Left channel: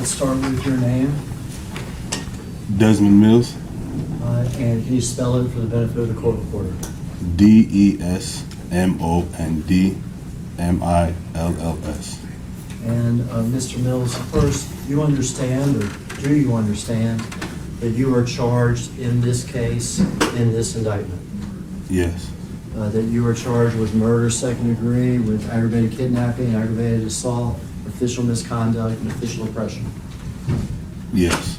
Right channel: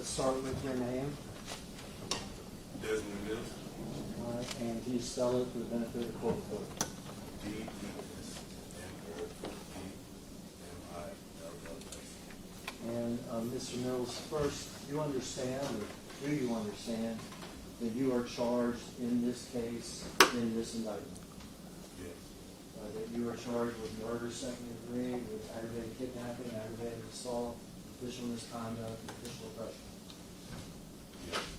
Let's start with your name. Desmond Mills, And can you spell it for the benefit of the court reporter? Desmondmills. And Mr. Mills, first, you understand, or do you understand, that you are charged in this case, in this indictment? Yes. That you are charged with murder, second degree, with aggravated kidnapping, aggravated assault, official misconduct, and official oppression? Yes.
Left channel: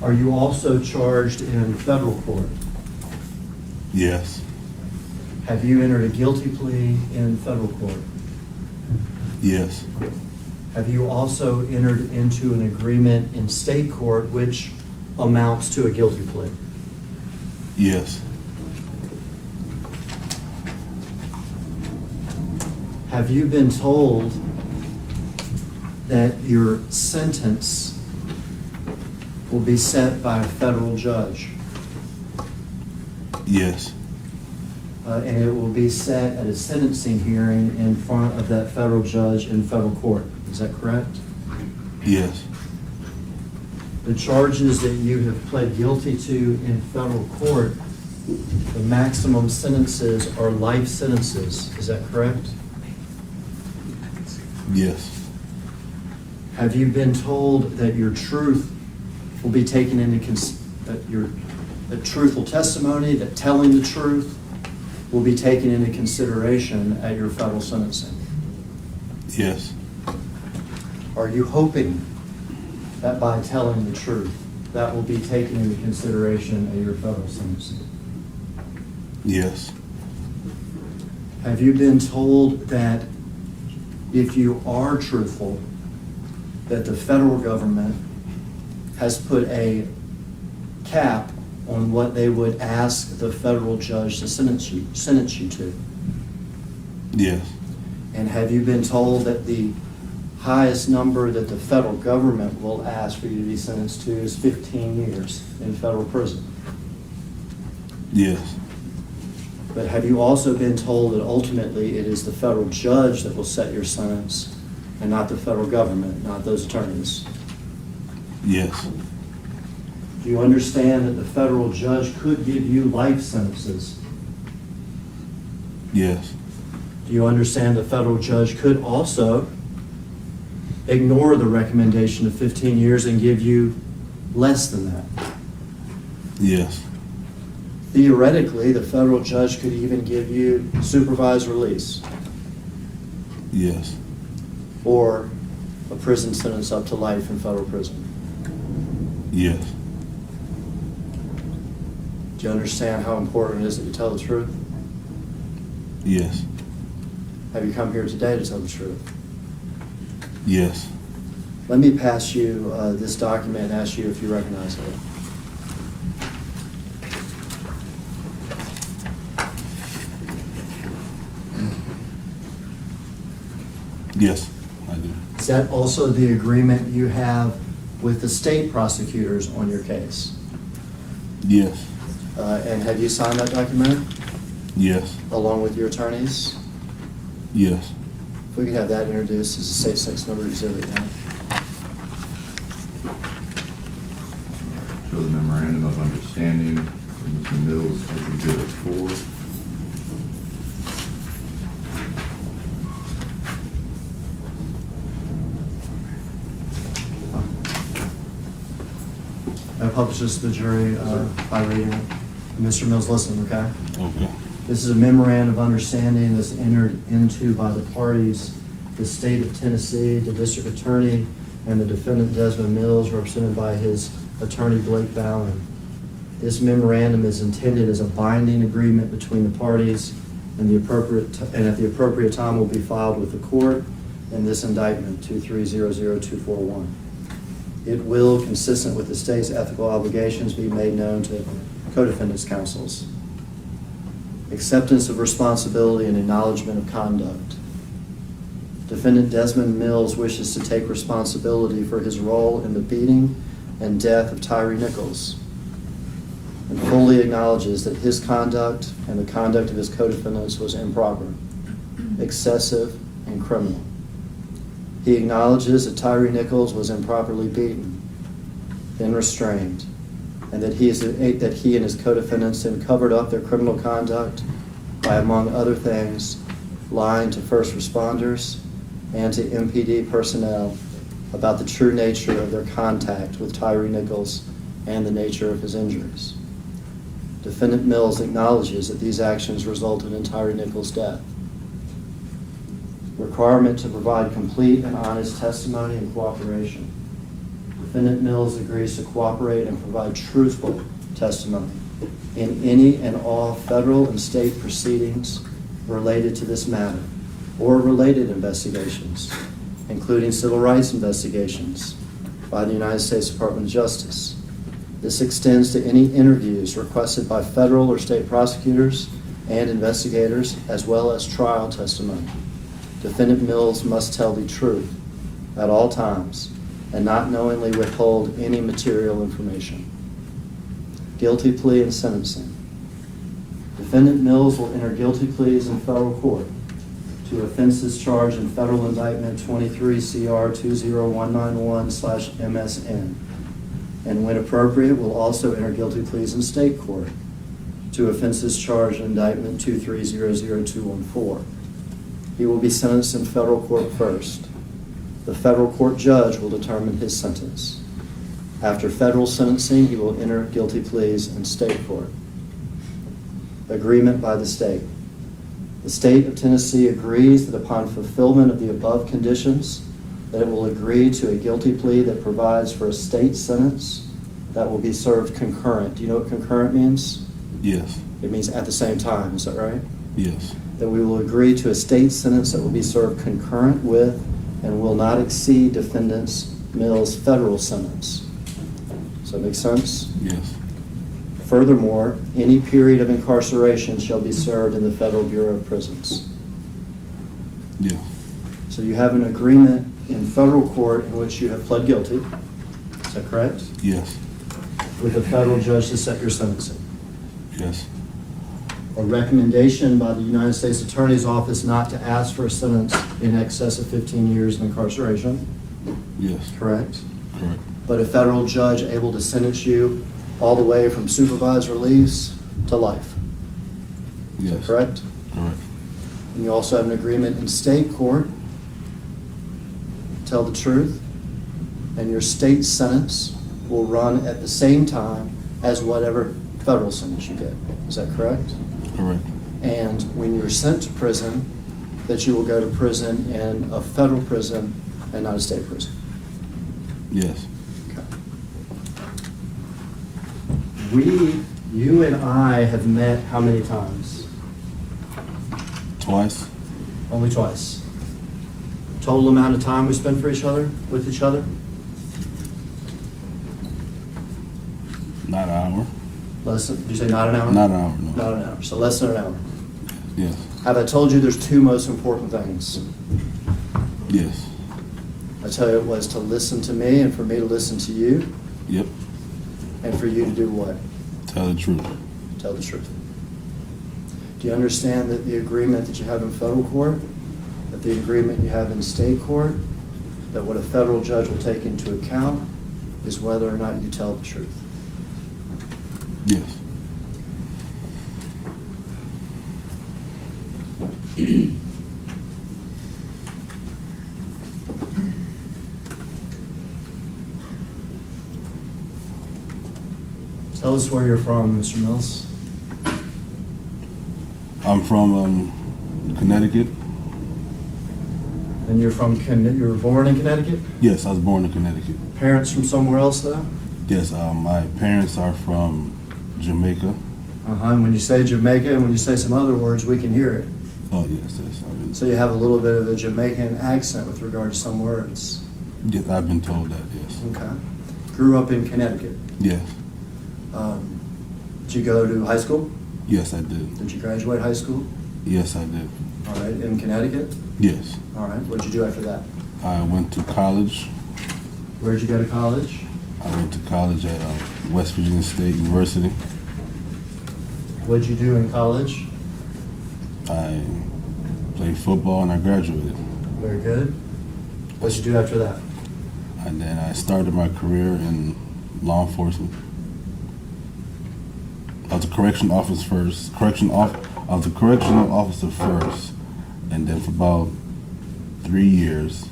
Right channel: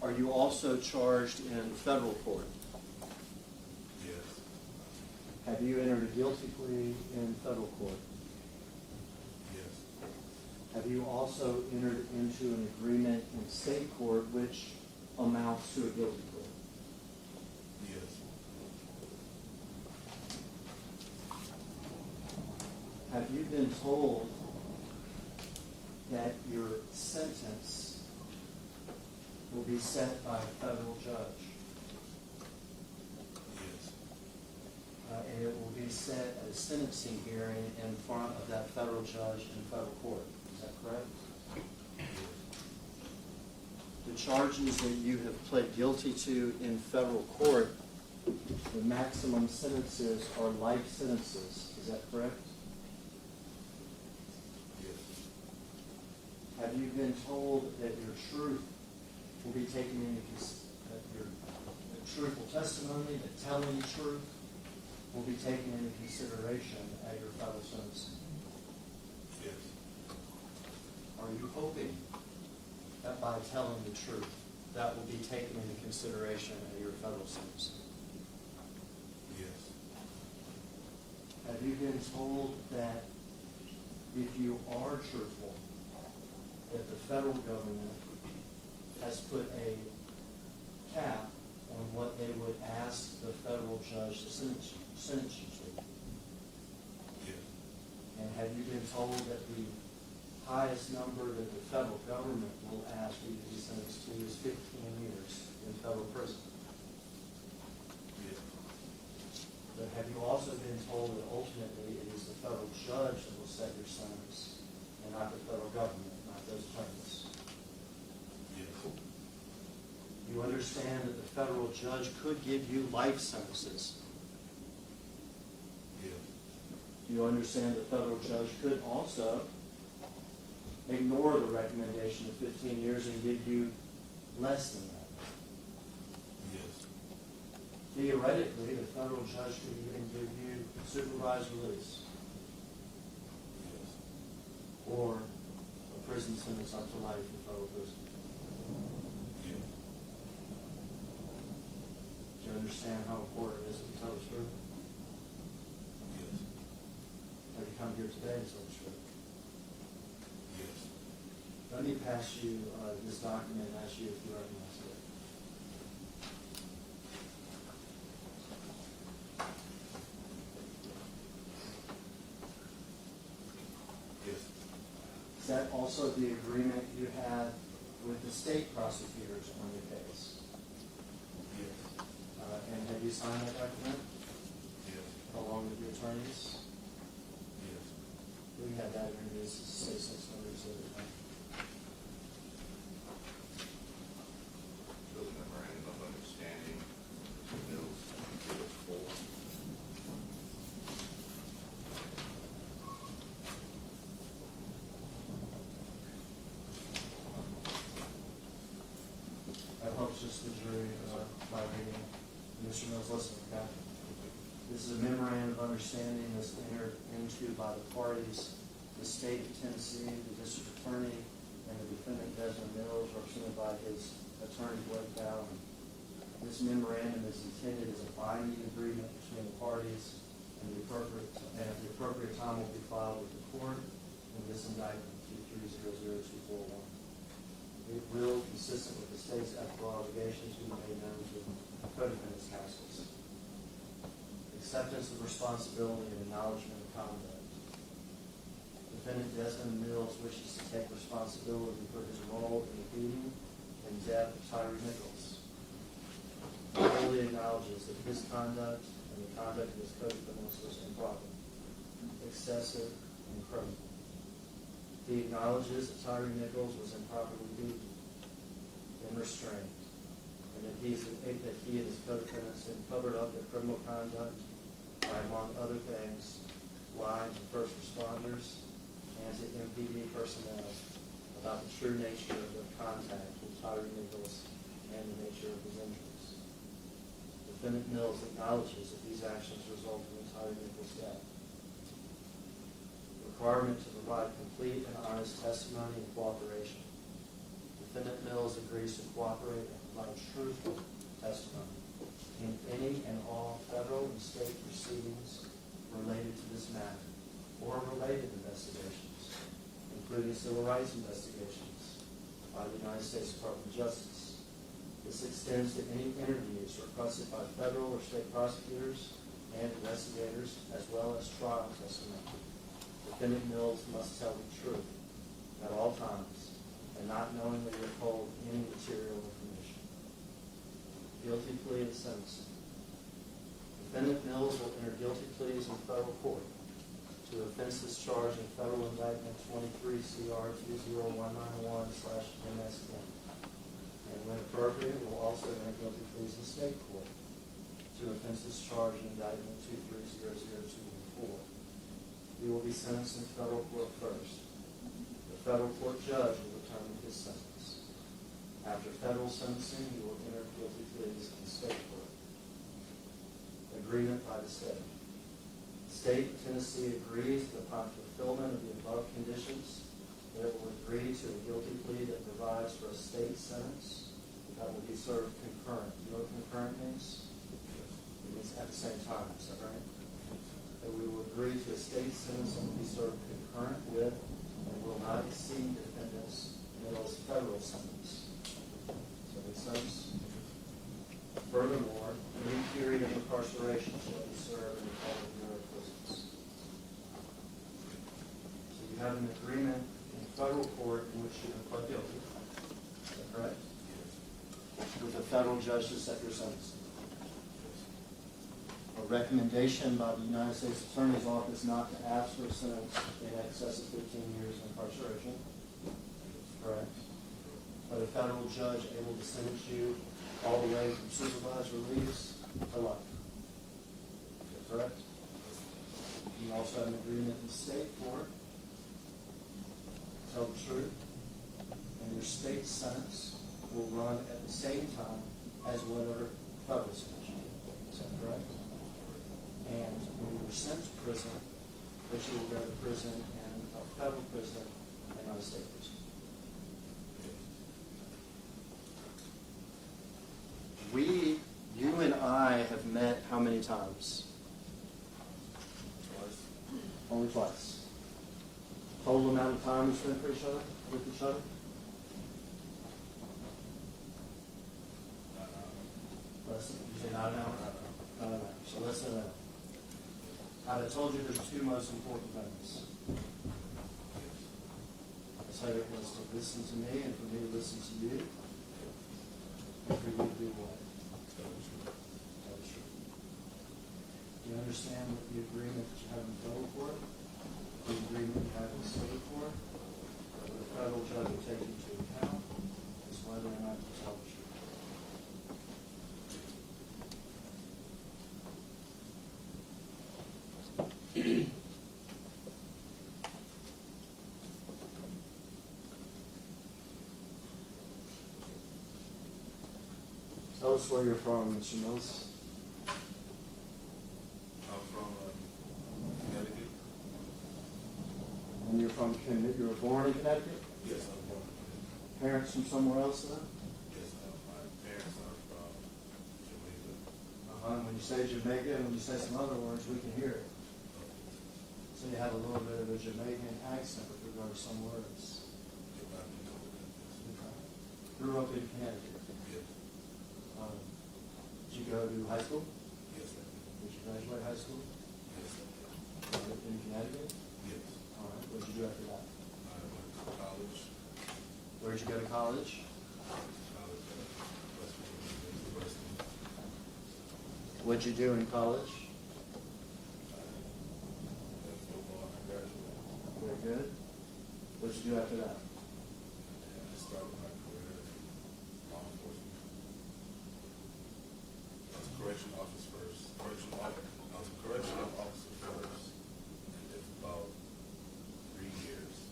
Are you also charged in federal court? Yes. Have you entered a guilty plea in federal court? Yes. Have you also entered into an agreement in state court which amounts to a guilty plea? Yes. Have you been told that your sentence will be set by a federal judge? Yes. And it will be set at a sentencing hearing in front of that federal judge in federal court. Is that correct? Yes. The charges that you have pled guilty to in federal court, the maximum sentences are life sentences. Is that correct? Yes. Have you been told that your truth will be taken into that truthful testimony, that telling the truth will be taken into consideration at your federal sentencing? Yes. Are you hoping that by telling the truth, that will be taken into consideration at your federal sentencing? Yes. Have you been told that if you are truthful, that the federal government has put a cap on what they would ask the federal judge to sentence you to? Yes. And have you been told that the highest number that the federal government will ask for you to be sentenced to is 15 years in federal prison? Yes. But have you also been told that ultimately it is the federal judge that will set your sentence and not the federal government, not those attorneys? Yes. Do you understand that the federal judge could give you life sentences? Yes. Do you understand the federal judge could also ignore the recommendation of 15 years and give you less than that? Yes. Theoretically, the federal judge could even give you supervised release Yes. or a prison sentence up to life in federal prison. Yes. Do you understand how important it is that you tell the truth? Yes. Have you come here today to tell the truth? Yes. Let me pass you this document and ask you if you recognize it. Yes, I do. Is that also the agreement you have with the state prosecutors on your case? Yes. And have you signed that document Yes. along with your attorneys? Yes. If we could have that introduced as a state 6 number exhibit now. Show the memorandum of understanding from Mr. Mills as Exhibit 4. That publishes to the jury by reading it. Mr. Mills, listen, okay? Okay. This is a memorandum of understanding that's entered into by the parties, the state of Tennessee, the district attorney, and the defendant Desmond Mills, represented by his attorney Blake Ballin. This memorandum is intended as a binding agreement between the parties, and at the appropriate time will be filed with the court in this indictment 2300241. It will, consistent with the state's ethical obligations, be made known to co-defendants' counsels. Acceptance of responsibility and acknowledgement of conduct. Defendant Desmond Mills wishes to take responsibility for his role in the beating and death of Tyre Nichols, and fully acknowledges that his conduct and the conduct of his co-defendants was improper, excessive, and criminal. He acknowledges that Tyre Nichols was improperly beaten, then restrained, and that he and his co-defendants then covered up their criminal conduct by, among other things, lying to first responders and to MPD personnel about the true nature of their contact with Tyre Nichols and the nature of his injuries. Defendant Mills acknowledges that these actions resulted in Tyre Nichols' death. Requirement to provide complete and honest testimony and cooperation. Defendant Mills agrees to cooperate and provide truthful testimony in any and all federal and state proceedings related to this matter or related investigations, including civil rights investigations by the United States Department of Justice. This extends to any interviews requested by federal or state prosecutors and investigators, as well as trial testimony. Defendant Mills must tell the truth at all times and not knowingly withhold any material information. Guilty plea and sentencing. Defendant Mills will enter guilty pleas in federal court to offenses charged in Federal Indictment 23 CR 20191/MSN, and when appropriate, will also enter guilty pleas in state court to offenses charged in Indictment 2300214. He will be sentenced in federal court first. The federal court judge will determine his sentence. After federal sentencing, he will enter guilty pleas in state court. Agreement by the state. The state of Tennessee agrees that upon fulfillment of the above conditions, that it will agree to a guilty plea that provides for a state sentence that will be served concurrent. Do you know what concurrent means? Yes. It means at the same time, is that right? Yes. That we will agree to a state sentence that will be served concurrent with and will not exceed defendant Mills' federal sentence. Does that make sense? Yes. Furthermore, any period of incarceration shall be served in the Federal Bureau of Prisons. Yeah. So you have an agreement in federal court in which you have pled guilty, is that correct? Yes. With a federal judge to set your sentencing. Yes. A recommendation by the United States Attorney's Office not to ask for a sentence in excess of 15 years of incarceration, Yes. correct? Correct. But a federal judge able to sentence you all the way from supervised release to life, Yes. correct? Correct. And you also have an agreement in state court, tell the truth, and your state sentence will run at the same time as whatever federal sentence you get. Is that correct? Correct. And when you're sent to prison, that you will go to prison in a federal prison and not a state prison. Yes. Okay. You and I have met how many times? Twice. Only twice. Total amount of time we spent with each other? Not an hour. Less than, did you say not an hour? Not an hour, no. Not an hour, so less than an hour. Yes. Have I told you there's two most important things? Yes. I tell you it was to listen to me and for me to listen to you, Yep. and for you to do what? Tell the truth. Tell the truth. Do you understand that the agreement that you have in federal court, that the agreement you have in state court, that what a federal judge will take into account is whether or not you tell the truth? Yes. Tell us where you're from, Mr. Mills. I'm from Connecticut. And you were born in Connecticut? Yes, I was born in Connecticut. Parents from somewhere else, though? Yes, my parents are from Jamaica. And when you say Jamaica and when you say some other words, we can hear it. Oh, yes, yes. So you have a little bit of a Jamaican accent with regard to some words. Yes, I've been told that, yes. Okay. Grew up in Connecticut. Yes. Did you go to high school? Yes, I did. Did you graduate high school? Yes, I did. All right, in Connecticut? Yes. All right, what'd you do after that? I went to college. Where'd you go to college? I went to college at West Virginia State University. What'd you do in college? I played football and I graduated. Very good. What'd you do after that? And then I started my career in law enforcement. I was a correction officer first. I was a correctional officer first, and then for about 3 years,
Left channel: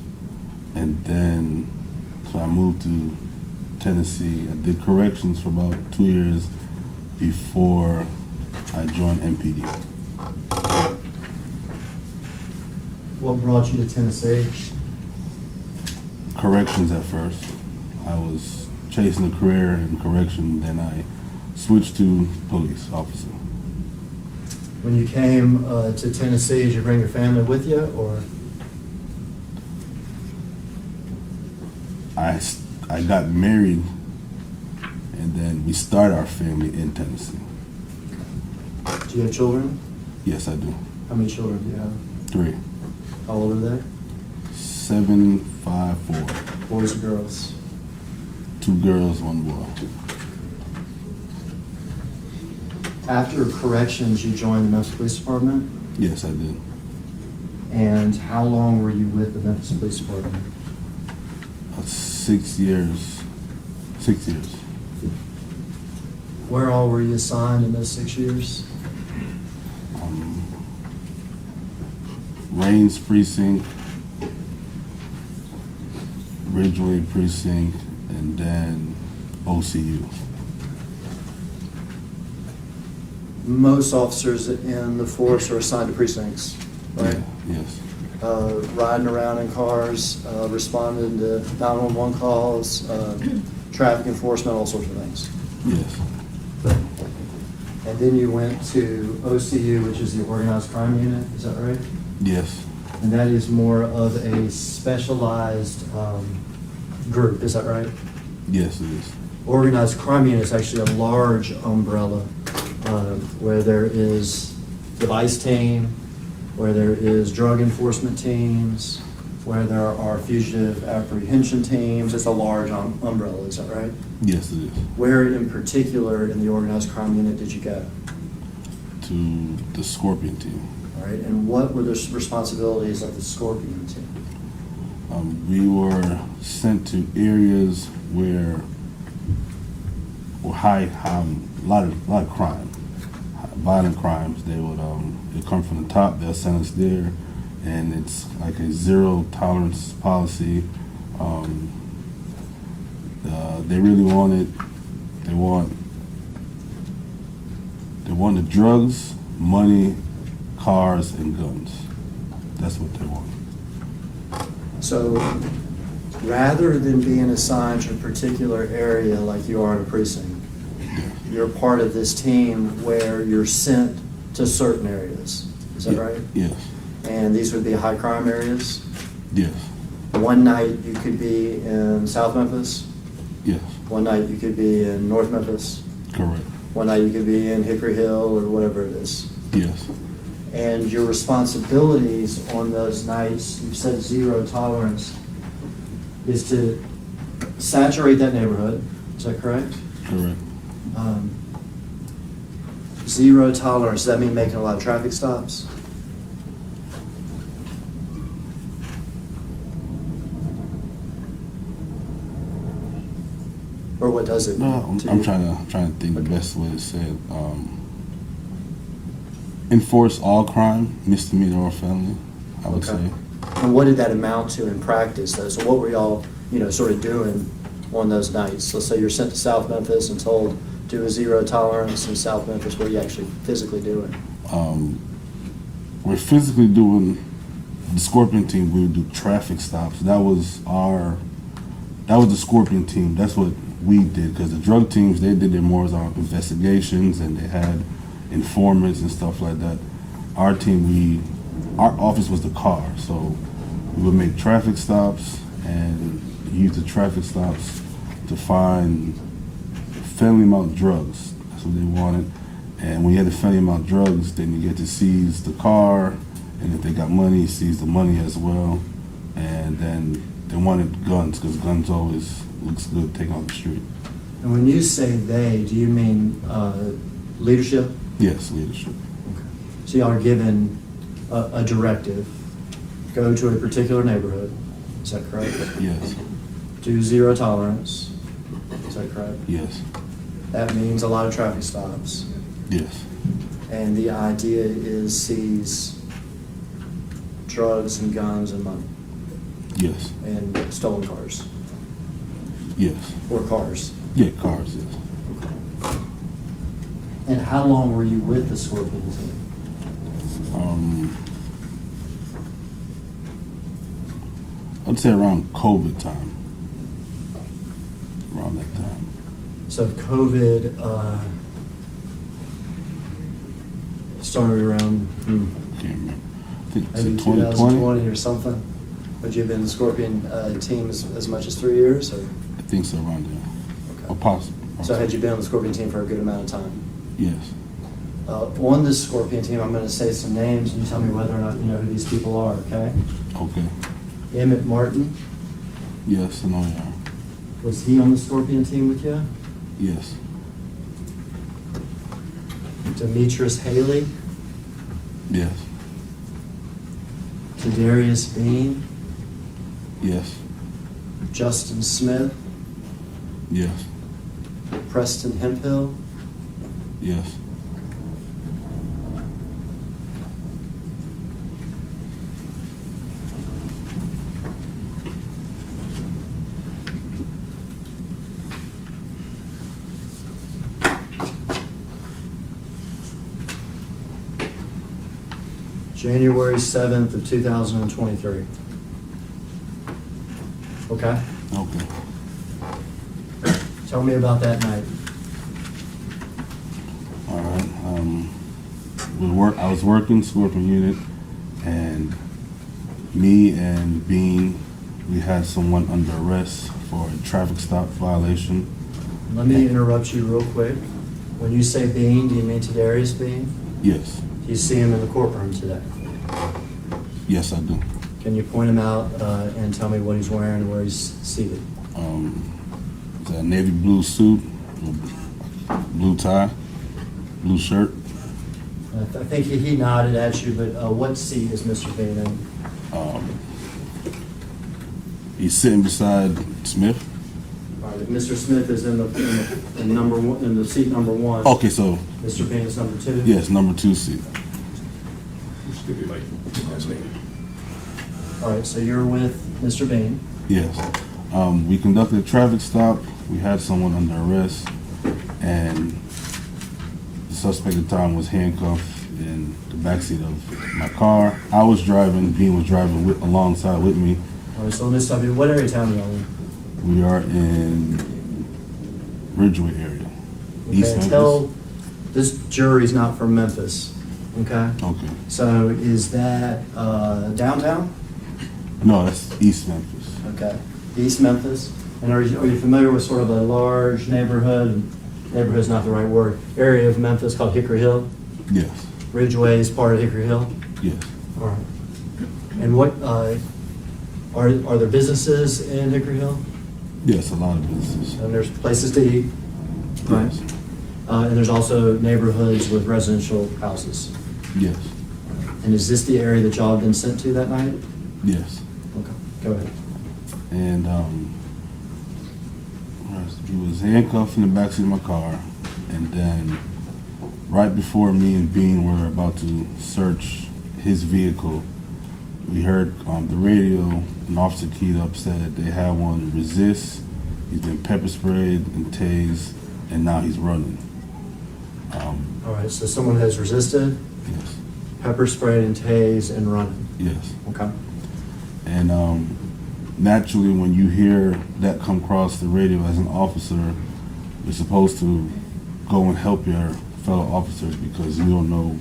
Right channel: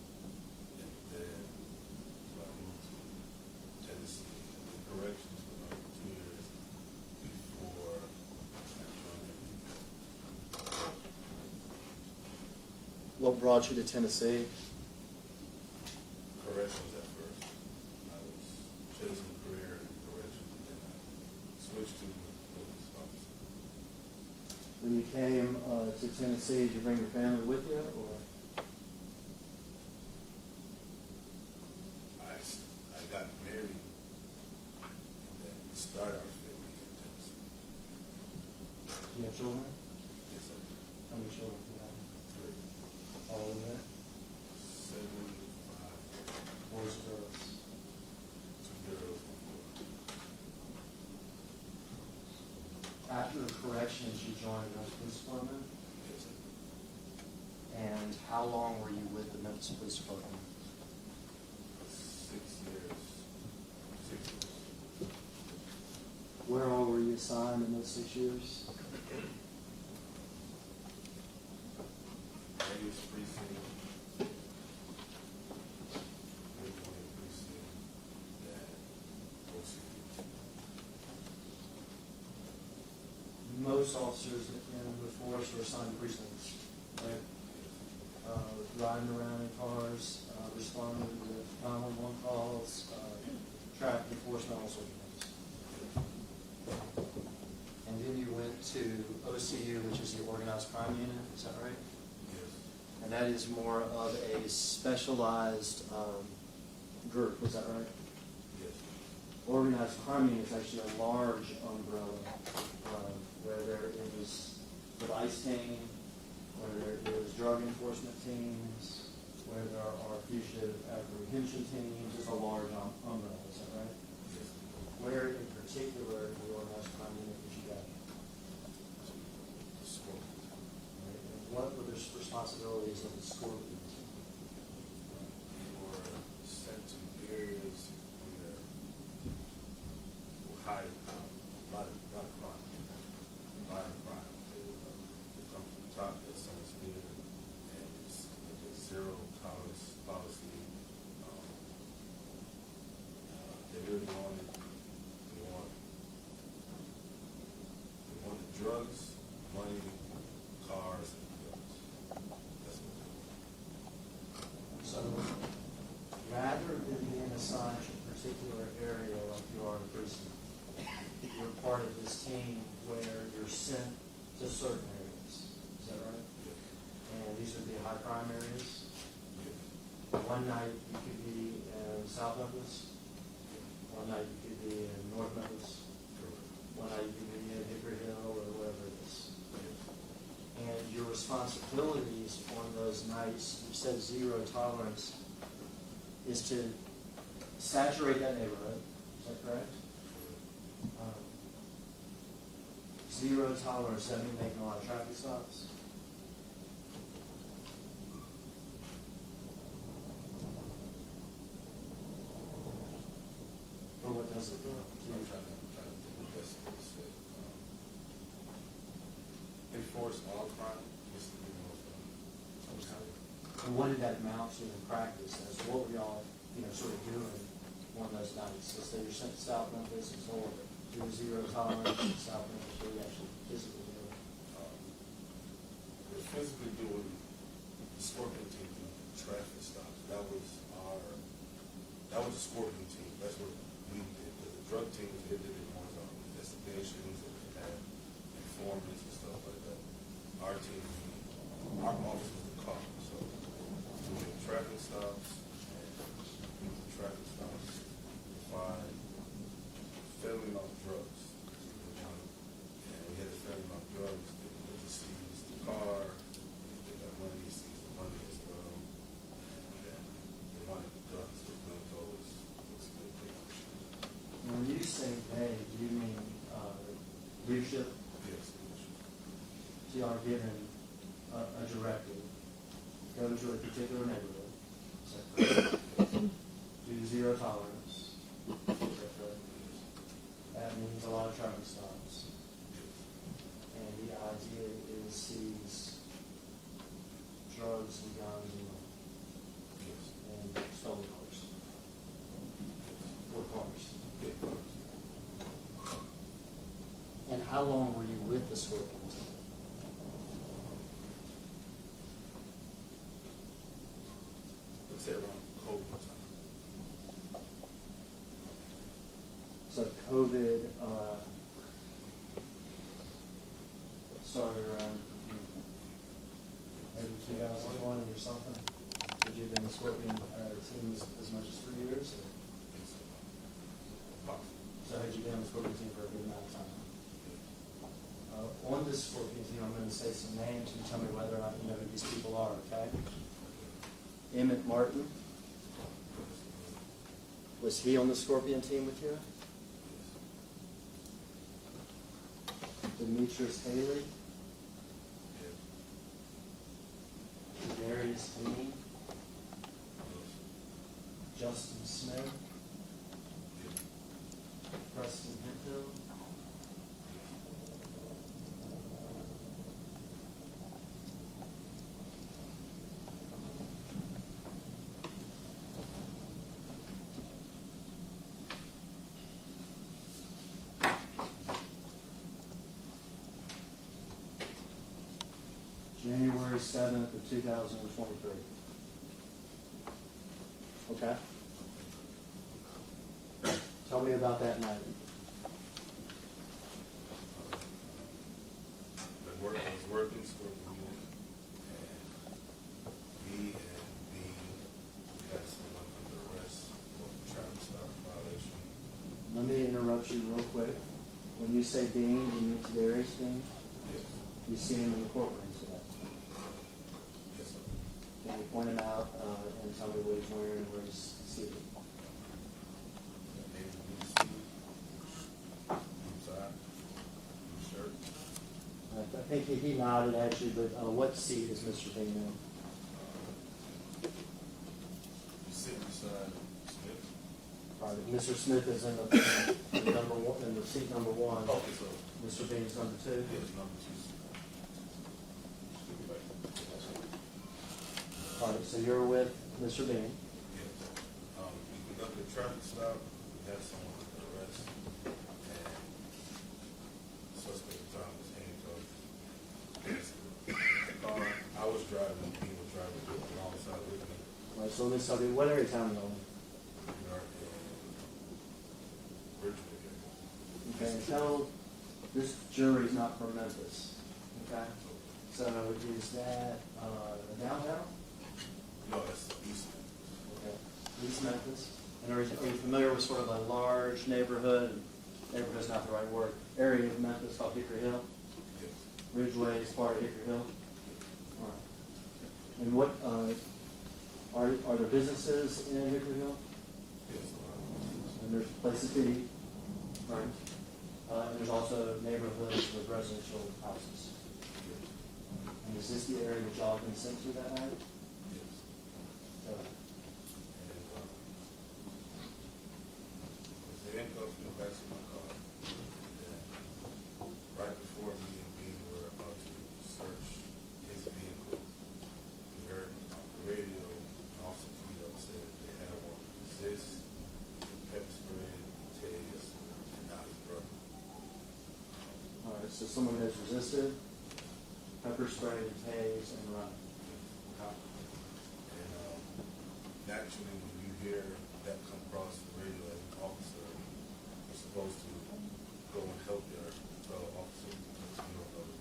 and then so I moved to Tennessee. I did corrections for about 2 years before I joined MPD. What brought you to Tennessee? Corrections at first. I was chasing a career in correction, then I switched to police officer. When you came to Tennessee, did you bring your family with you, or? I got married, and then we started our family in Tennessee. Do you have children? Yes, I do. How many children do you have? 3. How old are they? 7, 5, 4. Boys or girls? 2 girls, 1 boy. After corrections, you joined the Memphis Police Department? Yes, I did. And how long were you with the Memphis Police Department? 6 years. 6 years. Where all were you assigned in those 6 years? Rains Precinct, Ridgeway Precinct, and then OCU. Most officers in the force are assigned to precincts, right? Yeah, yes. Riding around in cars, responding to 911 calls, traffic enforcement, all sorts of things. Yes. And then you went to OCU, which is the Organized Crime Unit, is that right? Yes. And that is more of a specialized group, is that right? Yes, it is. Organized Crime Unit is actually a large umbrella where there is device team, where there is drug enforcement teams, where there are fugitive apprehension teams. It's a large umbrella, is that right? Yes, it is. Where in particular in the Organized Crime Unit did you go? To the Scorpion team. All right, and what were the responsibilities of the Scorpion team? We were sent to areas where high, a lot of crime, violent crimes. They come from the top. They'll send us there, and it's like a zero tolerance policy. They really want the drugs, money, cars, and guns. That's what they want. So rather than being assigned to a particular area like you are in a precinct, you're part of this team where you're sent to certain areas. Is that right? Yes. And these would be high crime areas? Yes. One night you could be in South Memphis. Yes. One night you could be in North Memphis. Correct. One night you could be in Hickory Hill or whatever it is. Yes. And your responsibilities on those nights, you've said zero tolerance, is to saturate that neighborhood. Is that correct? Correct. Zero tolerance, does that mean making a lot of traffic stops? Or what does it No, mean to I'm you? trying to think the best way to say it. Enforce all crime, misdemeanor or felony, I would Okay. say. And what did that amount to in practice, though? So what were y'all, sort of doing on those nights? Let's say you're sent to South Memphis and told do a zero tolerance in South Memphis. What are you actually physically doing? We're physically doing the Scorpion team. We would do traffic stops. That was the Scorpion team. That's what we did, because the drug teams, they did their more investigations, and they had informants and stuff like that. Our team, our office was the car, so we would make traffic stops and use the traffic stops to find felony amount of drugs. That's what they wanted. And when you had the felony amount of drugs, then you get to seize the car, and if they got money, seize the money as well. And then they wanted guns, because guns always looks good taken off the street. And when you say they, do you mean leadership? Yes, leadership. So y'all are given a directive, go to a particular neighborhood, Is that correct? Yes. Do zero tolerance. Is that correct? Yes. That means a lot of traffic stops. Yes. And the idea is seize drugs and guns and money Yes. and stolen cars Yes. or cars. Yeah, cars, yes. And how long were you with the Scorpion team? I'd say around COVID time. Around that time. So COVID started around Can't remember. I think it's maybe 2020. 2020 or something. Would you have been in the Scorpion team as much as 3 years? Or? I think so, around there. Okay. Or possible. So had you been on the Scorpion team for a good amount of time? Yes. On this Scorpion team, I'm going to say some names, and you tell me whether or not you know who these people are, okay? Okay. Emmett Martin, Yes, I know you are. was he on the Scorpion team with you? Yes. Demetrius Haley, Yes. Tadarius Bean, Yes. Justin Smith, Yes. Preston Hemphill, Yes. January 7th of 2023. Okay? Okay. Tell me about that night. All right. I was working Scorpion unit, and me and Bean, we had someone under arrest for a traffic stop violation. Let me interrupt you real quick. When you say Bean, do you mean Tadarius Bean? Yes. Do you see him in the courtroom today? Yes, I do. Can you point him out and tell me what he's wearing and where he's seated? It's a navy blue suit, blue tie, blue shirt. I think he nodded at you, but what seat is Mr. Bean in? He's sitting beside Smith. All right, Mr. Smith is in number one, in the seat number one. Okay, so Mr. Bean is number two? yes, number 2 seat. All right, so you're with Mr. Bean. Yes. We conducted a traffic stop. We had someone under arrest, and the suspect at the time was handcuffed in the backseat of my car. I was driving. Bean was driving alongside with me. All right, so let me stop you. What area of town are you in? We are in Ridgeway area. East Okay, Memphis. tell, this jury's not from Memphis, okay? Okay. So is that downtown? No, that's East Memphis. Okay, East Memphis. And are you familiar with sort of a large neighborhood? Neighborhood's not the right word. Area of Memphis called Hickory Hill? Yes. Ridgeway is part of Hickory Hill? Yes. All right. And what, are there businesses in Hickory Hill? Yes, a lot of businesses. And there's places to eat? Right. Yes. And there's also neighborhoods with residential houses. Yes. And is this the area that y'all have been sent to that night? Yes. Okay, go ahead. And he was handcuffed in the backseat of my car, and then right before me and Bean were about to search his vehicle, we heard the radio, an officer keyed up, said they had one resist, he's been pepper sprayed and tased, and now he's running. All right, so someone has resisted, Yes. pepper sprayed and tased and running. Yes. Okay. And naturally, when you hear that come across the radio as an officer, you're supposed to go and help your fellow officers because you don't know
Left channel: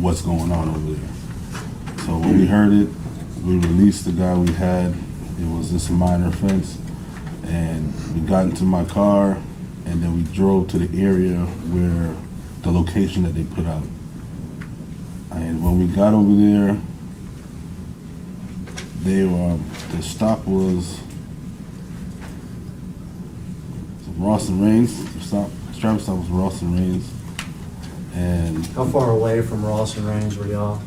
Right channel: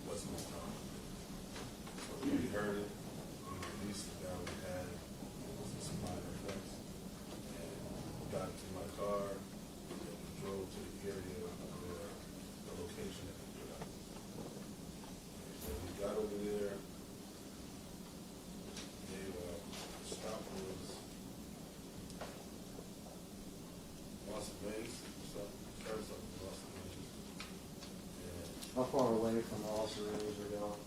what's going on over there. So when we heard it, we released the guy we had. It was just a minor offense. And we got into my car, and then we drove to the area where the location that they put out. And when we got over there, the stop was Ross and Rains. The traffic stop was Ross and Rains. And How far away from Ross and Range were y'all?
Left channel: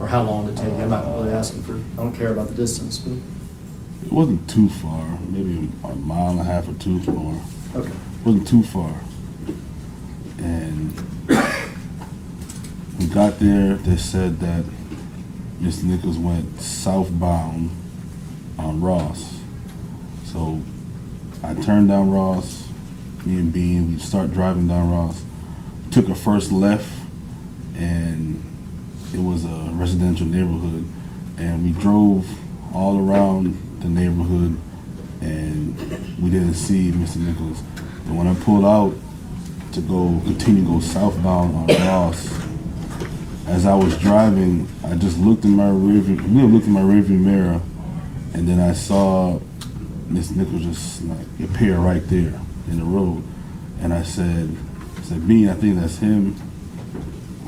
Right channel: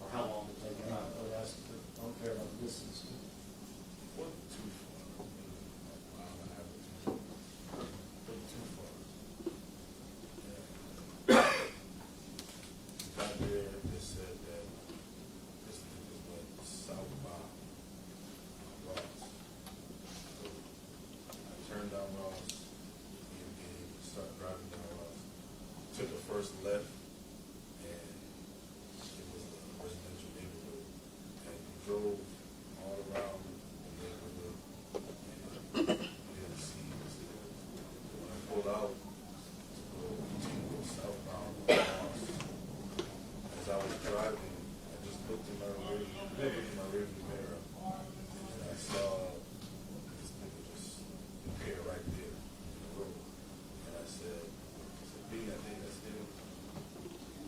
Or how long did it take you? I'm not really asking for, I don't care about the distance, but, It wasn't too far, maybe a mile and a half or two more. okay. It wasn't too far. And we got there, they said that Mr. Nichols went southbound on Ross. So I turned down Ross, me and Bean, we start driving down Ross, took a first left, and it was a residential neighborhood, and we drove all around the neighborhood, and we didn't see Mr. Nichols. And when I pulled out to continue to go southbound on Ross, as I was driving, I just looked in my rearview mirror, and then I saw Mr. Nichols just like appear right there in the road, and I said, Bean, I think that's him.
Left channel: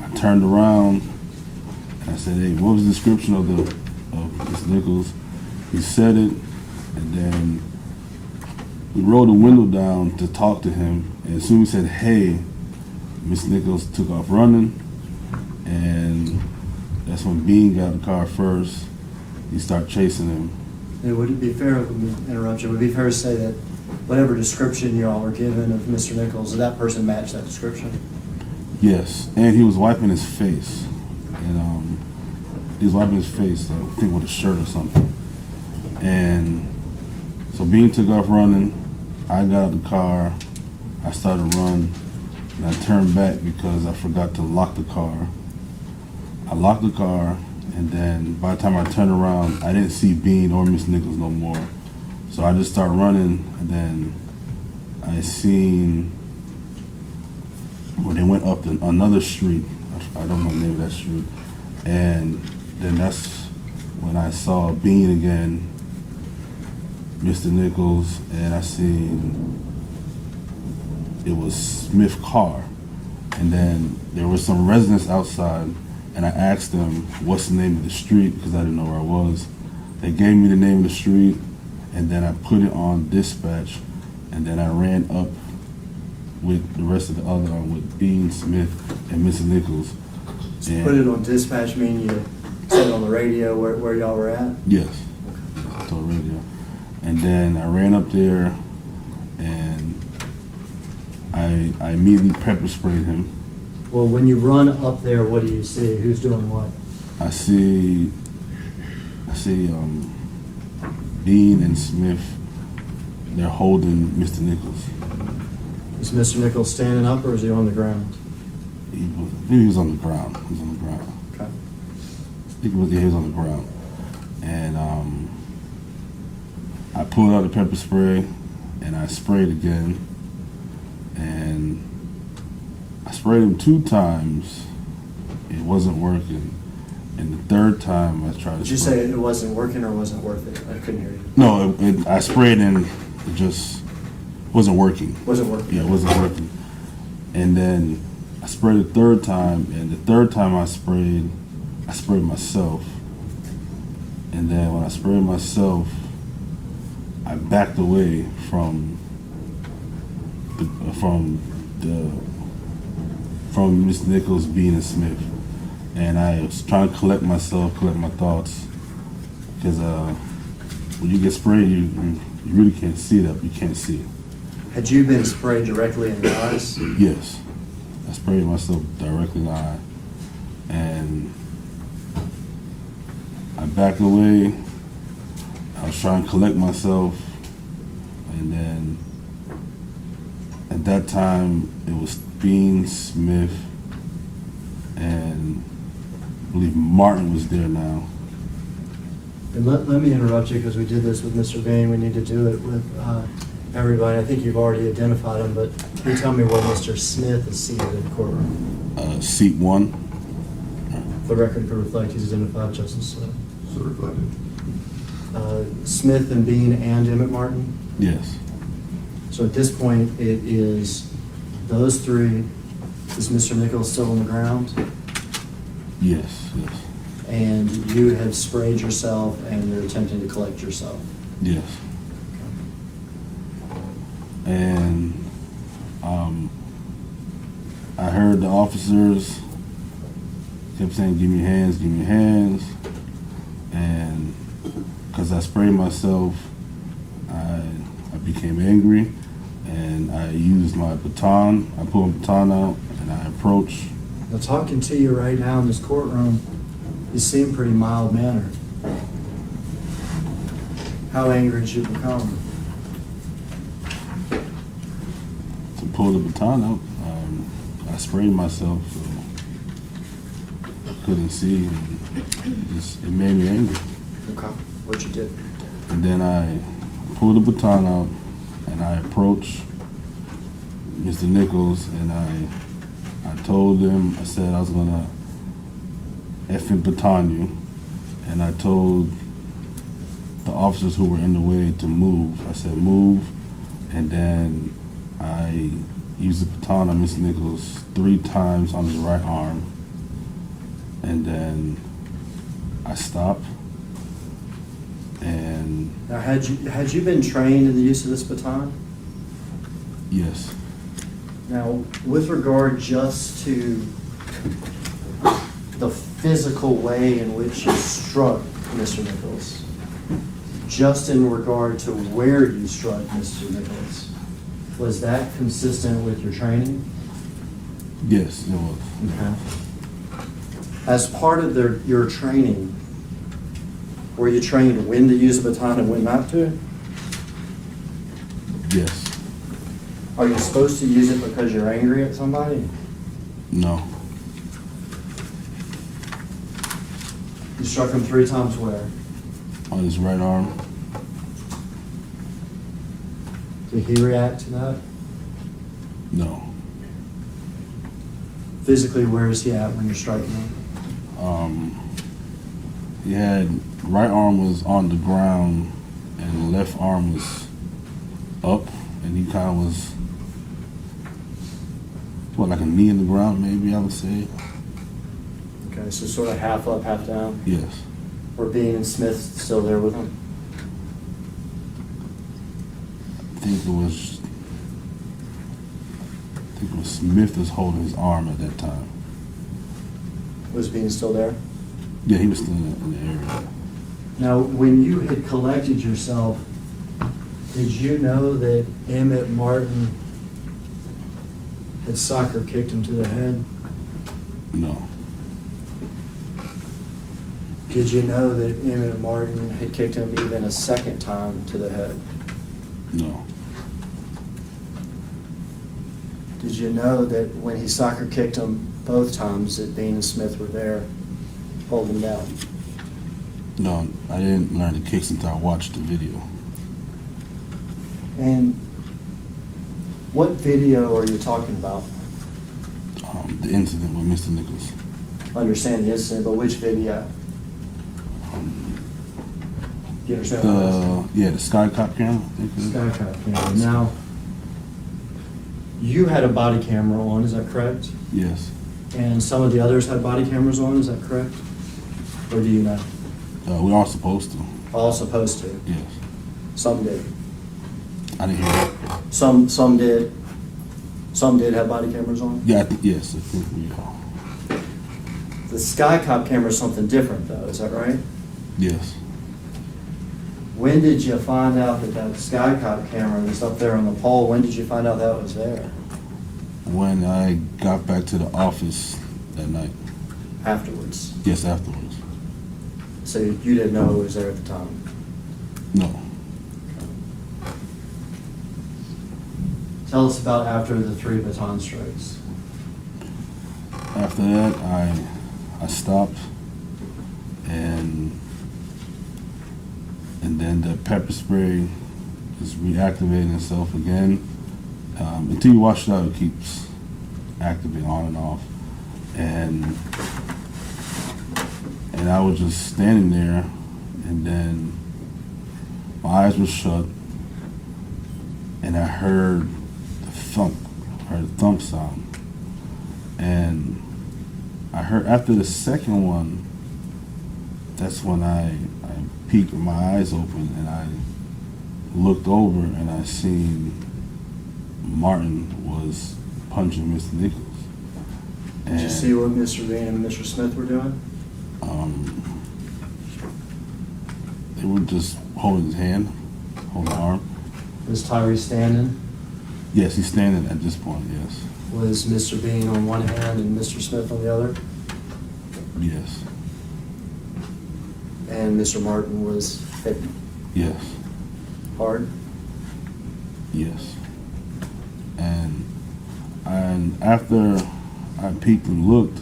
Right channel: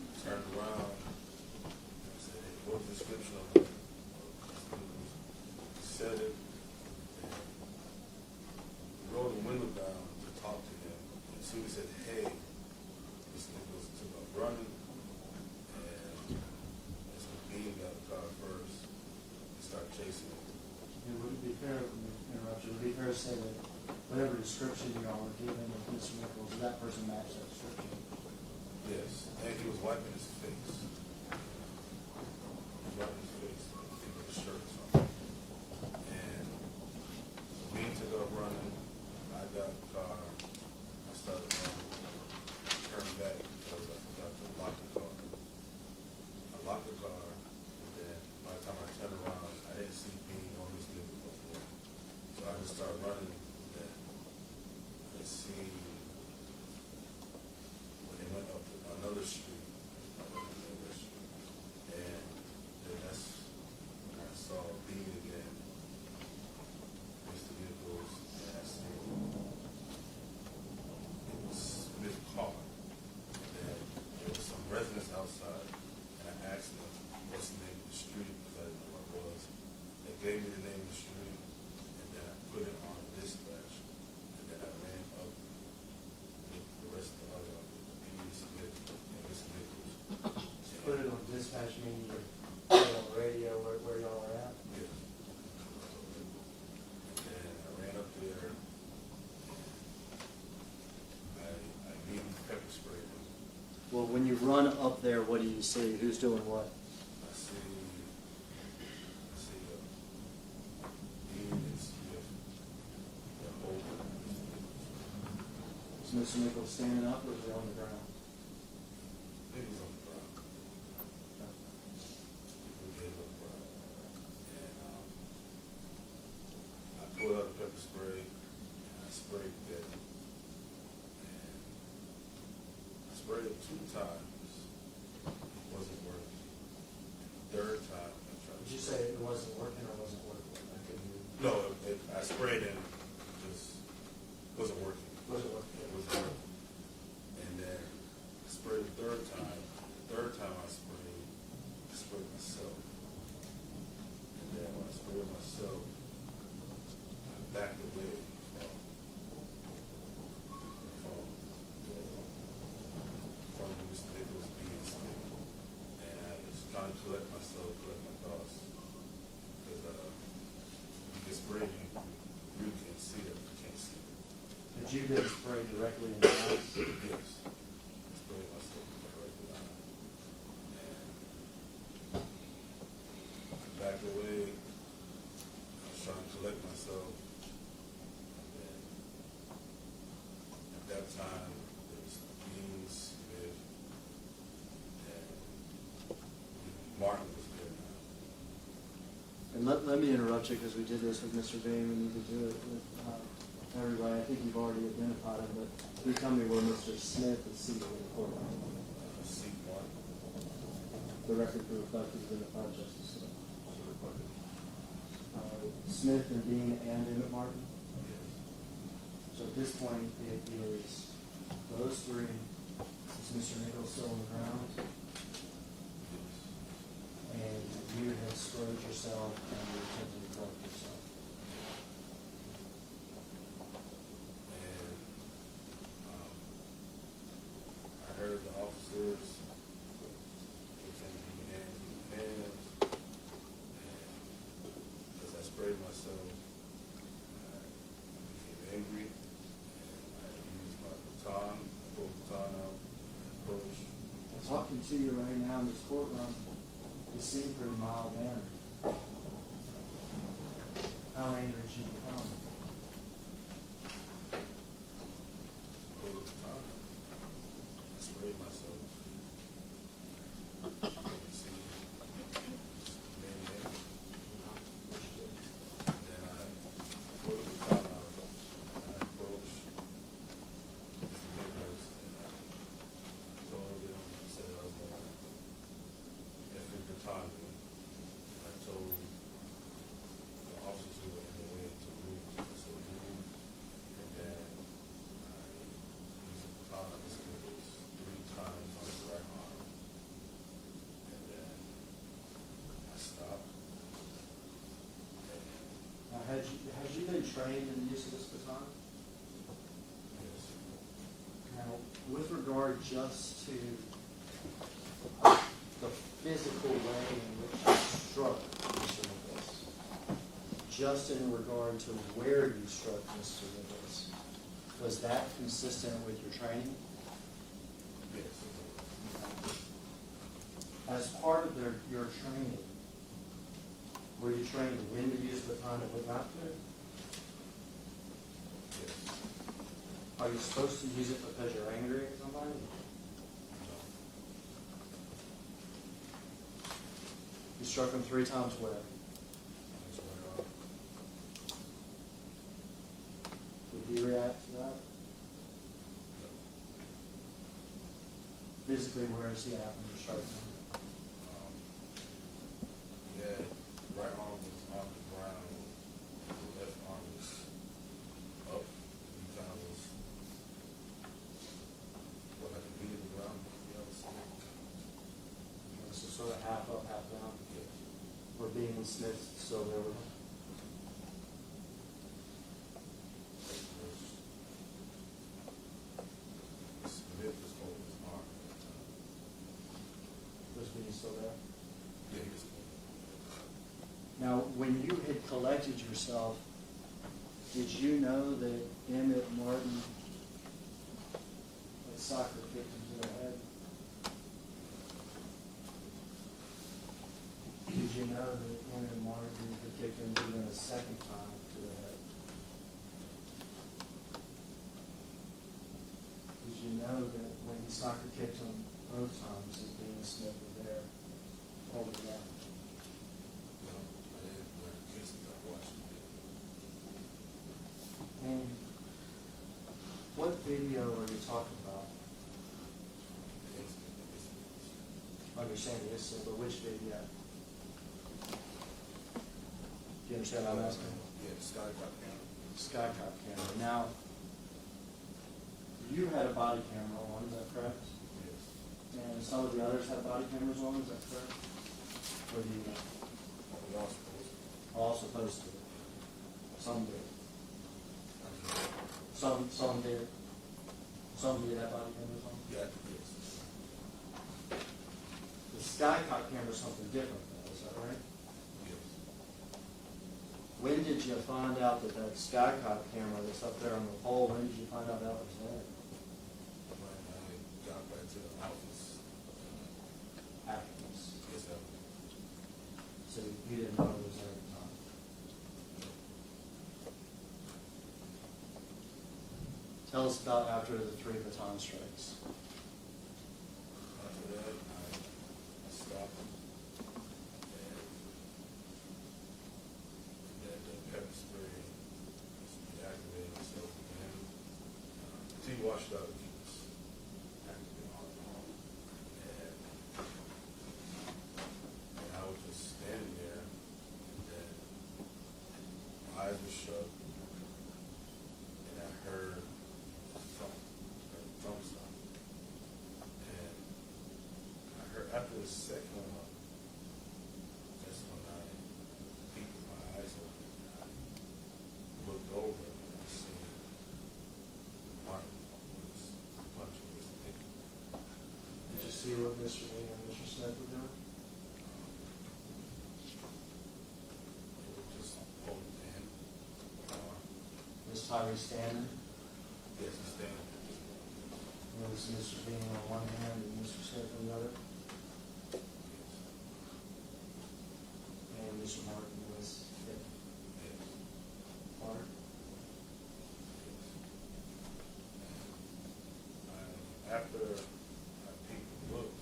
I turned around and I said, hey, what was the description of Mr. Nichols? He said it, and then we rolled the window down to talk to him, and as soon as he said, hey, Mr. Nichols took off running, and that's when Bean got in the car first. He started chasing him. And would it be fair, let me interrupt you, would it be fair to say that whatever description you all were given of Mr. Nichols, did that person match that description? Yes, and he was wiping his face, and he was wiping his face, I think with a shirt or something. And so Bean took off running. I got out of the car. I started to run, and I turned back because I forgot to lock the car. I locked the car, and then by the time I turned around, I didn't see Bean or Miss Nichols no more. So I just started running, and then I seen where they went up another street. I don't know the name of that street. And then that's when I saw Bean again, Mr. Nichols, and I seen it was Smith's car. And then there was some residents outside, and I asked them what's the name of the street because I didn't know where I was. They gave me the name of the street, and then I put it on dispatch, and then I ran up with the rest of the other, with Bean, Smith, and Mr. Nichols. So put it on dispatch, meaning you said it on the radio where y'all were at? Yes, to the radio. And then I ran up there, and I immediately pepper sprayed him. Well, when you run up there, what do you see? Who's doing what? I see Bean and Smith. They're holding Mr. Nichols. Is Mr. Nichols standing up or is he on the ground? I think he was on the ground. He was on the ground. Okay. I think he was on the ground. And I pulled out the pepper spray, and I sprayed again. And I sprayed him 2 times. It wasn't working. And the third time I tried to Did you say it wasn't working or wasn't worth it? I couldn't hear you. No, I sprayed and it just wasn't working. Wasn't working? Yeah, it wasn't working. And then I sprayed the third time, and the third time I sprayed myself. And then when I sprayed myself, I backed away from Miss Nichols, Bean, and Smith, and I was trying to collect my thoughts, because when you get sprayed, you really can't see it up. You can't see it. Had you been sprayed directly in the eyes? Yes, I sprayed myself directly in the eye, and I backed away. I was trying to collect myself, and then at that time it was Bean, Smith, and I believe Martin was there now. And let me interrupt you because we did this with Mr. Bain. We need to do it with everybody. I think you've already identified him, but can you tell me where Mr. Smith is seated in the courtroom? Seat 1. For the record, could reflect he's identified, Justice Certified. Smith and Bean and Emmett Martin. Yes. So at this point, it is those 3. Is Mr. Nichols still on the ground? Yes. And you have sprayed yourself and you're attempting to collect yourself. Yes. And I heard the officers kept saying, give me hands, give me hands. And because I sprayed myself, I became angry, and I used my baton. I pulled my baton out, and I approached. Now, talking to you right now in this courtroom, you seem pretty mild-mannered. How angry did you become? To pull the baton out, I sprayed myself, so I couldn't see, and it made me angry. Okay. What you did? And then I pulled the baton out, and I approached Mr. Nichols, and I told him, I said I was gonna effing baton you, and I told the officers who were in the way to move. I said move, and then I used the baton on Mr. Nichols 3 times on his right arm, and then I stopped. And Now, had you been trained in the use of this baton? yes, Now, with regard just to the physical way in which you struck Mr. Nichols, just in regard to where you struck Mr. Nichols, was that consistent with your training? yes, it was. Okay. As part of your training, were you trained when to use a baton and when not to? Yes. Are you supposed to use it because you're angry at somebody? No. You struck him 3 times where? On his right arm. Did he react to that? No. Physically, where is he at when you're striking him? He had right arm was on the ground and the left arm was up, and he kind of was like a knee in the ground, maybe I would say. Okay, so sort of half up, half down. Yes. Were Bean and Smith still there with him? I think it was Smith was holding his arm at that time. Was Bean still there? Yeah, he was still in the area. Now, when you had collected yourself, did you know that Emmett Martin had soccer kicked him to the head? No. Did you know that Emmett Martin had kicked him even a second time to the head? No. Did you know that when he soccer kicked him both times that Bean and Smith were there holding him down? No, I didn't learn the kicks until I watched the video. And what video are you talking about? The incident with Mr. Nichols. I understand the incident, but which video? Do you understand what I'm asking? Yeah, the Sky Cop camera, I think it is. Skycop camera. Now, you had a body camera on, is that correct? Yes. And some of the others had body cameras on, is that correct? Or do you know? We are supposed to. All supposed to. Yes. Some did. I didn't hear that. Some did. Some did have body cameras on. Yeah, yes, I think we are. The Skycop camera is something different, though. Is that right? Yes. When did you find out that Skycop camera was up there on the pole? When did you find out that was there? When I got back to the office that night. Afterwards. Yes, afterwards. So you didn't know it was there at the time? No. Tell us about after the 3 baton strikes. After that, I stopped, and then the pepper spray is reactivating itself again. Until you wash it out, it keeps activating on and off. And I was just standing there, and then my eyes were shut, and I heard the thump sound. And I heard after the second one, that's when I peeked with my eyes open, and I looked over, and I seen Martin was punching Mr. Nichols. Did you see what Mr. Bean and Mr. Smith were doing? They were just holding his hand, holding the arm. Was Tyre standing? Yes, he's standing at this point, yes. Was Mr. Bean on one hand and Mr. Smith on the other? Yes. And Mr. Martin was hit Yes. hard? Yes. And after I peeked and looked,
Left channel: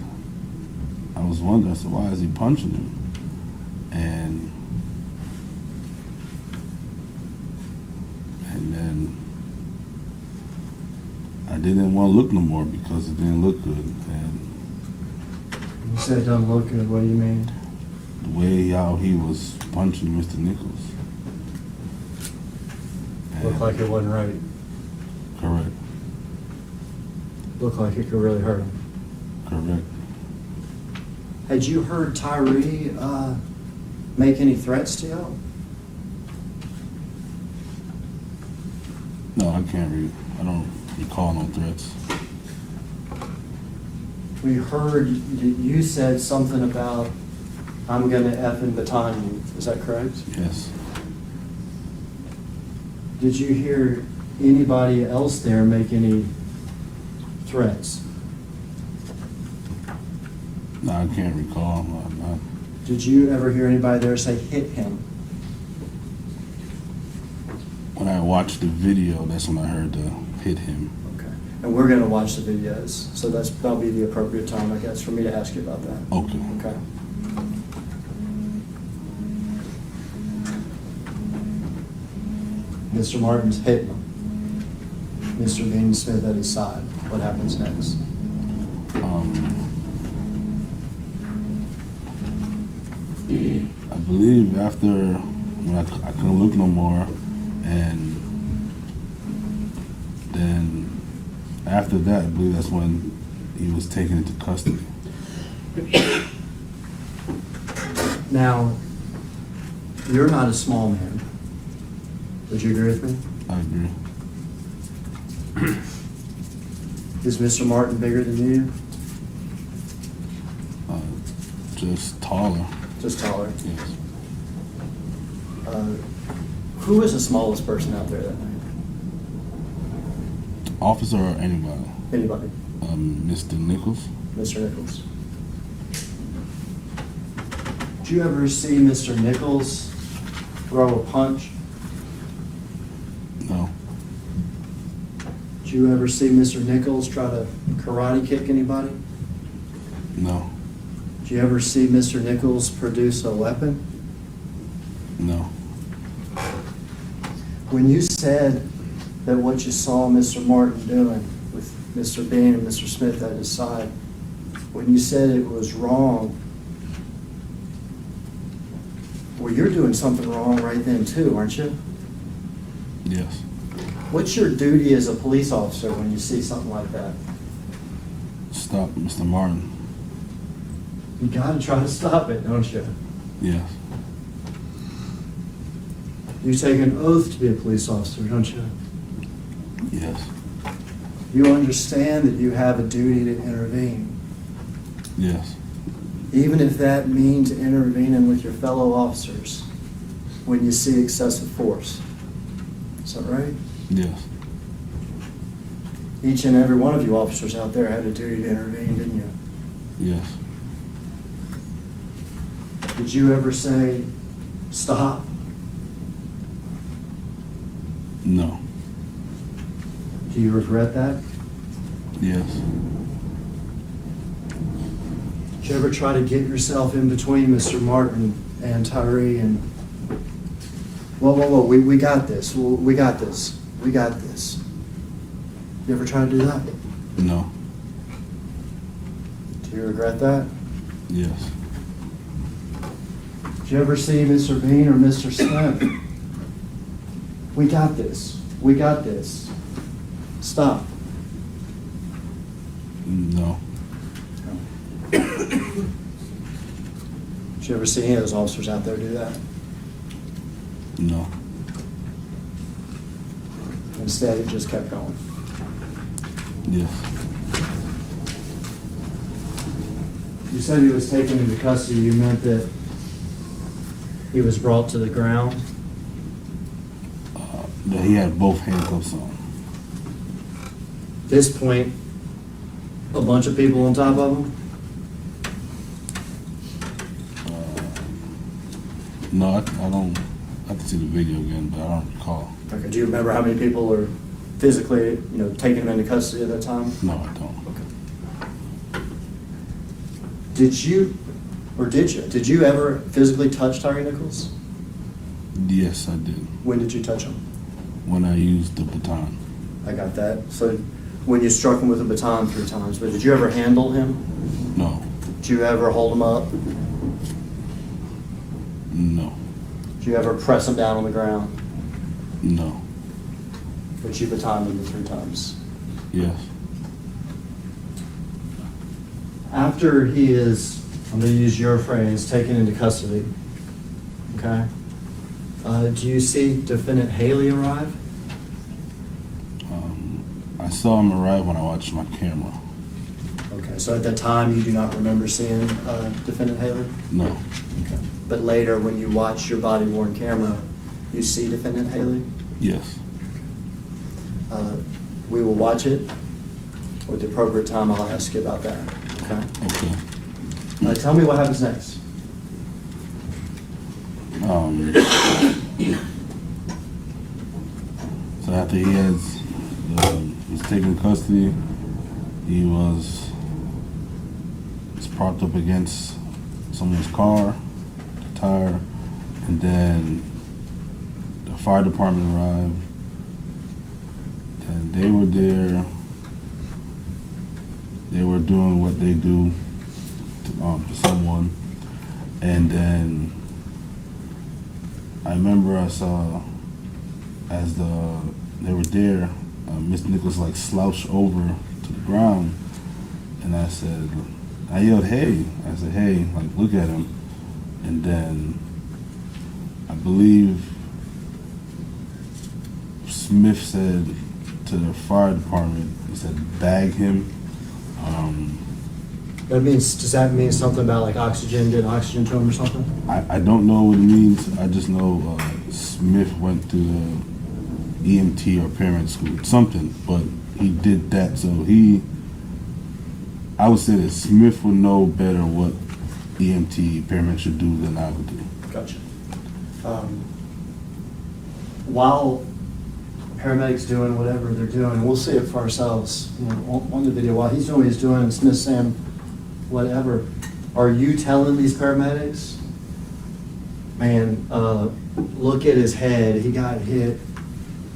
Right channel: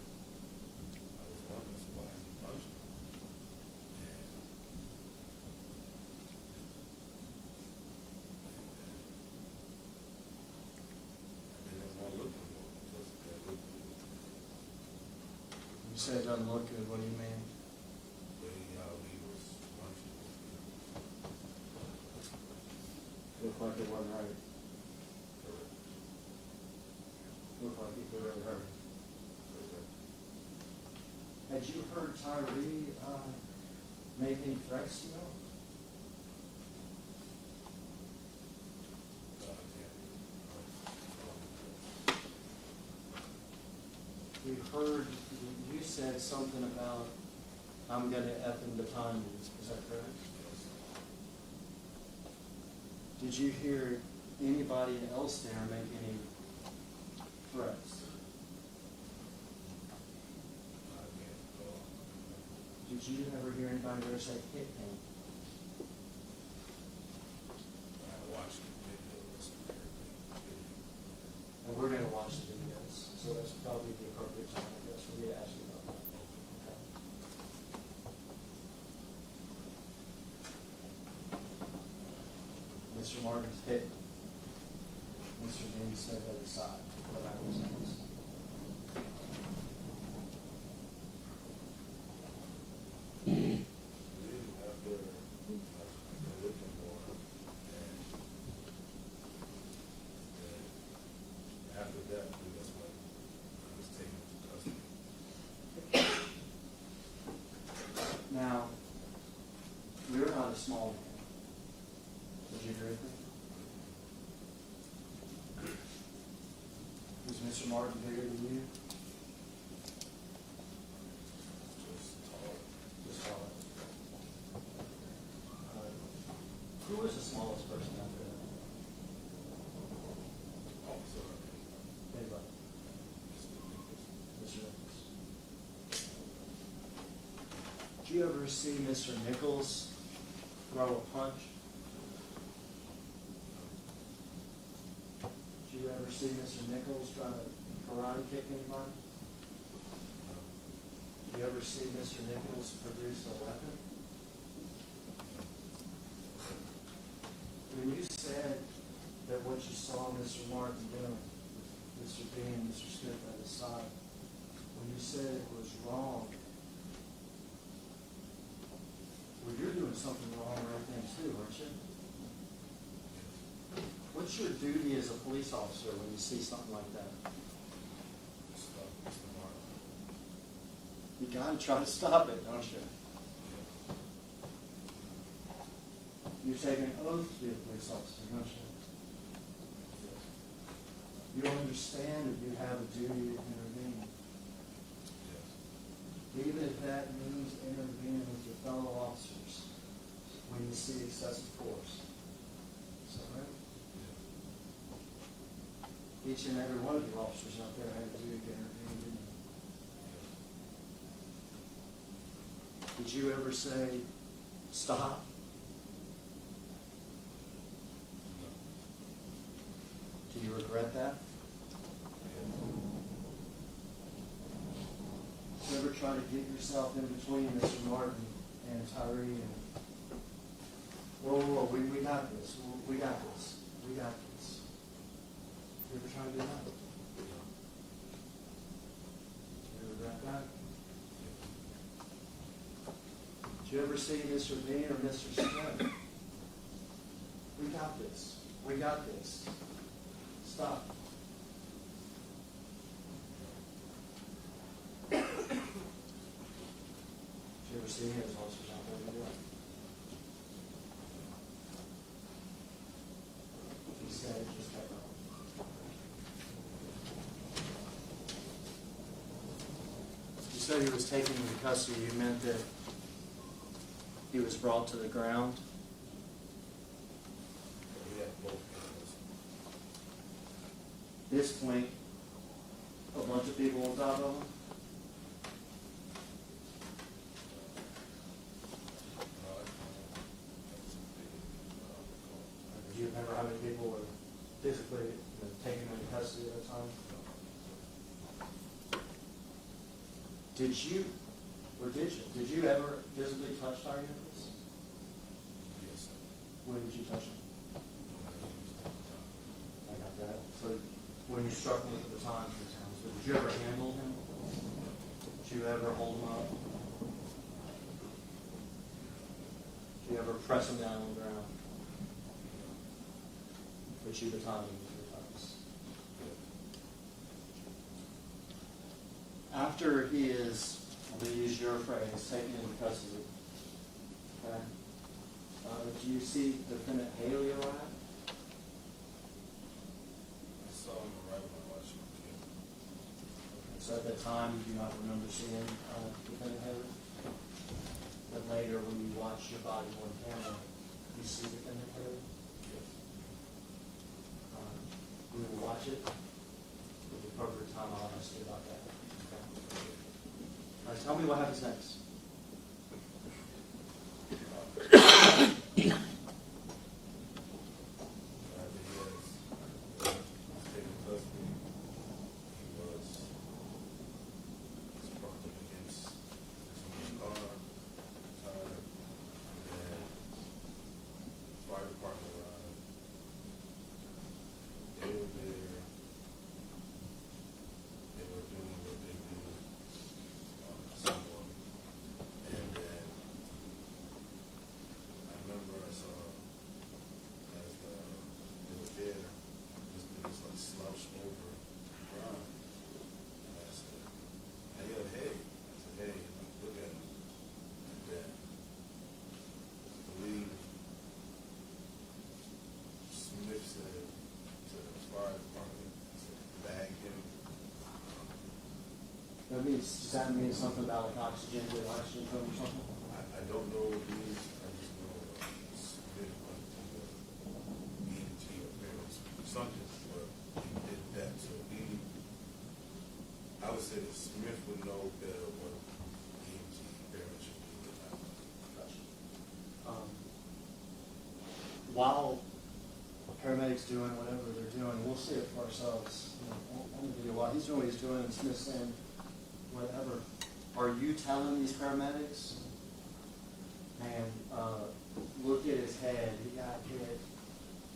I was wondering, so why is he punching him? And then I didn't want to look no more because it didn't look good. And You said it doesn't look good. What do you mean? the way how he was punching Mr. Nichols. Looked like it wasn't right. Correct. Looked like it could really hurt him. Correct. Had you heard Tyre make any threats to y'all? No, I can't read. I don't recall no threats. We heard you said something about, I'm gonna effing Baton you. Is that correct? Yes. Did you hear anybody else there make any threats? No, I can't recall. I'm not. Did you ever hear anybody there say hit him? When I watched the video, that's when I heard the hit him. Okay. And we're gonna watch the videos, so that'll be the appropriate time, I guess, for me to ask you about that. Okay. Okay. Mr. Martin's hitting him. Mr. Bean Smith at his side. What happens next? I believe after when I couldn't look no more, and then after that, I believe that's when he was taken into custody. Now, you're not a small man. Would you agree with me? I agree. Is Mr. Martin bigger than you? Just taller. Just taller? Yes. Who was the smallest person out there that night? Officer or anybody? Anybody? Mr. Nichols. Mr. Nichols. Did you ever see Mr. Nichols throw a punch? No. Did you ever see Mr. Nichols try to karate kick anybody? No. Did you ever see Mr. Nichols produce a weapon? No. When you said that what you saw Mr. Martin doing with Mr. Bean and Mr. Smith at his side, when you said it was wrong, well, you're doing something wrong right then too, aren't you? Yes. What's your duty as a police officer when you see something like that? Stop Mr. Martin. You gotta try to stop it, don't you? Yes. You take an oath to be a police officer, don't you? Yes. You understand that you have a duty to intervene, Yes. even if that means intervening with your fellow officers when you see excessive force. Is that right? Yes. Each and every one of you officers out there had a duty to intervene, didn't you? Yes. Did you ever say, stop? No. Do you regret that? Yes. Did you ever try to get yourself in between Mr. Martin and Tyre and, whoa, we got this, we got this, we got this. You ever try to do that? No. Do you regret that? Yes. Did you ever see Mr. Bean or Mr. Smith? We got this, we got this. Stop. No. Did you ever see any of those officers out there do that? No. Instead, it just kept going. Yes. you said he was taken into custody, you meant that he was brought to the ground? That he had both handcuffs on. This point, a bunch of people on top of him? No, I don't. I have to see the video again, but I don't recall. Okay, do you remember how many people were physically, taking him into custody at that time? No, I don't. Okay. Did you ever physically touch Tyre Nichols? Yes, I did. When did you touch him? When I used the baton. I got that. So when you struck him with a baton 3 times, but did you ever handle him? No. Did you ever hold him up? No. Did you ever press him down on the ground? No. But you batoned him 3 times. Yes. After he is, I'm going to use your phrase, taken into custody, okay? Do you see Defendant Haley arrive? I saw him arrive when I watched my camera. Okay, so at that time, you do not remember seeing Defendant Haley? No. Okay. But later, when you watch your body-worn camera, you see Defendant Haley? Yes. We will watch it. With the appropriate time, I'll ask you about that, okay? Okay. Tell me what happens next. So after he was taken into custody, he was propped up against someone's car, the tire, and then the fire department arrived, and they were there. They were doing what they do to someone, and then I remember I saw as they were there, Miss Nichols slouched over to the ground, and I yelled, "Hey!" I said, "Hey!" Look at him, and then I believe Smith said to the fire department, he said, "Bag him." Does that mean something about oxygen, did oxygen to him or something? I don't know what it means. I just know Smith went to the EMT or paramedic school, something, but he did that. So I would say that Smith would know better what EMT paramedic should do than I would do. Gotcha. While paramedics doing whatever they're doing, and we'll see it for ourselves, on the video, while he's doing what he's doing, and Smith's saying whatever, are you telling these paramedics, man, look at his head, he got hit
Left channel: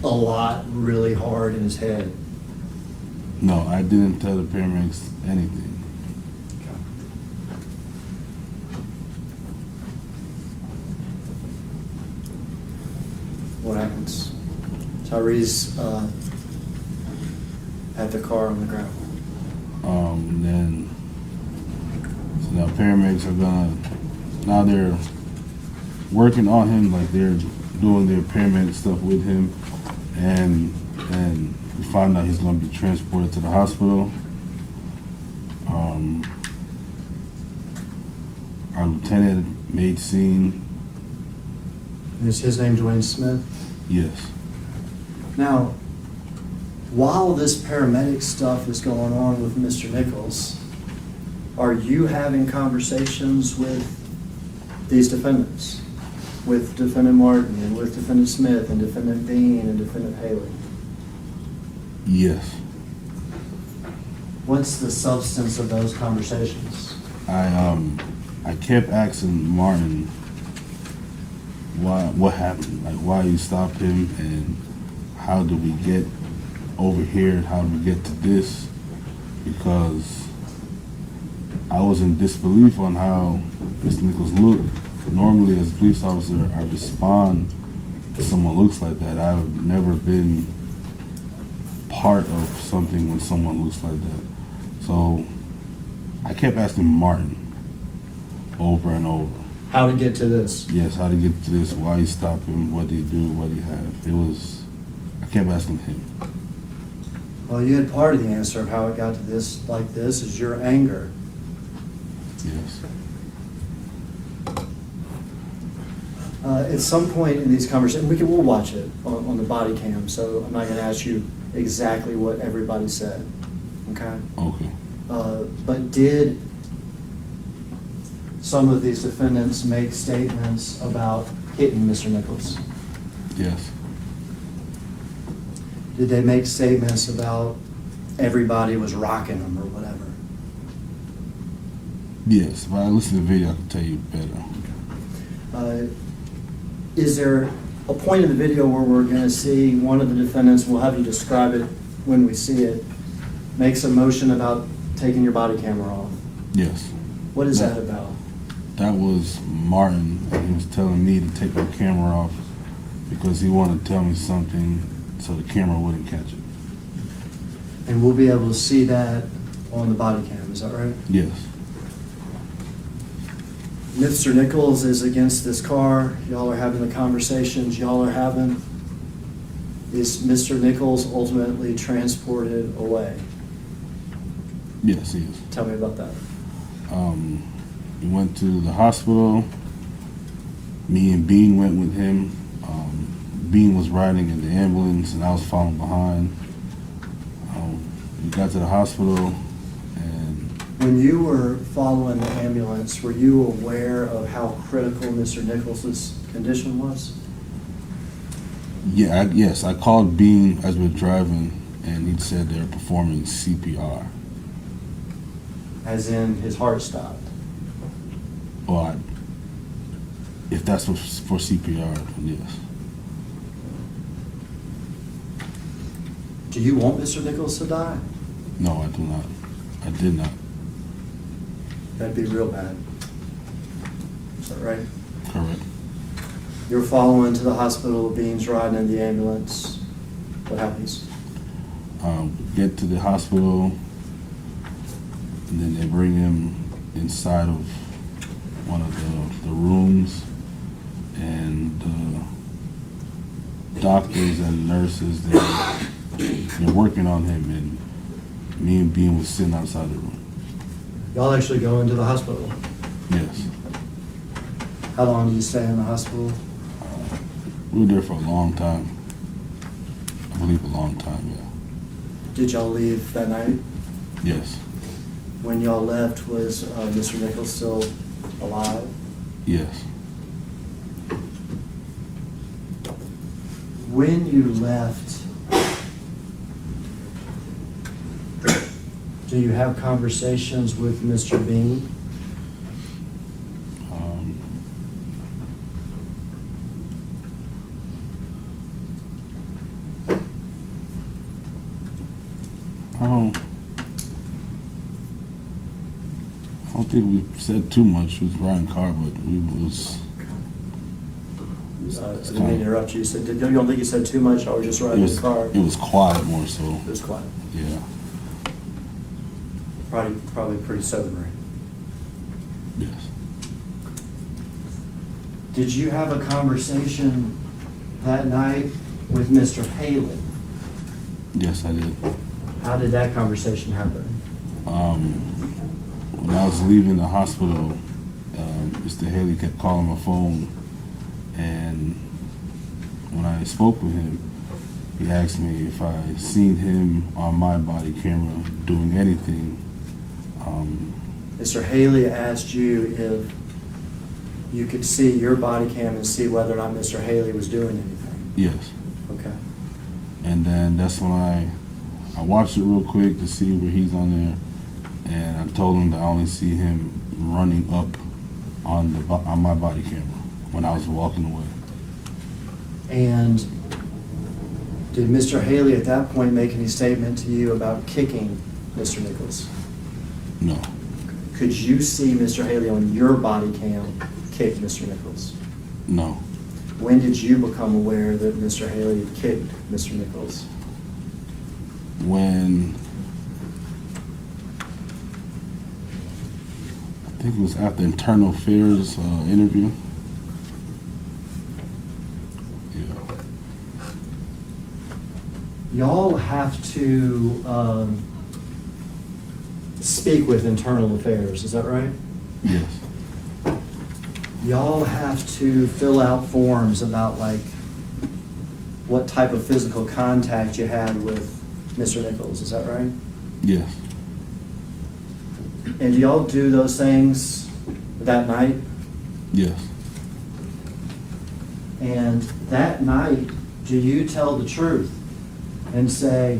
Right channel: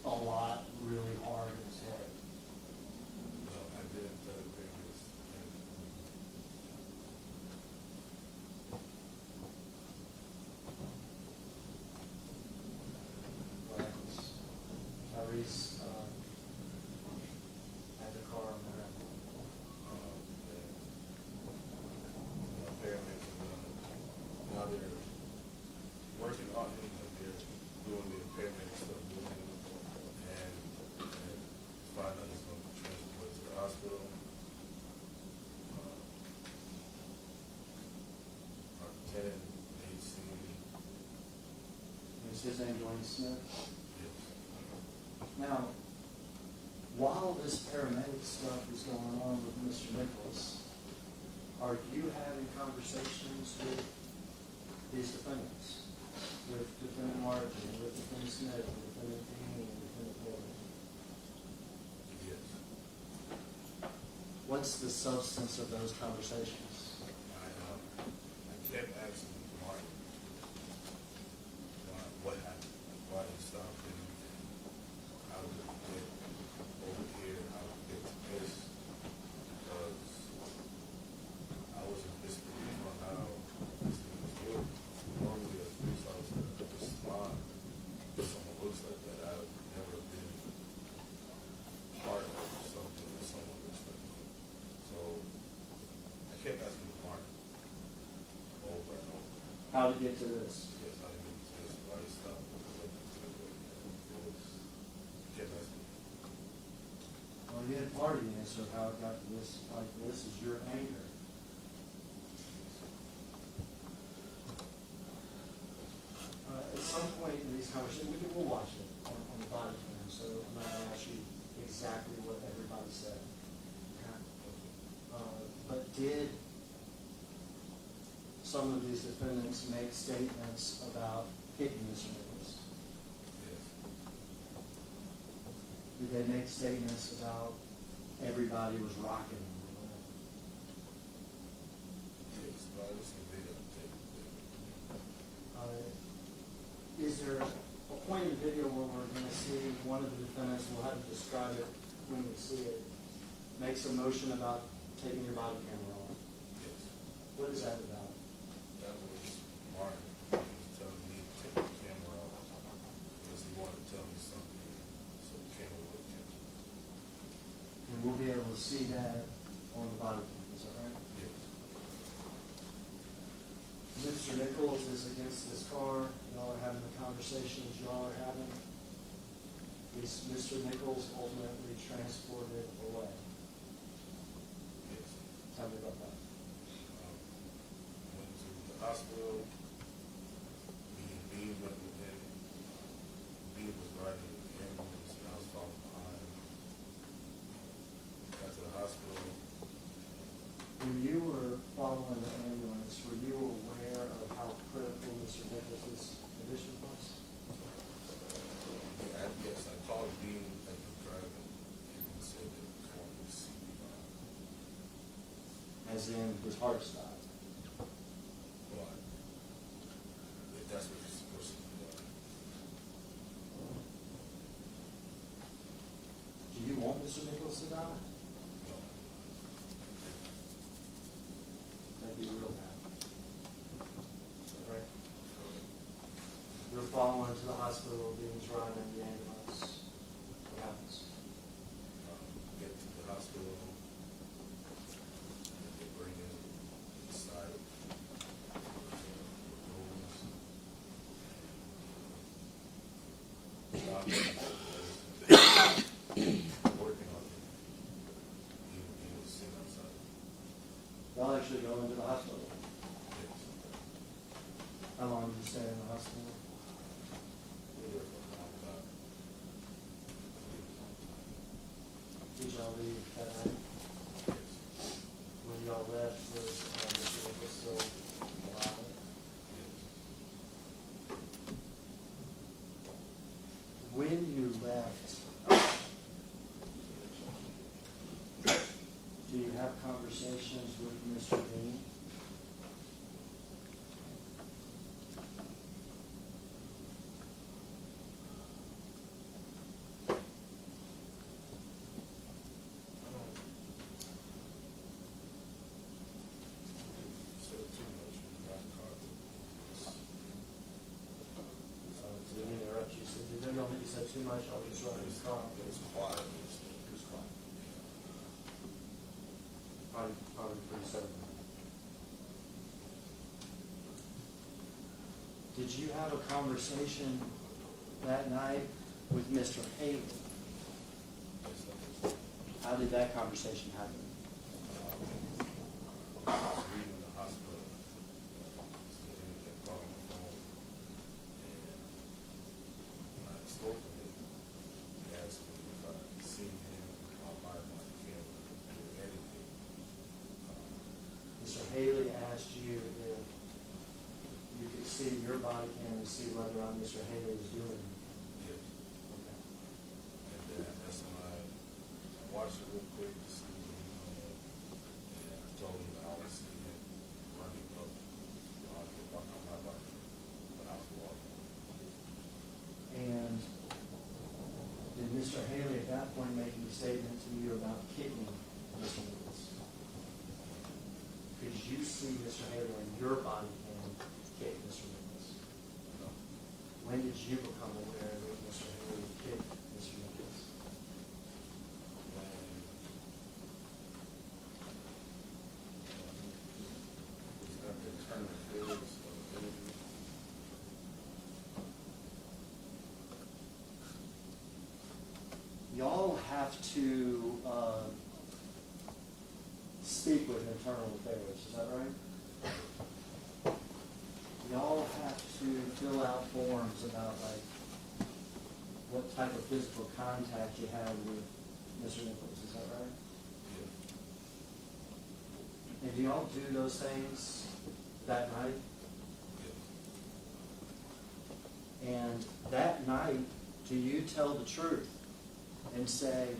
a lot really hard in his head? No, I didn't tell the paramedics anything. What happens? Tyree's at the car on the ground. Then so now paramedics are now they're working on him, they're doing their paramedic stuff with him, and we find out he's gonna be transported to the hospital. Our lieutenant made scene. Is his name Dwayne Smith? Yes. Now, while this paramedic stuff is going on with Mr. Nichols, are you having conversations with these defendants? With Defendant Martin and with Defendant Smith and Defendant Bean and Defendant Haley? Yes. What's the substance of those conversations? I kept asking Martin what happened, why you stopped him, and how did we get over here, how did we get to this, because I was in disbelief on how Mr. Nichols looked. Normally as a police officer, I respond to someone looks like that. I've never been part of something when someone looks like that. So I kept asking Martin over and over. How to get to this? Yes, how to get to this, why he stopped him, what did he do, what he had. I kept asking him. Well, you had part of the answer of how it got to this, like this, is your anger. Yes. At some point in these conversations, we'll watch it on the body cam, so I'm not gonna ask you exactly what everybody said, okay? Okay. But did some of these defendants make statements about hitting Mr. Nichols? Yes. Did they make statements about everybody was rocking them or whatever? Yes. If I listen to the video, I can tell you better. Is there a point in the video where we're gonna see one of the defendants, we'll have you describe it when we see it, makes a motion about taking your body camera off? Yes. What is that about? That was Martin, and he was telling me to take my camera off because he wanted to tell me something so the camera wouldn't catch it. And we'll be able to see that on the body cam, is that right? Yes. Mr. Nichols is against this car, y'all are having the conversations y'all are having. Is Mr. Nichols ultimately transported away? Yes, he is. Tell me about that. We went to the hospital. Me and Bean went with him. Bean was riding in the ambulance, and I was following behind. We got to the hospital, and When you were following the ambulance, were you aware of how critical Mr. Nichols' condition was? yes, I called Bean as we were driving, and he said they were performing CPR. As in, his heart stopped? Or if that's for CPR, then yes. Do you want Mr. Nichols to die? No, I do not. I did not. That'd be real bad. Is that right? Correct. You're following to the hospital, Bean's riding in the ambulance. What happens? Get to the hospital, and then they bring him inside of one of the rooms, and the doctors and nurses, they're working on him, and me and Bean was sitting outside the room. Y'all actually go into the hospital? Yes. How long do you stay in the hospital? We were there for a long time. I believe a long time, yeah. Did y'all leave that night? Yes. When y'all left, was Mr. Nichols still alive? Yes. When you left, do you have conversations with Mr. Bean? I don't think we said too much. We was riding car, but we was. I didn't mean to interrupt you. You don't think you said too much, or just riding the car? It was quiet more so. It was quiet. Yeah. Probably pretty sobering. Yes. Did you have a conversation that night with Mr. Haley? Yes, I did. How did that conversation happen? When I was leaving the hospital, Mr. Haley kept calling my phone, and when I spoke with him, he asked me if I seen him on my body camera doing anything. Mr. Haley asked you if you could see your body cam and see whether or not Mr. Haley was doing anything. Yes. Okay. And then that's when I watched it real quick to see where he's on there, and I told him that I only see him running up on my body camera when I was walking away. And did Mr. Haley at that point make any statement to you about kicking Mr. Nichols? No. Could you see Mr. Haley on your body cam kick Mr. Nichols? No. When did you become aware that Mr. Haley had kicked Mr. Nichols? When I think it was after internal affairs interview. Yeah. Y'all have to speak with internal affairs, is that right? Yes. Y'all have to fill out forms about like what type of physical contact you had with Mr. Nichols, is that right? Yes. And do y'all do those things that night? Yes. And that night, do you tell the truth and say,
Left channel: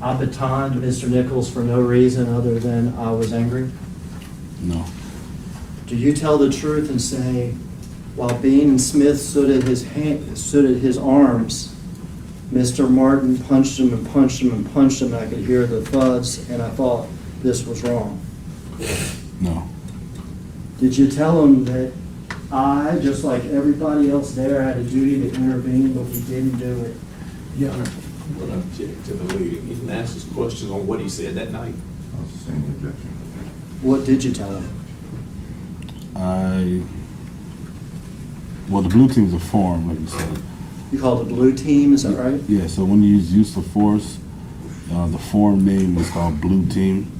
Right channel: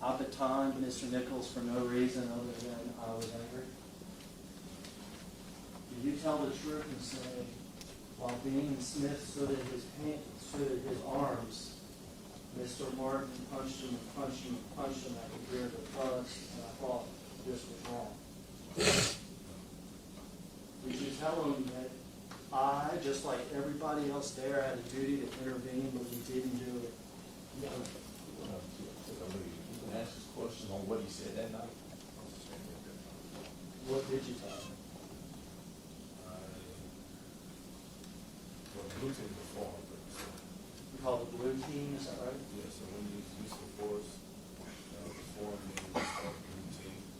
I batoned Mr. Nichols for no reason other than I was angry? No. Do you tell the truth and say, while Bean and Smith stood at his arms, Mr. Martin punched him and punched him and punched him, and I could hear the thuds, and I thought this was wrong? No. Did you tell him that I, just like everybody else there, had a duty to intervene, but we didn't do it? Your Honor, what I object to the leading, he can ask his questions on what he said that night. I'll sustain the objection. What did you tell him? Well, the blue teams are formed, like you said. You called it blue team, is that right? Yeah, so when you use of force, the form name is called blue team.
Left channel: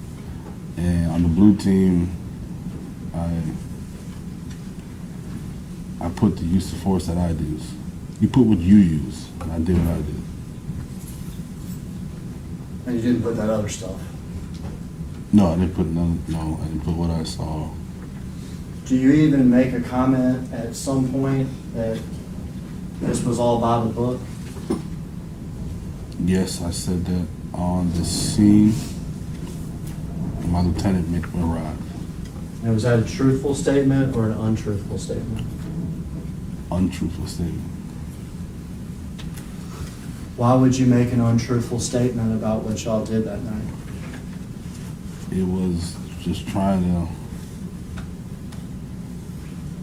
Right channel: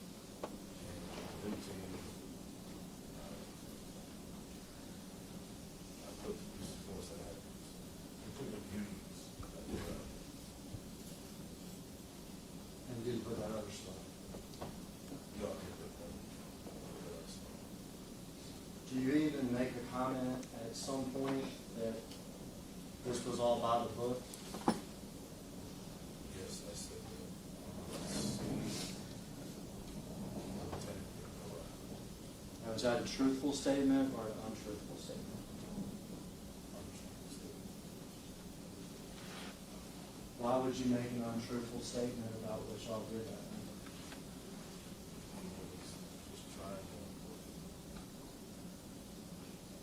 And on the blue team, I put the use of force that I use. You put what you use, and I did what I did. And you didn't put that other stuff? No, I didn't put none. No, I didn't put what I saw. Do you even make a comment at some point that this was all by the book? Yes, I said that on the scene. My lieutenant arrived. And was that a truthful statement or an untruthful statement? Untruthful statement. Why would you make an untruthful statement about what y'all did that night? It was just trying to.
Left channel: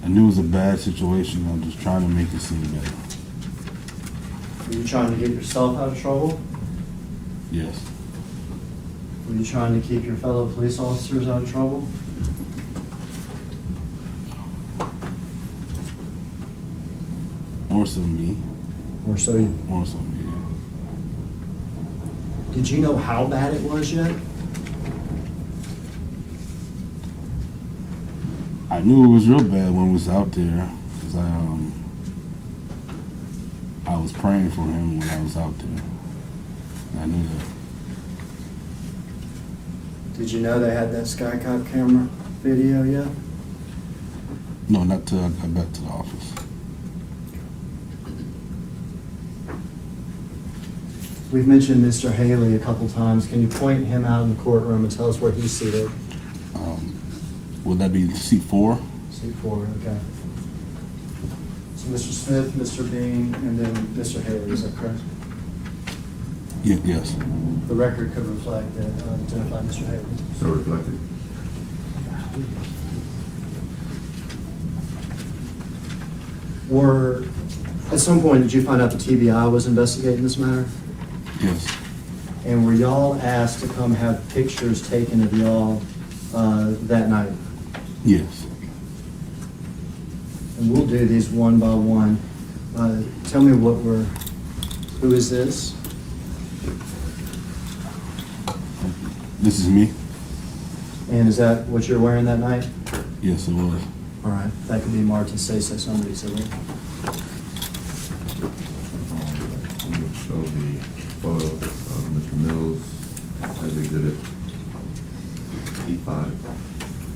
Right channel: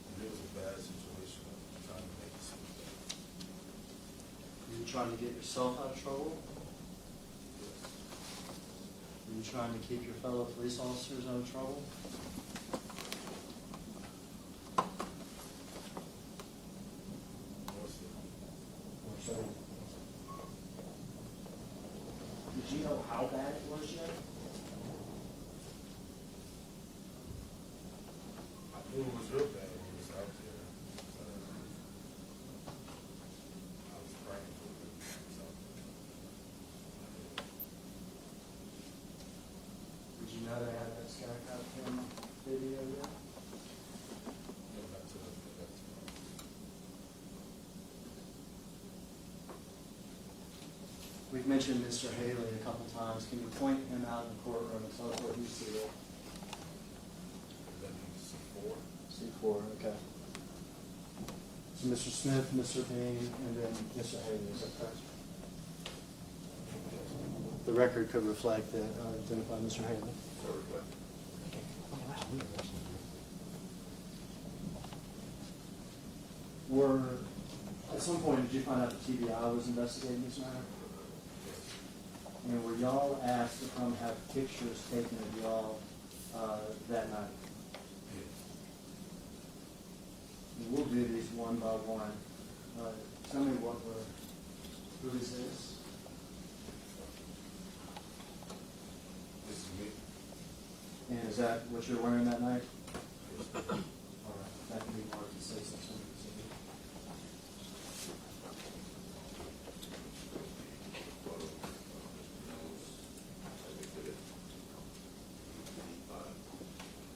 I knew it was a bad situation. I'm just trying to make it seem better. Were you trying to get yourself out of trouble? Yes. Were you trying to keep your fellow police officers out of trouble? More so me. Or so you... More so me. Yeah. Did you know how bad it was yet? I knew it was real bad when we was out there, cause I was praying for him when I was out there. I knew that. Did you know they had that Skycop camera video yet? No, not till I got back to the office. We've mentioned Mr. Haley a couple times. Can you point him out in the courtroom and tell us where he's seated? Would that be seat 4? Seat 4, okay. So Mr. Smith, Mr. Bean, and then Mr. Haley, is that correct? Yeah, yes. The record could reflect that, identify Mr. Haley. So reflected. Or, at some point, did you find out the TBI was investigating this matter? Yes. And were y'all asked to come have pictures taken of y'all that night? Yes. And we'll do these one by one. Tell me who is this? This is me? And is that what you're wearing that night? Yes, it was. All right, that could be Martin say somebody said it. I'm going to show the photo of Mr. Mills as exhibit E5.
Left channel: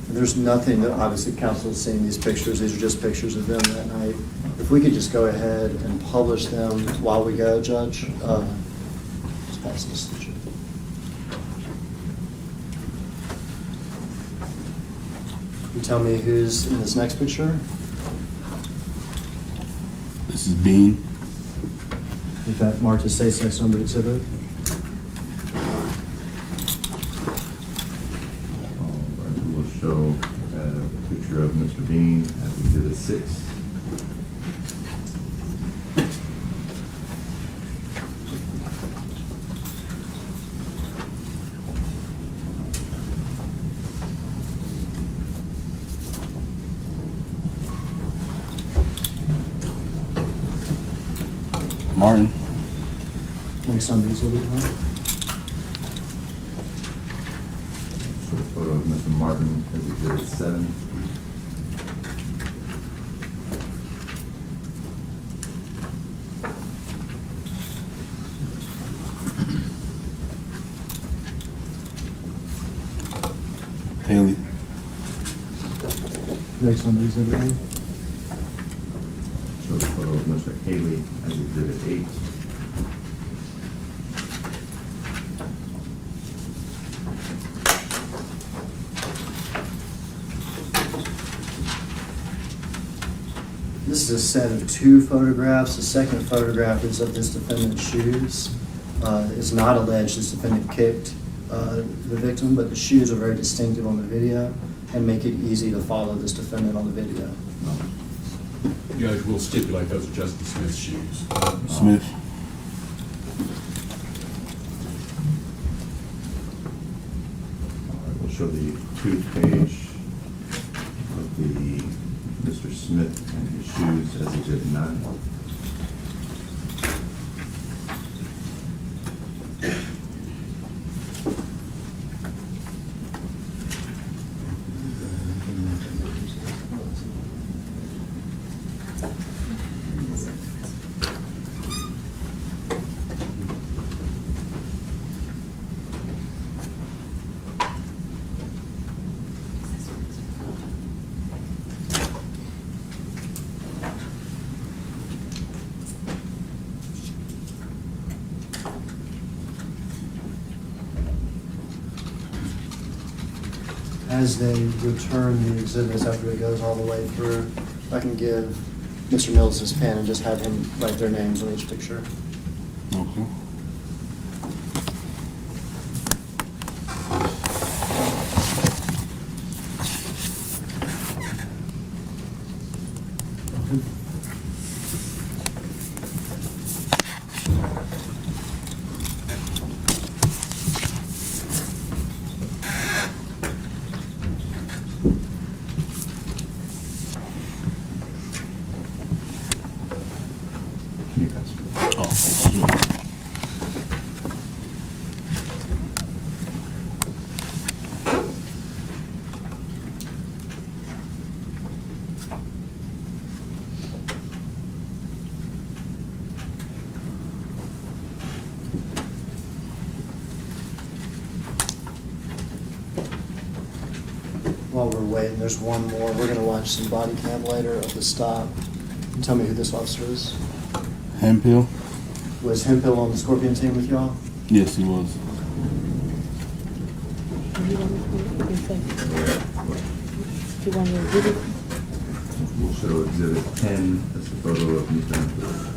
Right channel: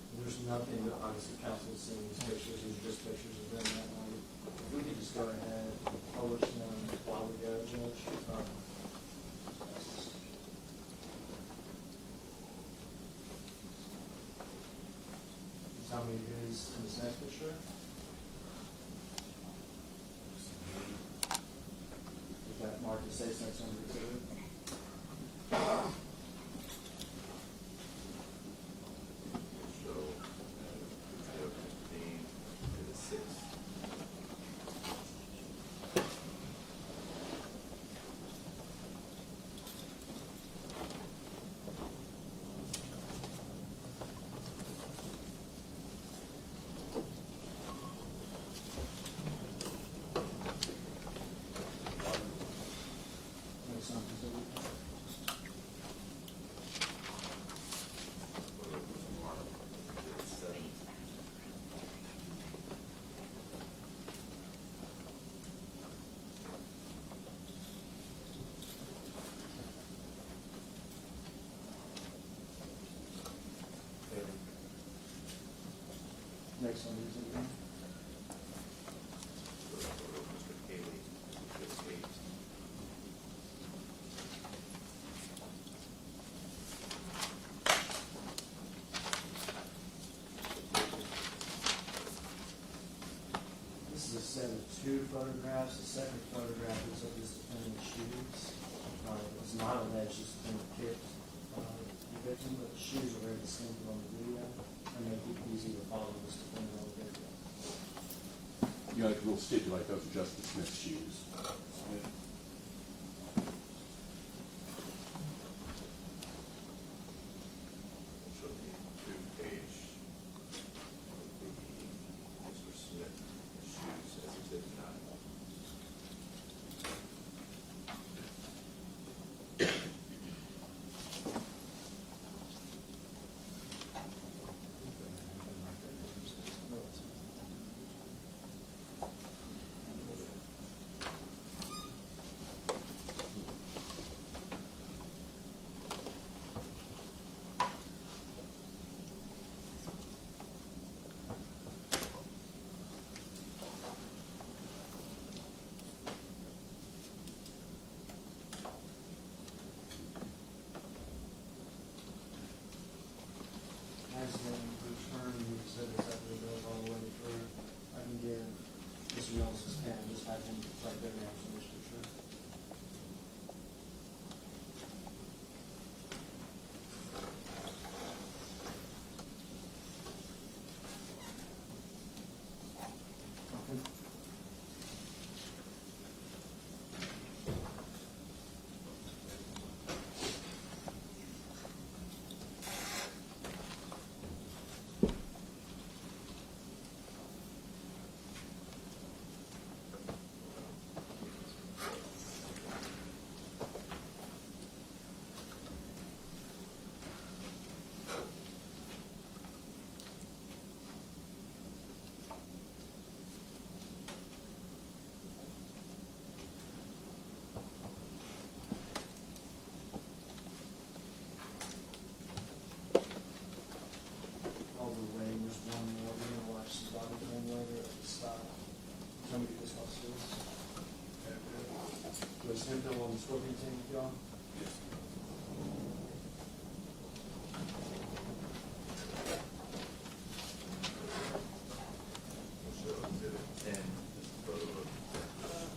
There's nothing that, obviously, council has seen these pictures. These are just pictures of them that night. If we could just go ahead and publish them while we go, Judge. Just pass this. You tell me who's in this next picture? This is Bean. If that Martin say number exhibit. We will show a picture of Mr. Bean as exhibit 6. Martin. Next on the exhibit, huh? photo of Mr. Martin as Exhibit 7. Haley. Next on the exhibit one. Show the photo of Mr. Haley as Exhibit 8. This is a set of 2 photographs. The second photograph is of this defendant's shoes. It's not alleged this defendant kicked the victim, but the shoes are very distinctive on the video and make it easy to follow this defendant on the video. Judge, we'll stipulate those are Justin Smith's shoes. Smith. We'll show the toothpage of the Mr. Smith and his shoes as Exhibit 9. As they return the exhibits after it goes all the way through, I can give Mr. Mills his pen and just have him write their names on each picture. Okay. Can you pass? Oh, sure. While we're waiting, there's one more. We're gonna watch some body cam later of the stop. And tell me who this officer is. Hempill? Was Hempill on the Scorpion team with y'all? Yes, he was. You want your exhibit? We'll show Exhibit 10 as the photo of Mr. Hemphill.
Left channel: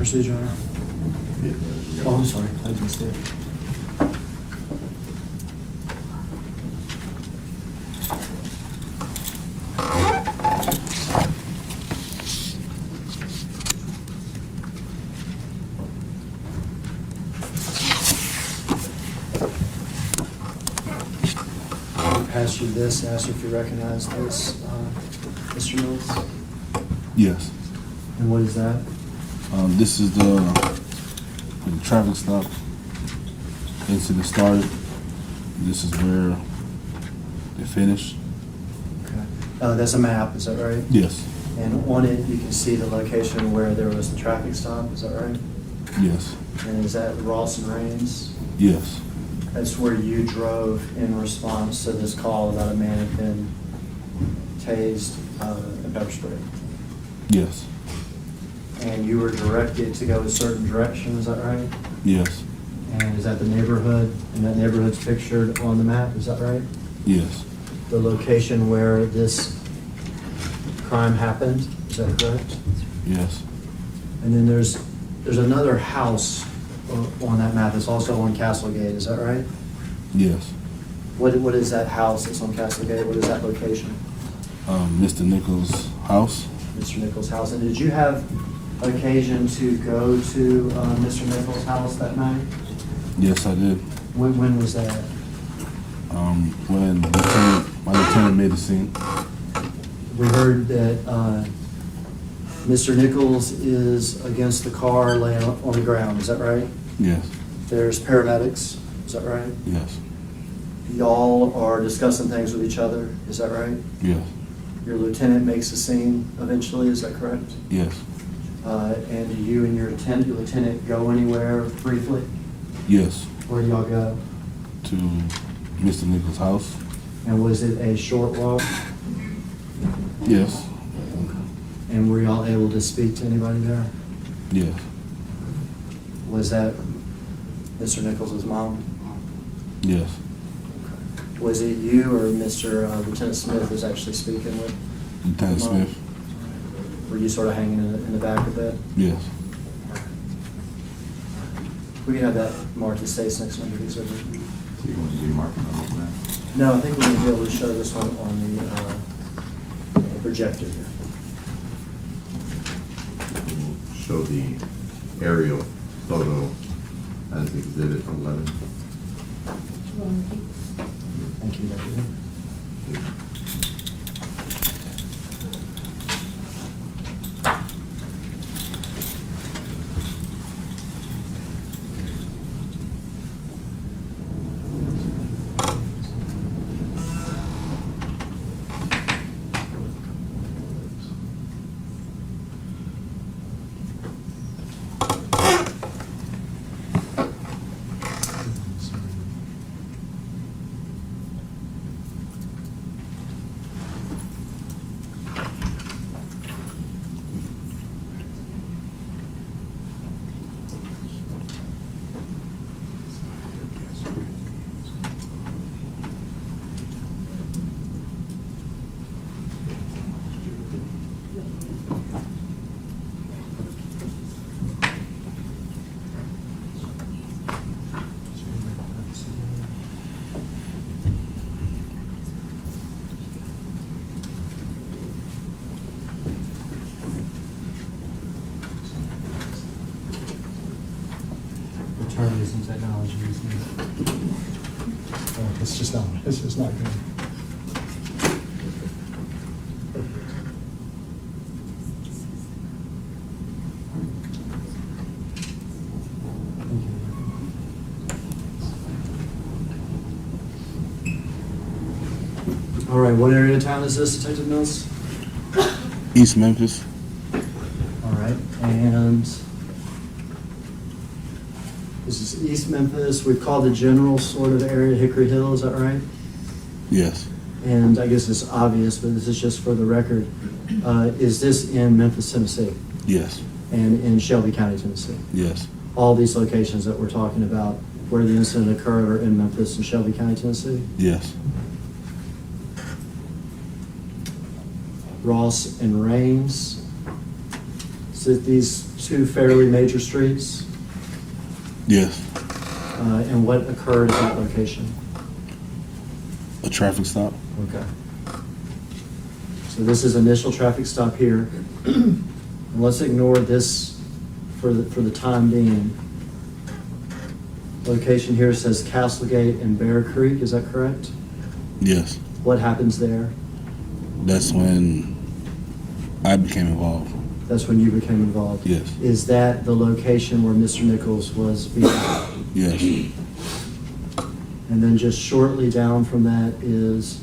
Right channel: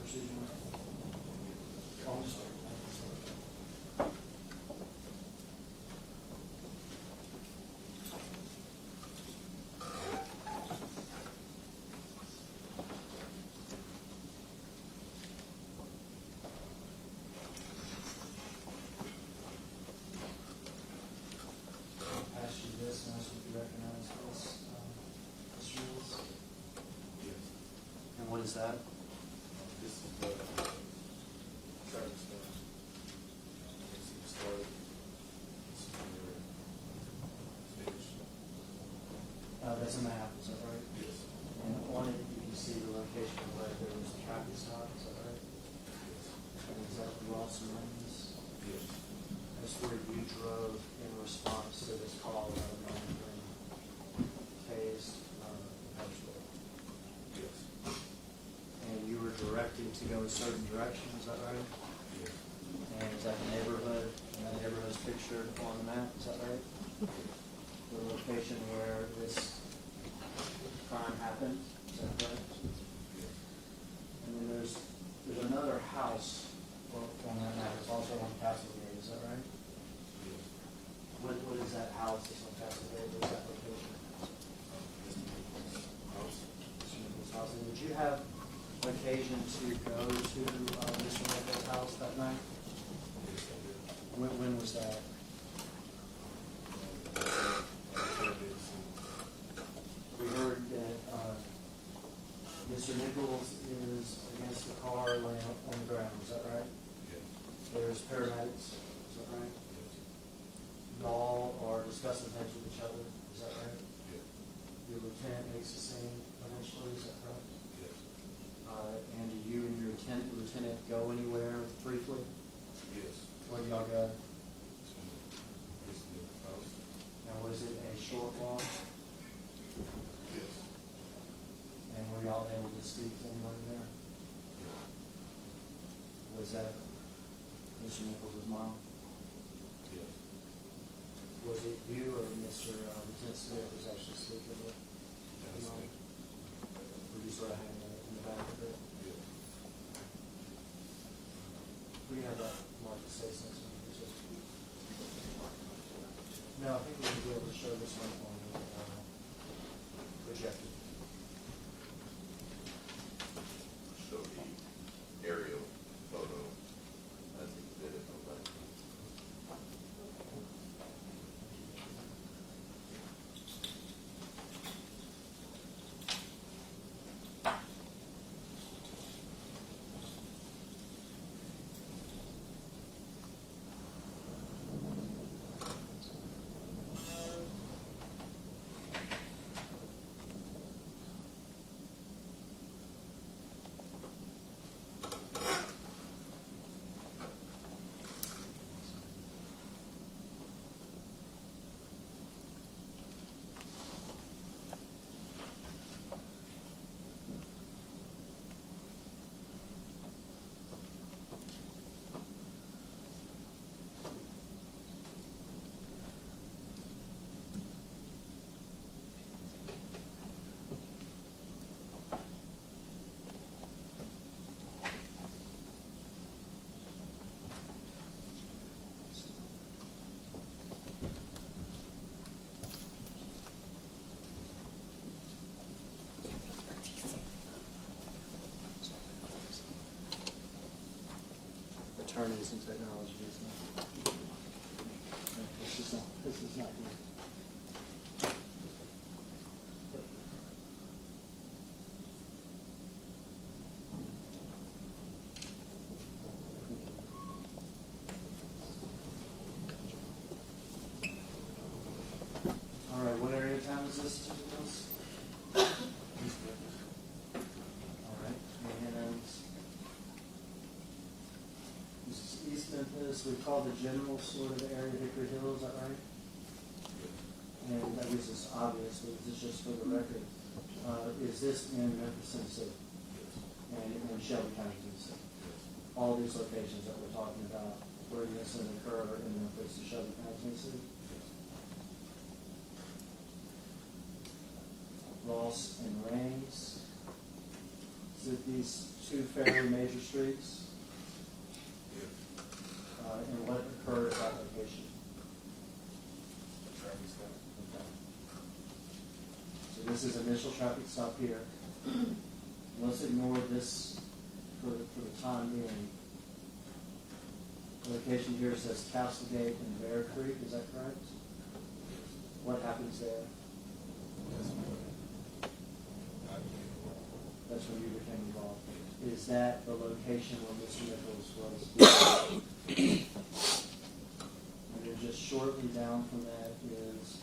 proceed, Your Honor? Oh, I'm sorry, I didn't see it. I'll pass you this, ask you if you recognize this, Mr. Mills. Yes. And what is that? This is the traffic stop incident started. This is where they finished. Okay. That's a map, is that right? Yes. And on it, you can see the location where there was the traffic stop, is that right? Yes. And is that Ross and Rains? Yes. That's where you drove in response to this call about a man had been tased and pepper sprayed. Yes. And you were directed to go a certain direction, is that right? Yes. And is that the neighborhood? And that neighborhood's pictured on the map, is that right? Yes. The location where this crime happened, is that correct? Yes. And then there's another house on that map that's also on Castlegate, is that right? Yes. What is that house that's on Castlegate? What is that location? Mr. Nichols' house. Mr. Nichols' house. And did you have occasion to go to Mr. Nichols' house that night? Yes, I did. When was that? When my lieutenant made the scene. We heard that Mr. Nichols is against the car laying on the ground, is that right? Yes. There's paramedics, is that right? Yes. Y'all are discussing things with each other, is that right? Yes. Your lieutenant makes a scene eventually, is that correct? Yes. And do you and your lieutenant go anywhere briefly? Yes. Where do y'all go? To Mr. Nichols' house. And was it a short walk? Yes. And were y'all able to speak to anybody there? Yes. Was that Mr. Nichols' mom? Yes. Was it you or Mr. Lieutenant Smith was actually speaking with? Lieutenant Mom? Smith. Were you sort of hanging in the back of it? Yes. We can have that marked as states next one, please. So you want to be marking on the map? No, I think we're gonna be able to show this one on the projector here. We'll show the aerial photo as exhibit 11. Thank you, Deputy. Attorneys and technology is needed. It's just not good. All right, what area of town is this, Detective Mills? East Memphis. All right, and this is East Memphis. We've called the general sort of area Hickory Hill, is that right? Yes. And I guess it's obvious, but this is just for the record. Is this in Memphis, Tennessee? Yes. And in Shelby County, Tennessee? Yes. All these locations that we're talking about where the incident occurred are in Memphis and Shelby County, Tennessee? Yes. Ross and Rains, So these two fairly major streets, Yes. and what occurred at that location? A traffic stop? Okay. So this is initial traffic stop here. And let's ignore this for the time being. Location here says Castlegate and Bear Creek, is that correct? Yes. What happens there? That's when I became involved. That's when you became involved? Yes. Is that the location where Mr. Nichols was beaten? Yes. And then just shortly down from that is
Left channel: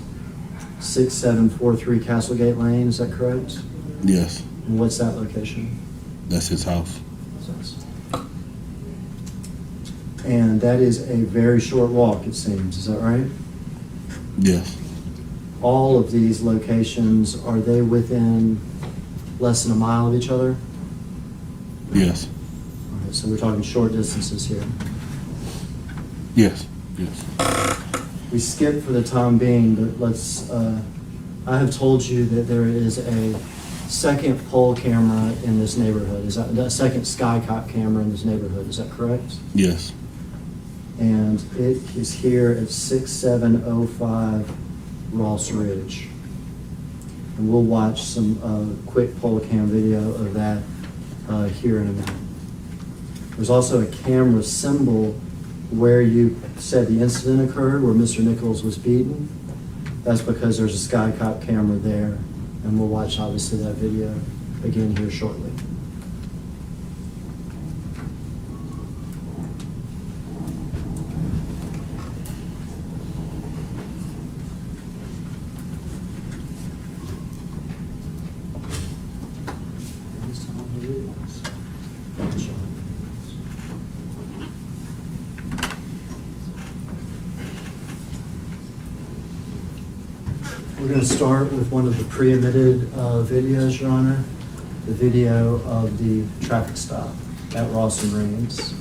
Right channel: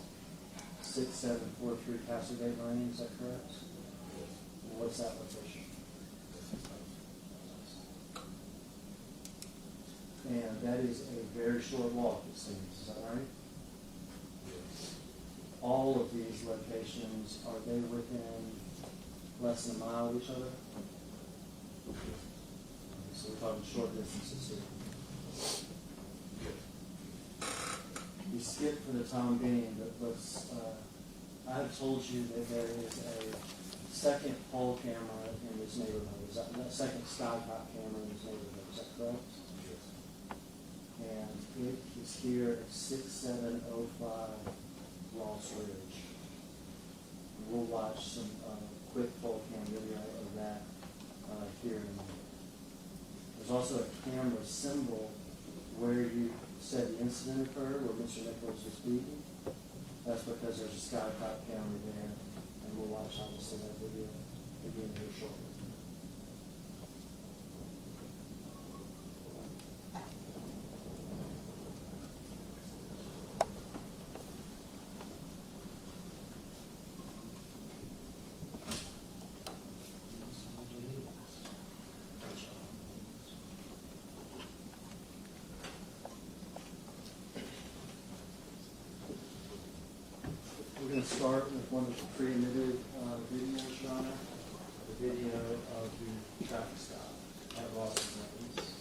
6743 Castlegate Lane, is that correct? Yes. And what's that location? That's his house. And that is a very short walk, it seems, is that right? Yes. All of these locations, are they within less than a mile of each other? Yes. Okay, so we're talking short distances here. Yes. Yes. We skipped for the time being, but let's, I have told you that there is a second pole camera in this neighborhood. Is that second skycop camera in this neighborhood, is that correct? Yes. And it is here at 6705 Ross Ridge. And we'll watch some quick pole cam video of that here in a minute. There's also a camera symbol where you said the incident occurred, where Mr. Nichols was beaten. That's because there's a skycop camera there, and we'll watch obviously that video again here shortly. We're going to start with one of the pre-emitted videos, Your Honor, the video of the traffic stop at Ross and Reams.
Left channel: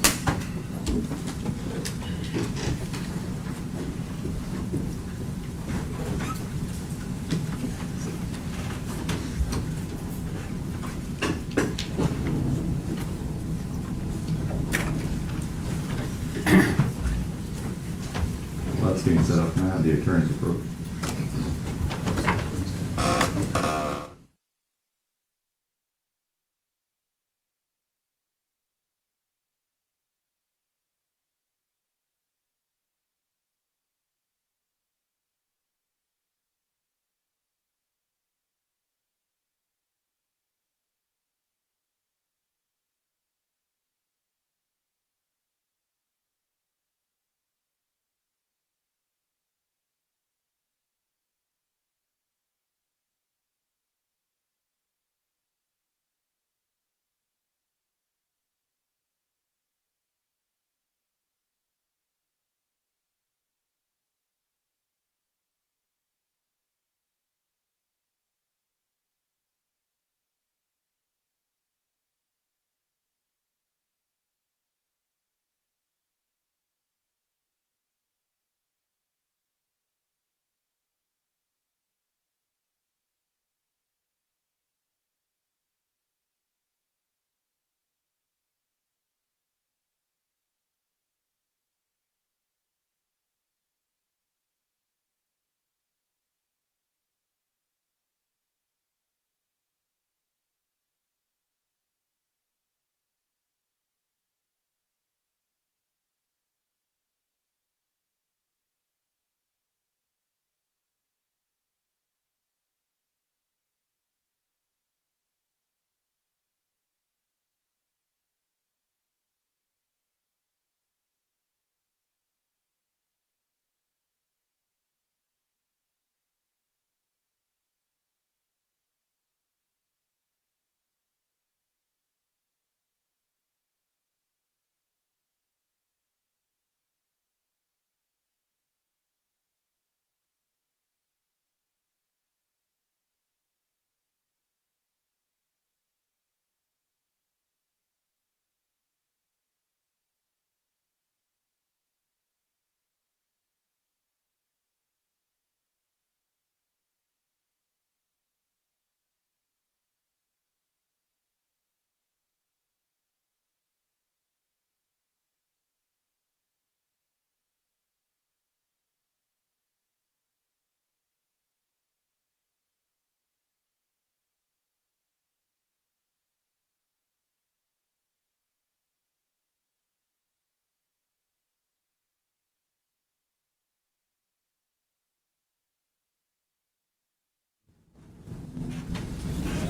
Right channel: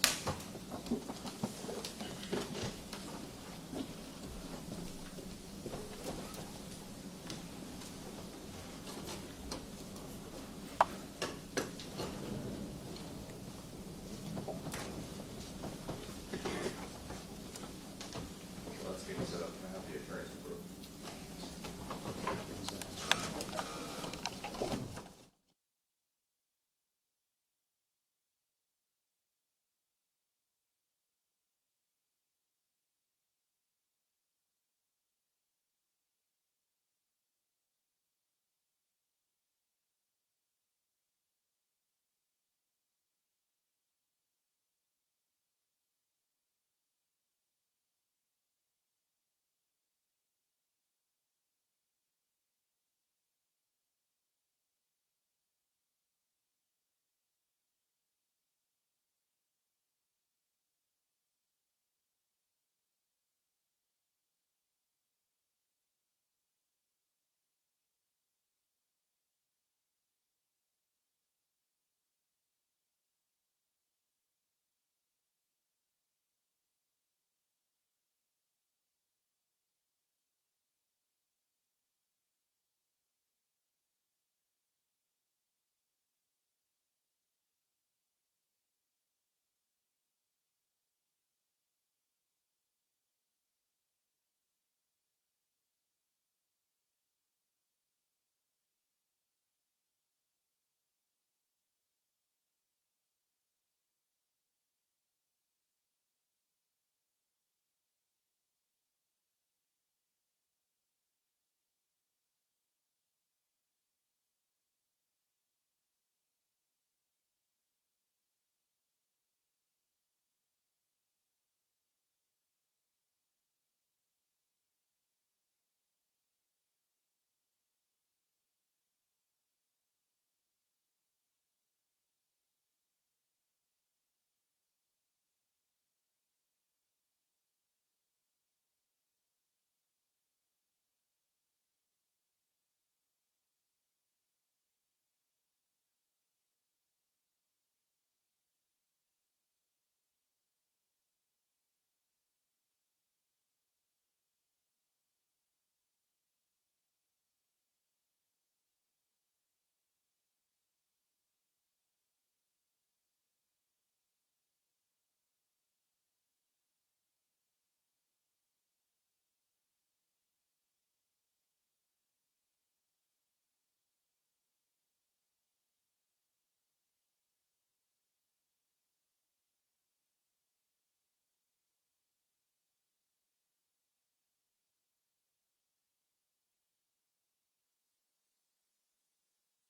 Well, that's getting set up now, the attorney's approach.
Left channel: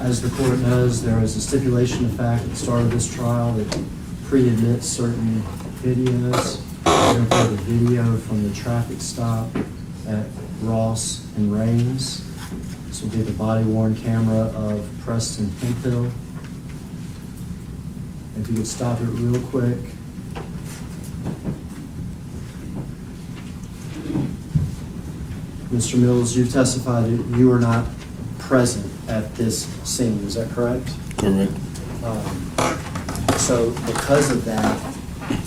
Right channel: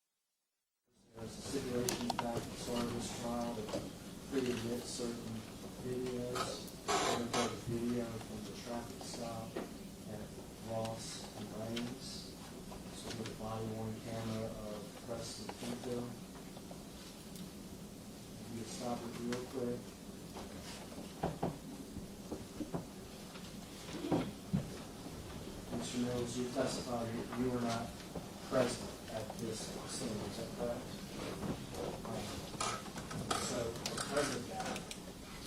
As the court knows, there is a stipulation of fact at the start of this trial that pre-admits certain videos. We're going to play the video from the traffic stop at Ross and Raines. This will be the body-worn camera of Preston Hemphill. If you could stop it real quick. Mr. Mills, you've testified that you were not present at this scene, is that correct? Correct. So because of that,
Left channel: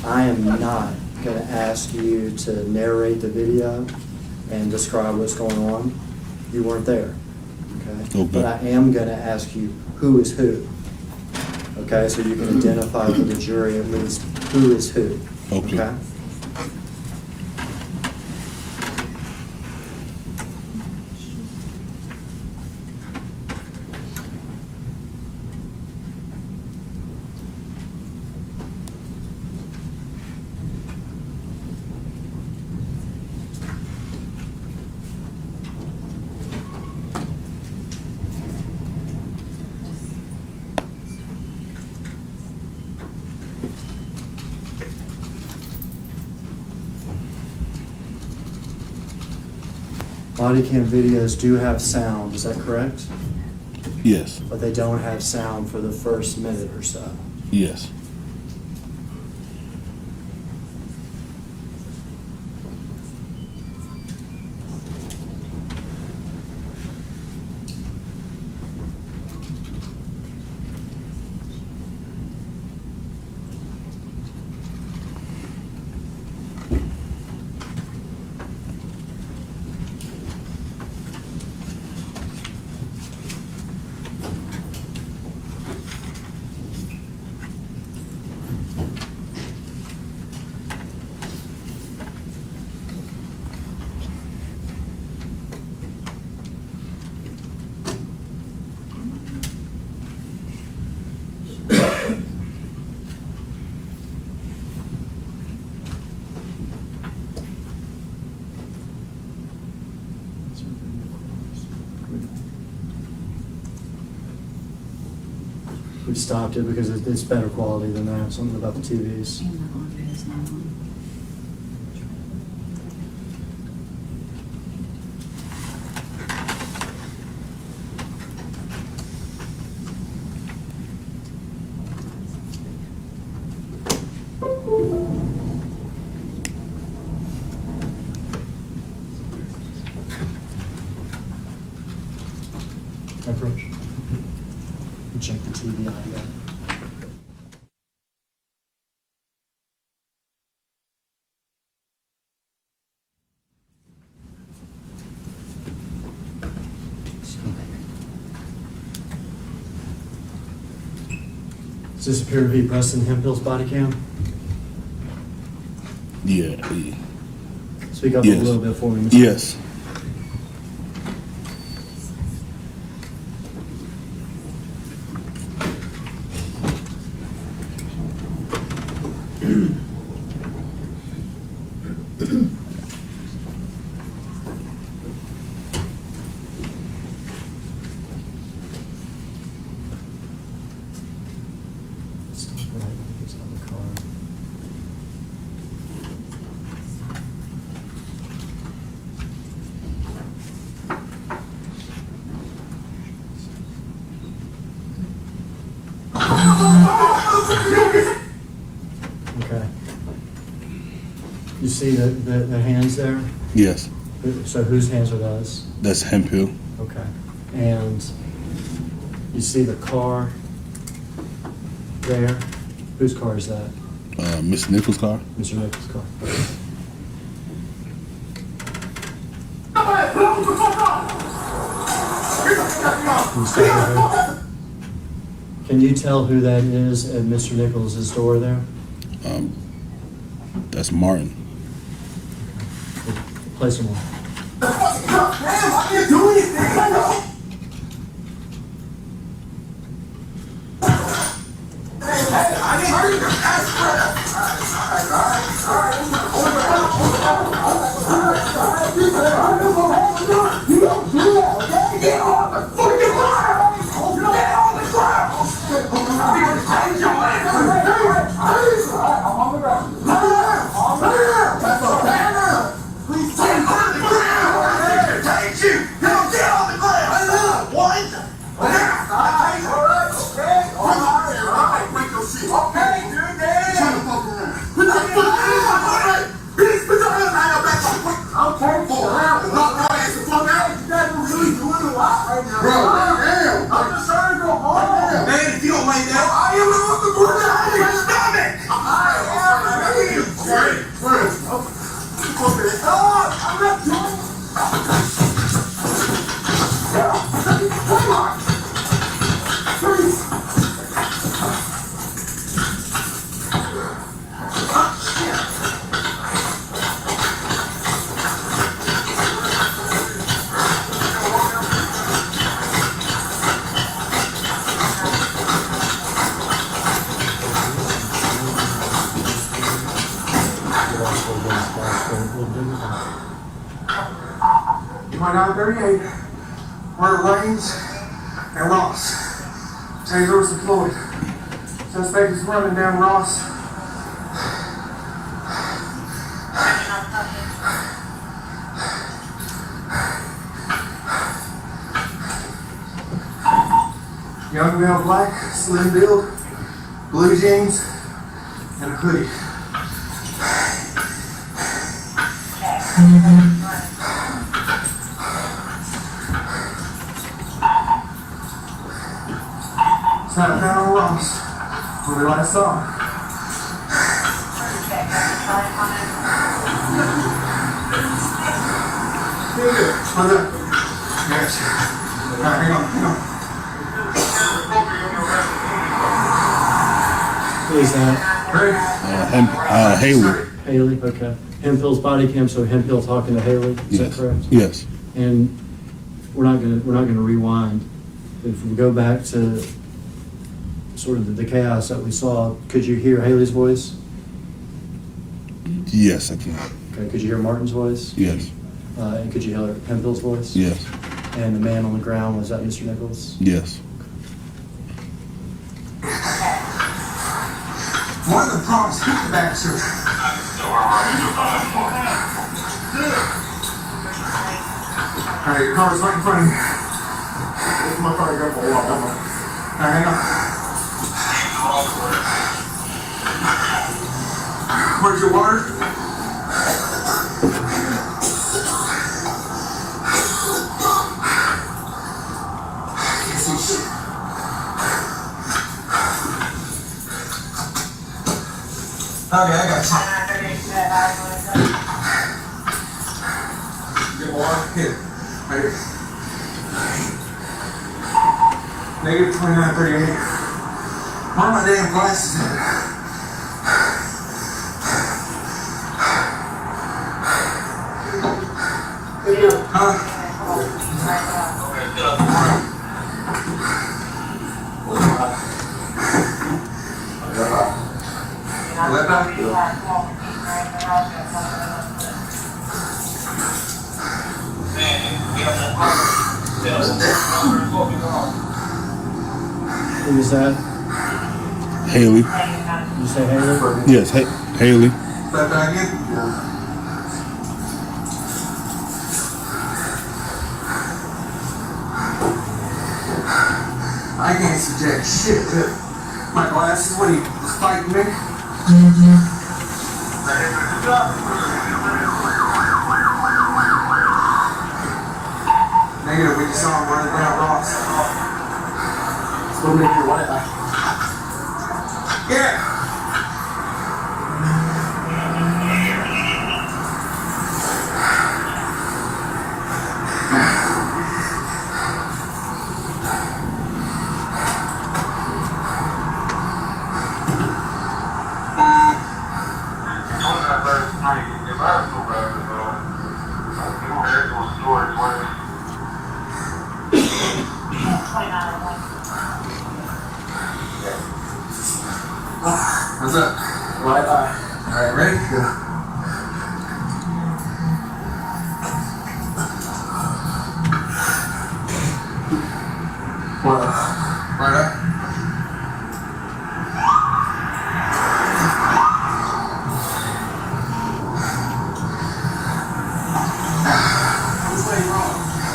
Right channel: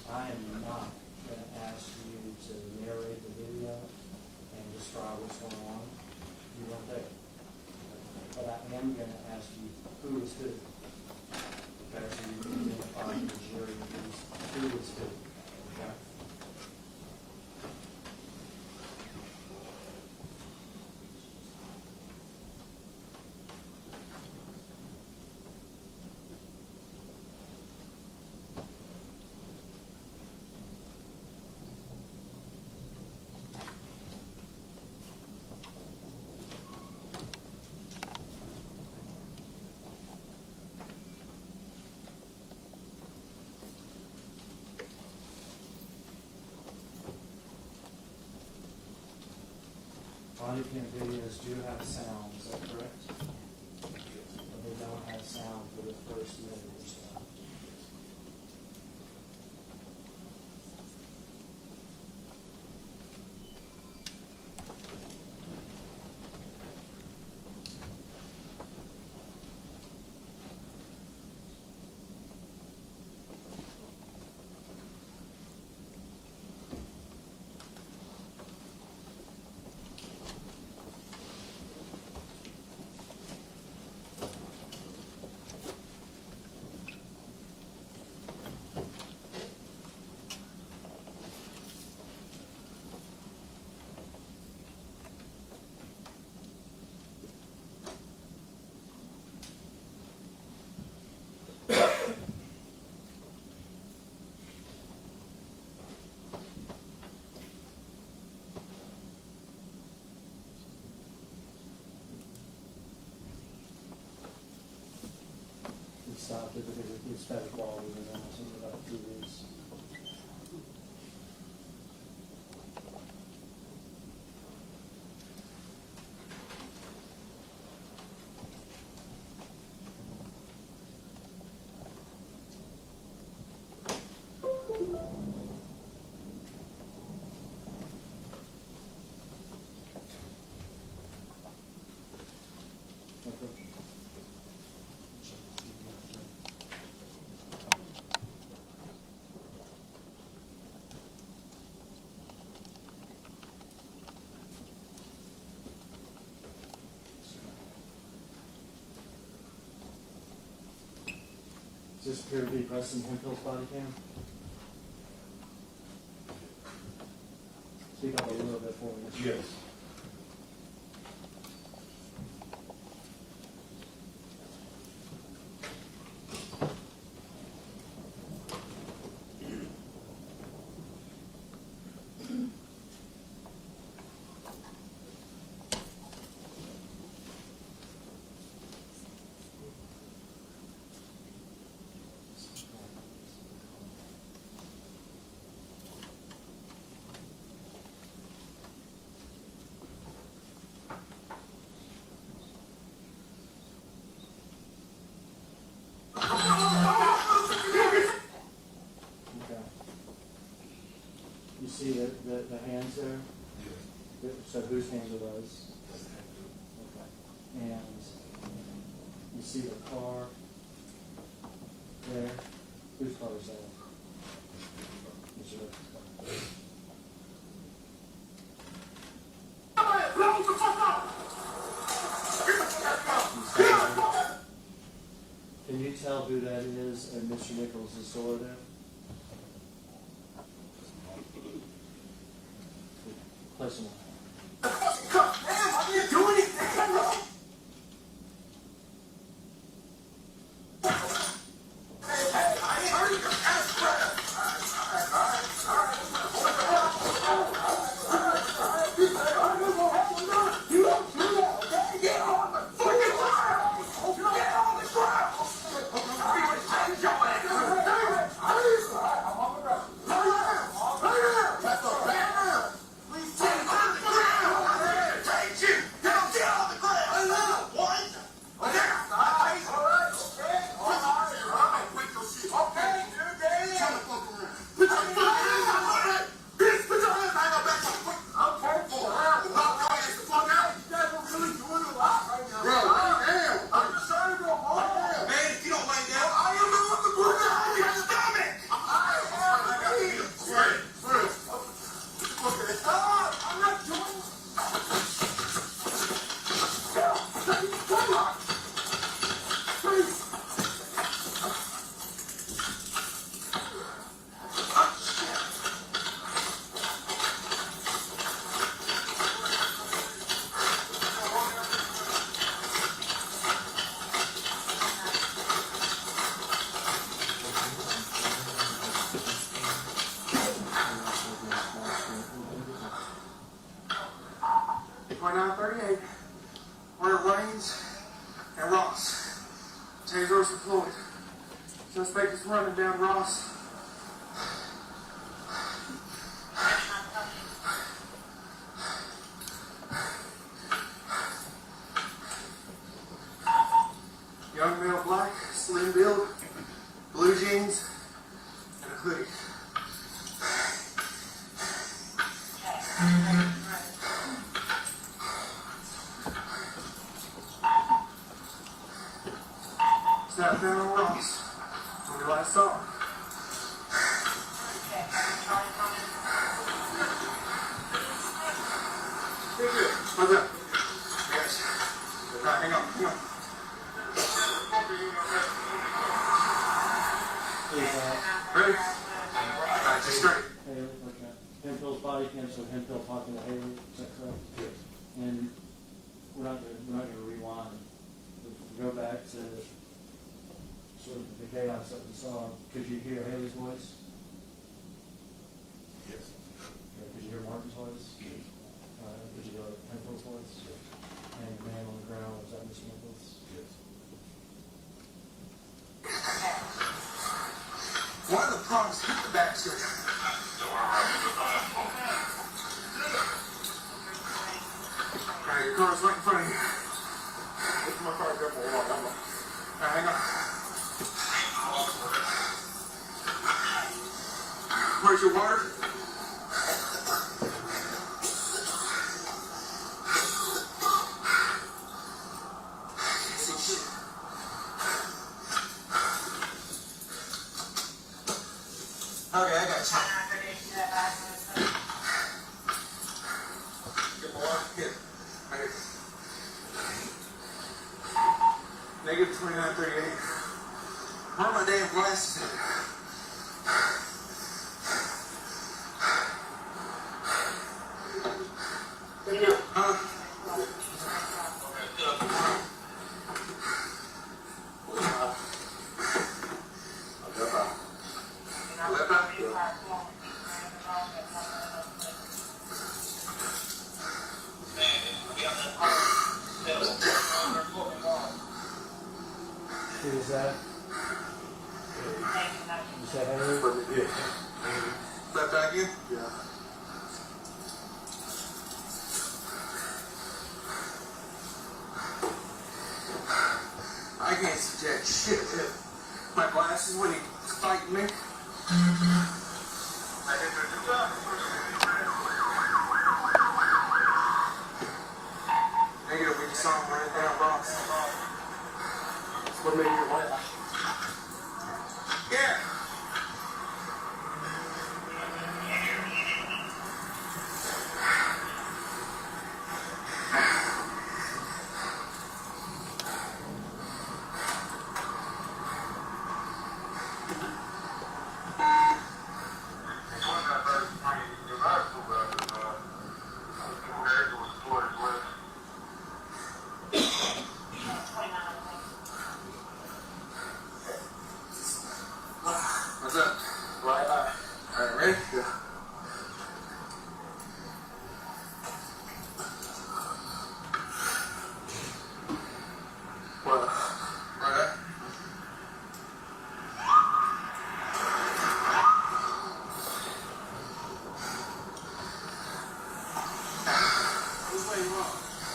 I am not going to ask you to narrate the video and describe what's going on. You weren't there, okay? Okay. But I am going to ask you who is who, okay? So you can identify for the jury at least who is who, Okay. Body cam videos do have sound, is that correct? Yes. But they don't have sound for the first minute or so. Yes. We've stopped it because it's better quality than that, something about the TVs. And the audio is not on. Approach. Check the TV audio. Does this appear to be Preston Hemphill's body cam? Yeah. Speak up Yes. a little bit for me, Mr. Yes. Okay. You see the hands there? Yes. So whose hands are those? That's Hemphill. Okay. And you see the car there? Whose car is that? Miss Nichols' car. Mr. Nichols' car. Can you stay there? Can you tell who that is at Mr. Nichols' door there? That's Martin. Place him on. damn. I'm just trying to go home. Man, if you don't like that, I am the one to put that in your stomach. I'm not doing my 938, murder Lanes and Ross. Tasers deployed. Suspect is running down Ross. Young male, black, slim build, blue jeans, and a hoodie. Snap down on Ross when we last saw him. What's up? Yes. All right, hang on. Who is that? Ready? Haley. Haley, okay. Hemphill's body cam, so Hemphill talking to Haley, is that correct? Yes. And we're not gonna rewind. If we go back to sort of the chaos that we saw, could you hear Haley's voice? Yes, I can. Okay, could you hear Martin's voice? Yes. And could you hear Hemphill's voice? Yes. And the man on the ground, was that Mr. Nichols? Yes. One of the prompts hit the bastard. Alright, your car's right in front of me. This my car, go for a walk. Alright, hang on. Where's your water? Can't see shit. Okay, I got you. Get water? Here. Right here. Negative 2938. Where are my damn glasses at? Huh? Left eye? Who was that? Haley. Did you say Haley? Yes, Haley. Left eye again? I can't see jack shit. My glasses when he was fighting me. Negative, we just saw him running down Ross. Still make your white eye. Yeah. What's up? Right eye. Alright, ready? Go. What? Right eye?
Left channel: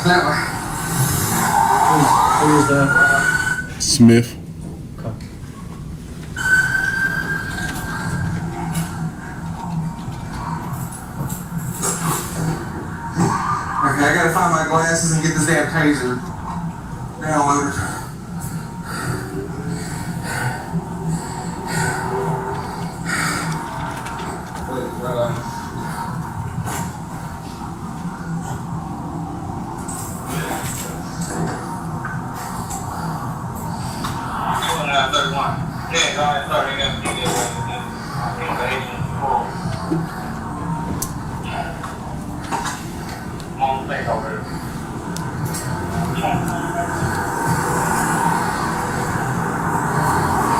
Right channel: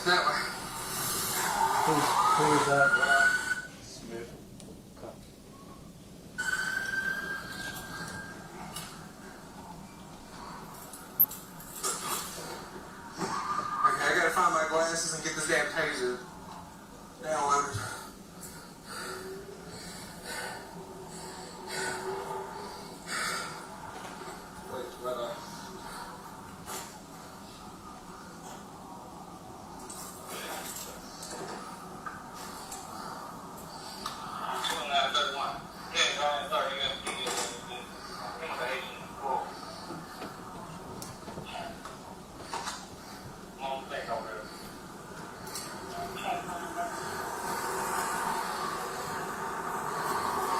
That way. Who was that? Smith. Okay. Okay, I gotta find my glasses and get this damn taser. Downloaders. Please, right on.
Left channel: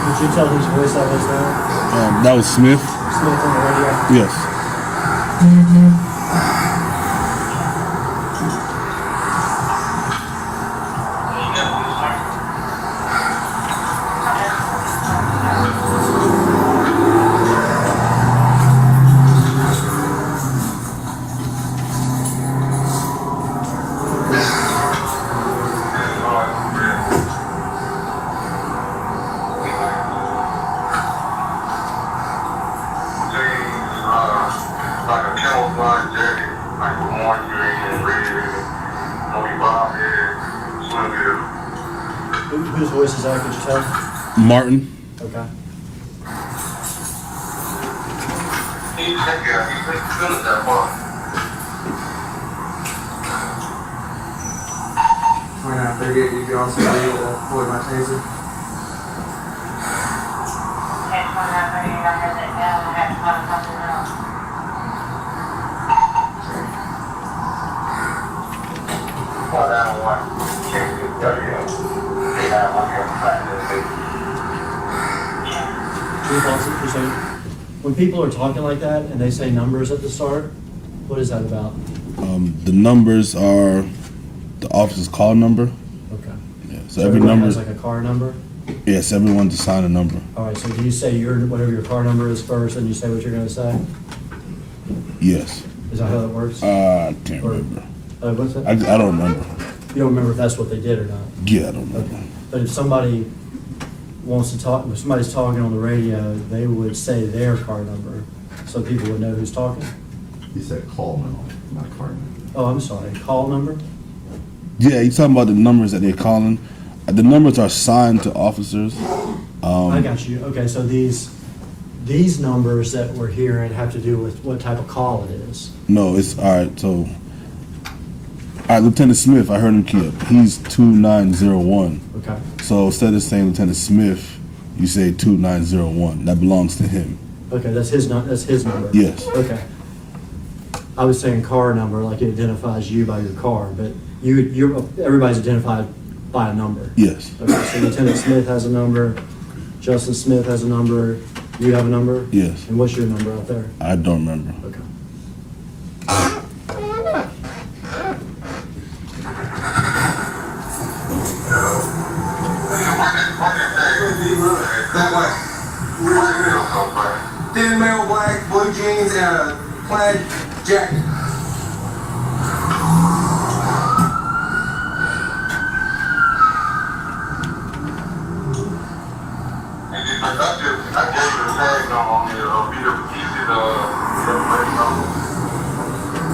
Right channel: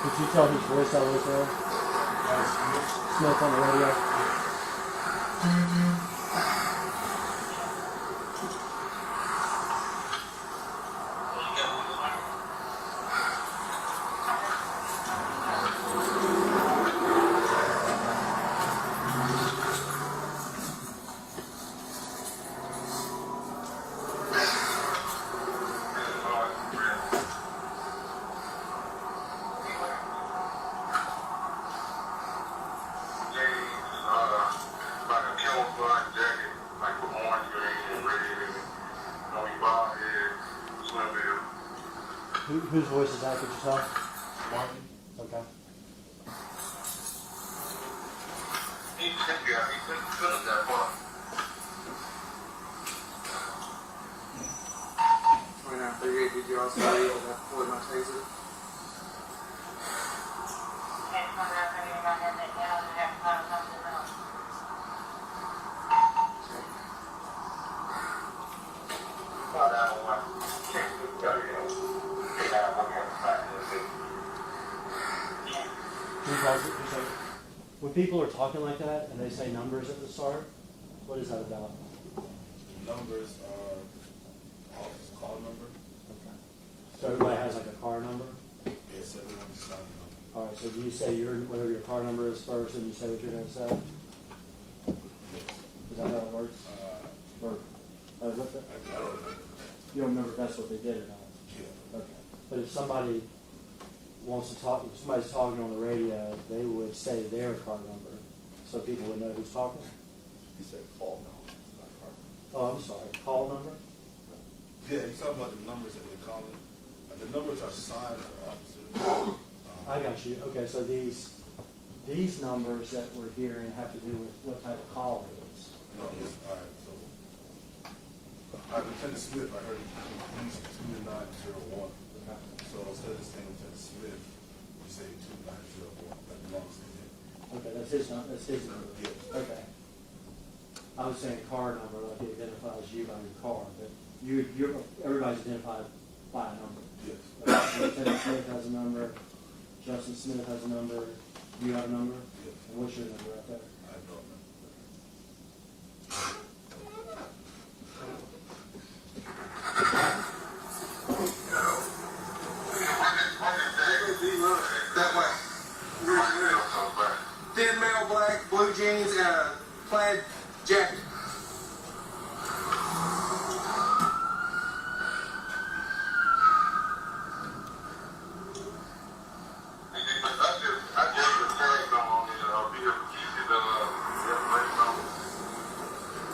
Did you tell whose voice that was there? That was Smith. Smith on the radio? Yes. Whose voice is that, could you tell? Martin. Okay. Did you also read Floyd my taser? When people are talking like that and they say numbers at the start, what is that about? The numbers are the officer's call number. Okay. Yeah, so every everyone number. has like a car number? Yes, everyone's assigned a number. All right, so do you say whatever your car number is first, and you say what you're gonna say? Yes. Is that how that works? I can't Or- remember. What's that? I don't remember. You don't remember if that's what they did or not? Yeah, I don't remember. Okay. But if somebody wants to talk, if somebody's talking on the radio, they would say their car number, so people would know who's talking? He said call now, not car now. Oh, I'm sorry, call number? Yeah, you're talking about the numbers that they're calling. The numbers are assigned to officers. I got you. Okay, so these numbers that we're hearing have to do with what type of call it is. No, it's all right. So, all right, Lieutenant Smith, I heard him key up. He's 2901. Okay. So instead of saying Lieutenant Smith, you say 2901. That belongs to him. Okay, that's his number? Yes. Okay. I was saying car number, like it identifies you by your car, but everybody's identified by a number. Yes. Okay, so Lieutenant Smith has a number, Justin Smith has a number, you have a number? Yes. And what's your number out there? I don't remember. Okay. Thin male black, blue jeans, and a plaid jacket.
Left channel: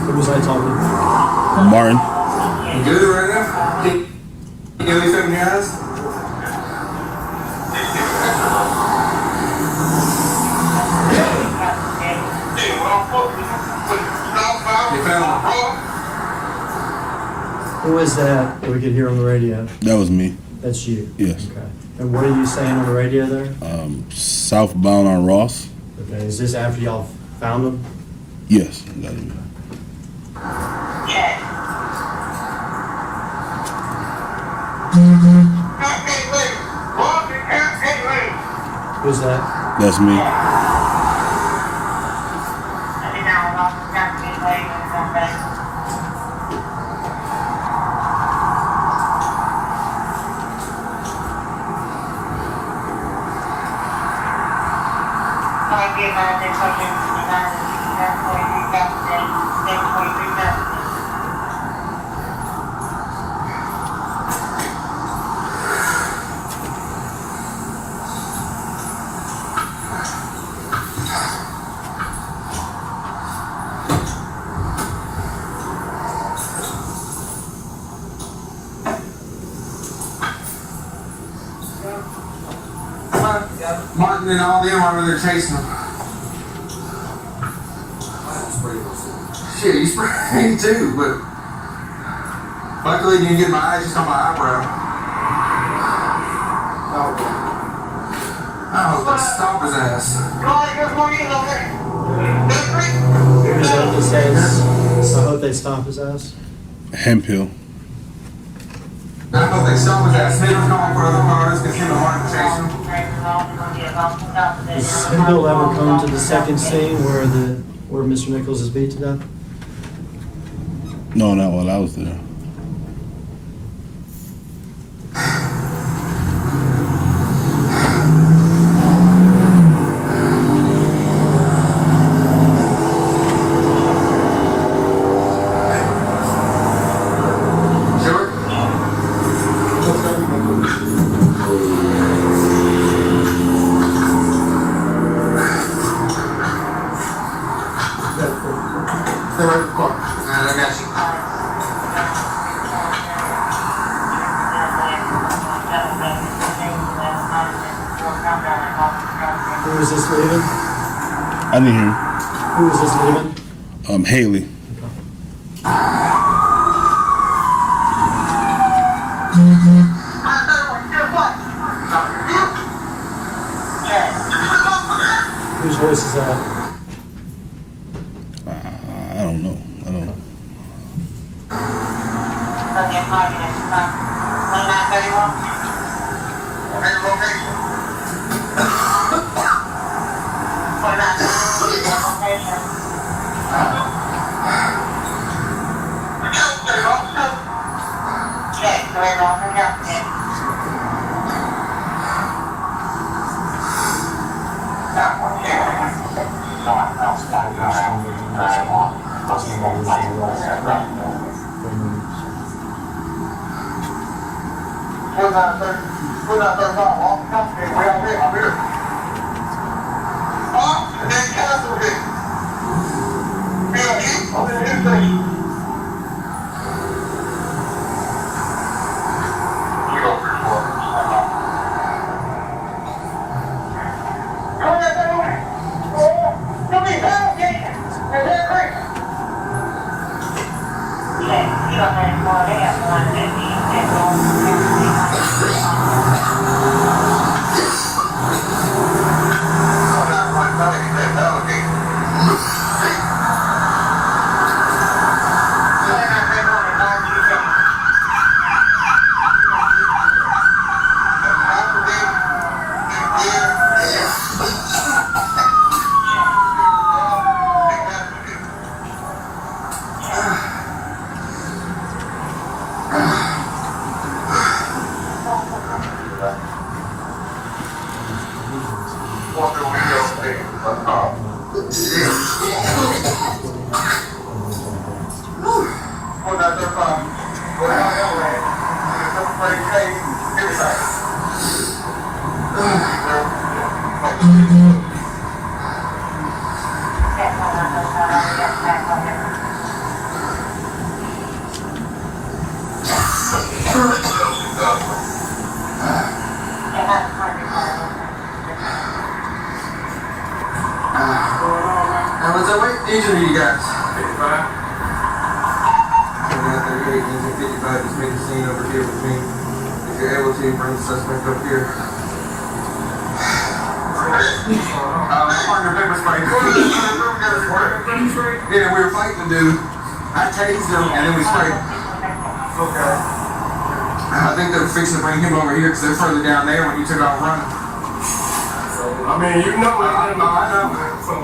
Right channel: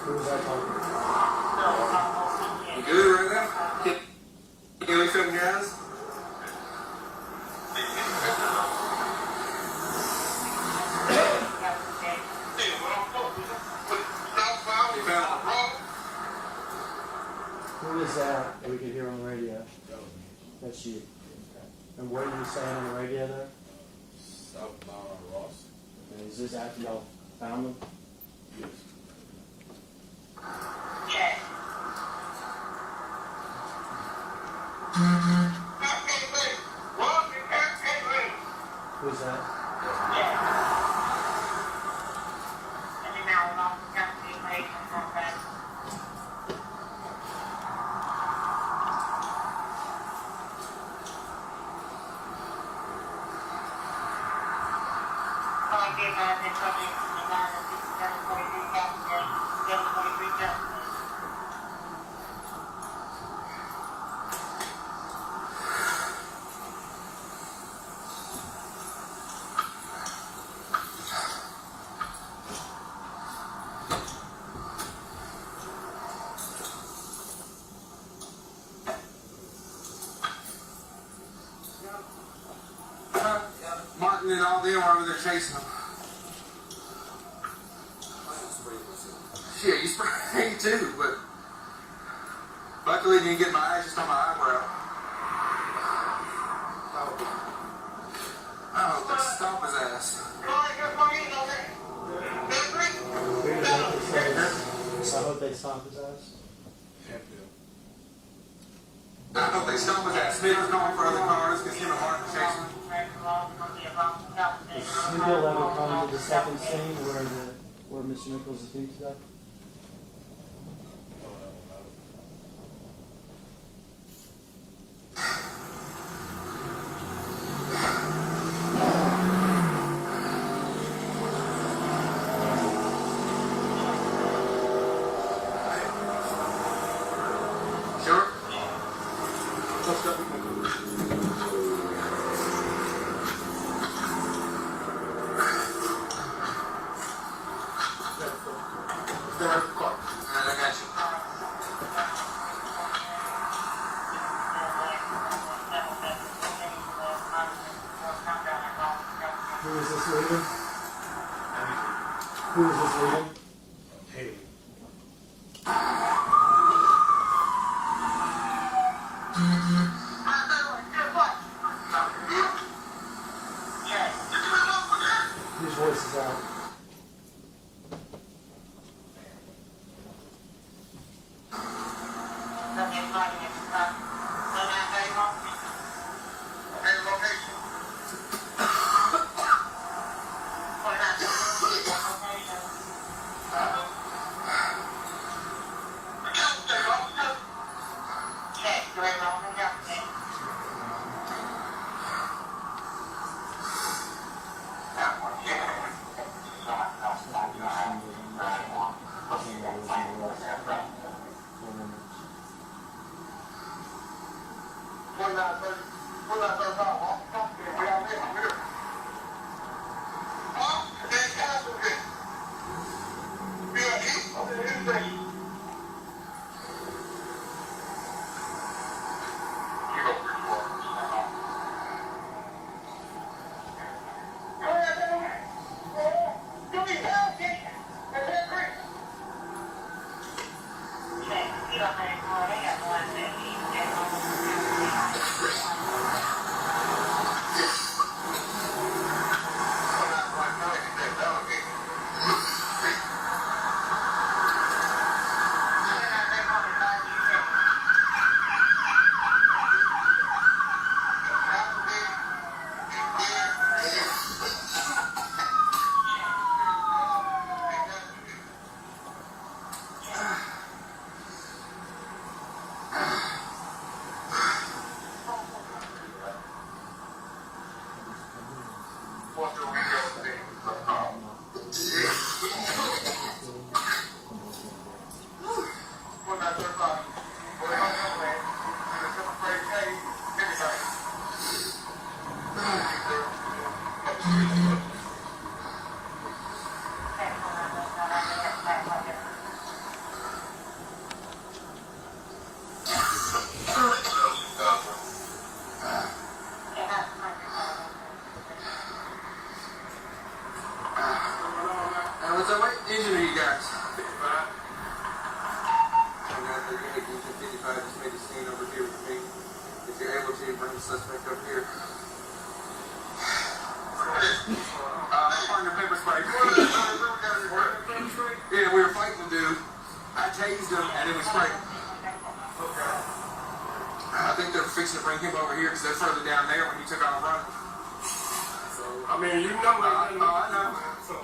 What was I talking? Martin. You good right now? You got anything in your eyes? You found one. Who is that we could hear on the radio? That was me. That's you? Yes. Okay. And what are you saying on the radio there? Southbound on Ross. Okay, is this after y'all found them? Yes. That is me. Who's that? That's me. Martin and all them are over there chasing him. Shit, you sprayed me too, but luckily you didn't get my eyes, just on my eyebrow. I hope they stop his ass. Is that what this says? I hope they stop his ass. Hemphill. I hope they stop his ass. Smith was calling for other cars because him and Martin chasing him. Does Hemphill ever come to the second scene where Mr. Nichols is beat to death? No, not while I was there. Who is this leaving? I didn't hear. Who is this leaving? Haley. Whose voice is that? I don't know. I don't know. What's that weight injury you got? 55. 38, 55, just make a scene over here with me. If you're able to, bring the suspect up here. Partner pepper spray. Yeah, we were fighting the dude. I tased him and then we sprayed. Okay. I think they're fixing to bring him over here because they're further down there when you took off running. So, I mean, you know what I know. So,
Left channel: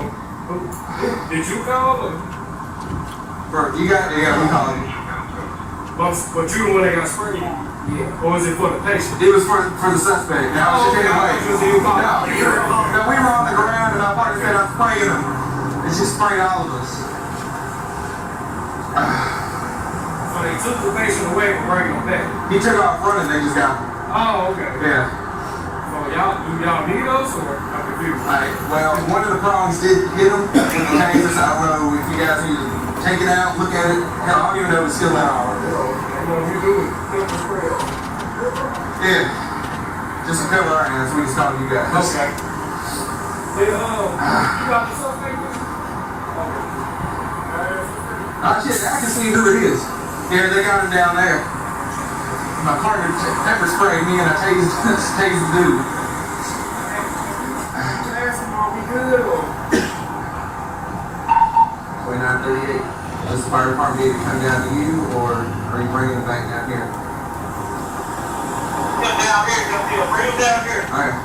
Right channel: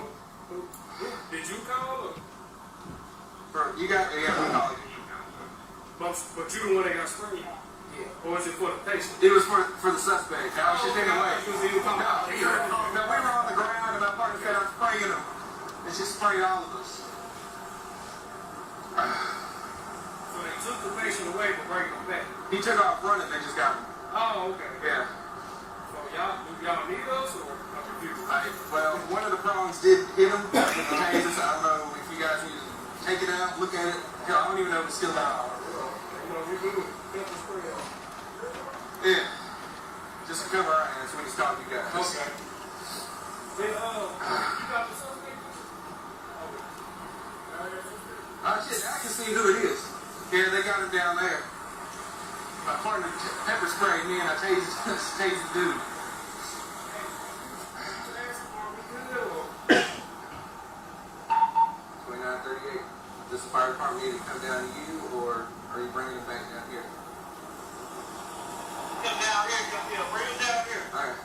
did you call or? You got we call him. But you the one that got sprayed? Yeah. Or was it for the patient? It was for the suspect. Now it's just anyway. No, we were on the ground and our partner said I'm spraying him. And she sprayed all of us. So they took the patient away and bring him back? He took off running, they just got him. Oh, okay. Yeah. So y'all need us or I'm confused? Well, one of the prongs did hit him with the taser, so I don't know if you guys need to take it out, look at it. Hell, I don't even know if it's still out. You do it. Yeah. Just a pillar, and that's what he's talking to you guys. Okay. Hey, you got the suspect? Shit, I can see who it is. Yeah, they got him down there. My partner pepper sprayed me and I tased the dude. Are we good or? 2938. Does the fire department need to come down to you, or are you bringing it back down here? Down here, bring it down here. Alright.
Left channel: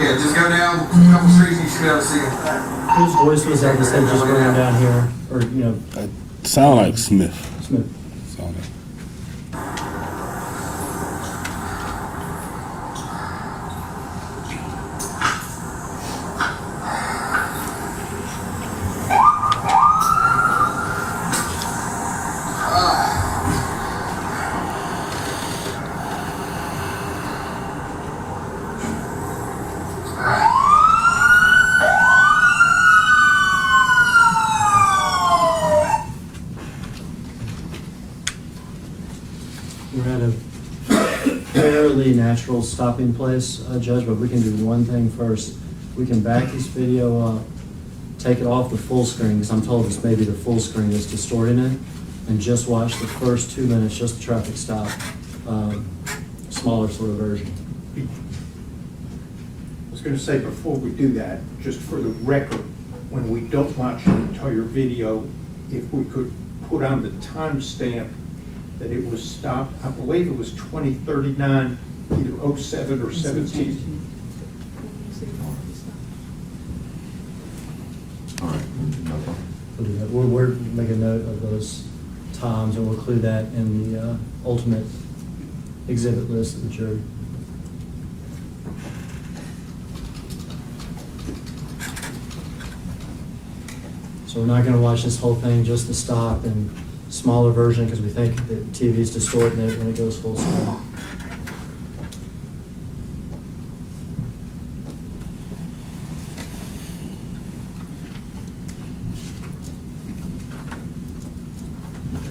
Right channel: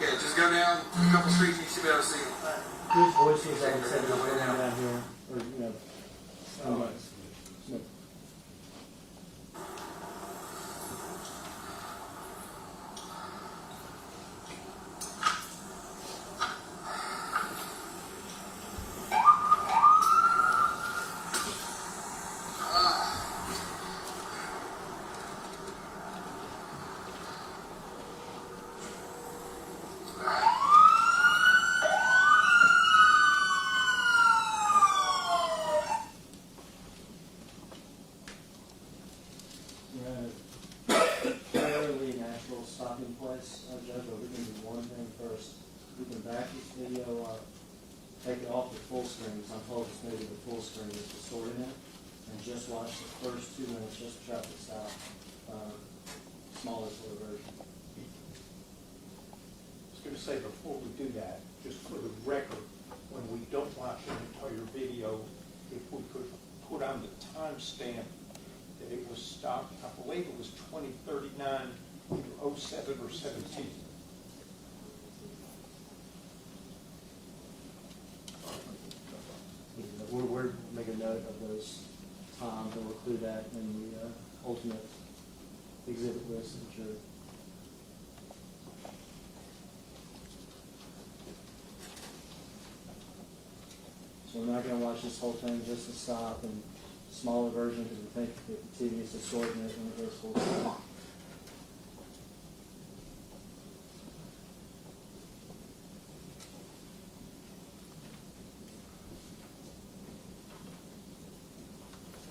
Yeah, just go down a couple streets and you should be able to see him. Whose voice was that said just going down here, or, you know, Sound like Smith. Smith? Sound like. We're at a fairly natural stopping place, Judge, but we can do one thing first. We can back this video up, take it off the full screen, because I'm told this may be the full screen that's distorting it, and just watch the first 2 minutes, just the traffic stop, smaller sort of version. I was going to say, before we do that, just for the record, when we don't watch the entire video, if we could put on the timestamp that it was stopped, I believe it was 2039, either 07 or 17. All right, no problem. We'll do that. We're making note of those times, and we'll include that in the ultimate exhibit list of the jury. So we're not gonna watch this whole thing, just the stop and smaller version, because we think that TV's distorting it when it goes full screen.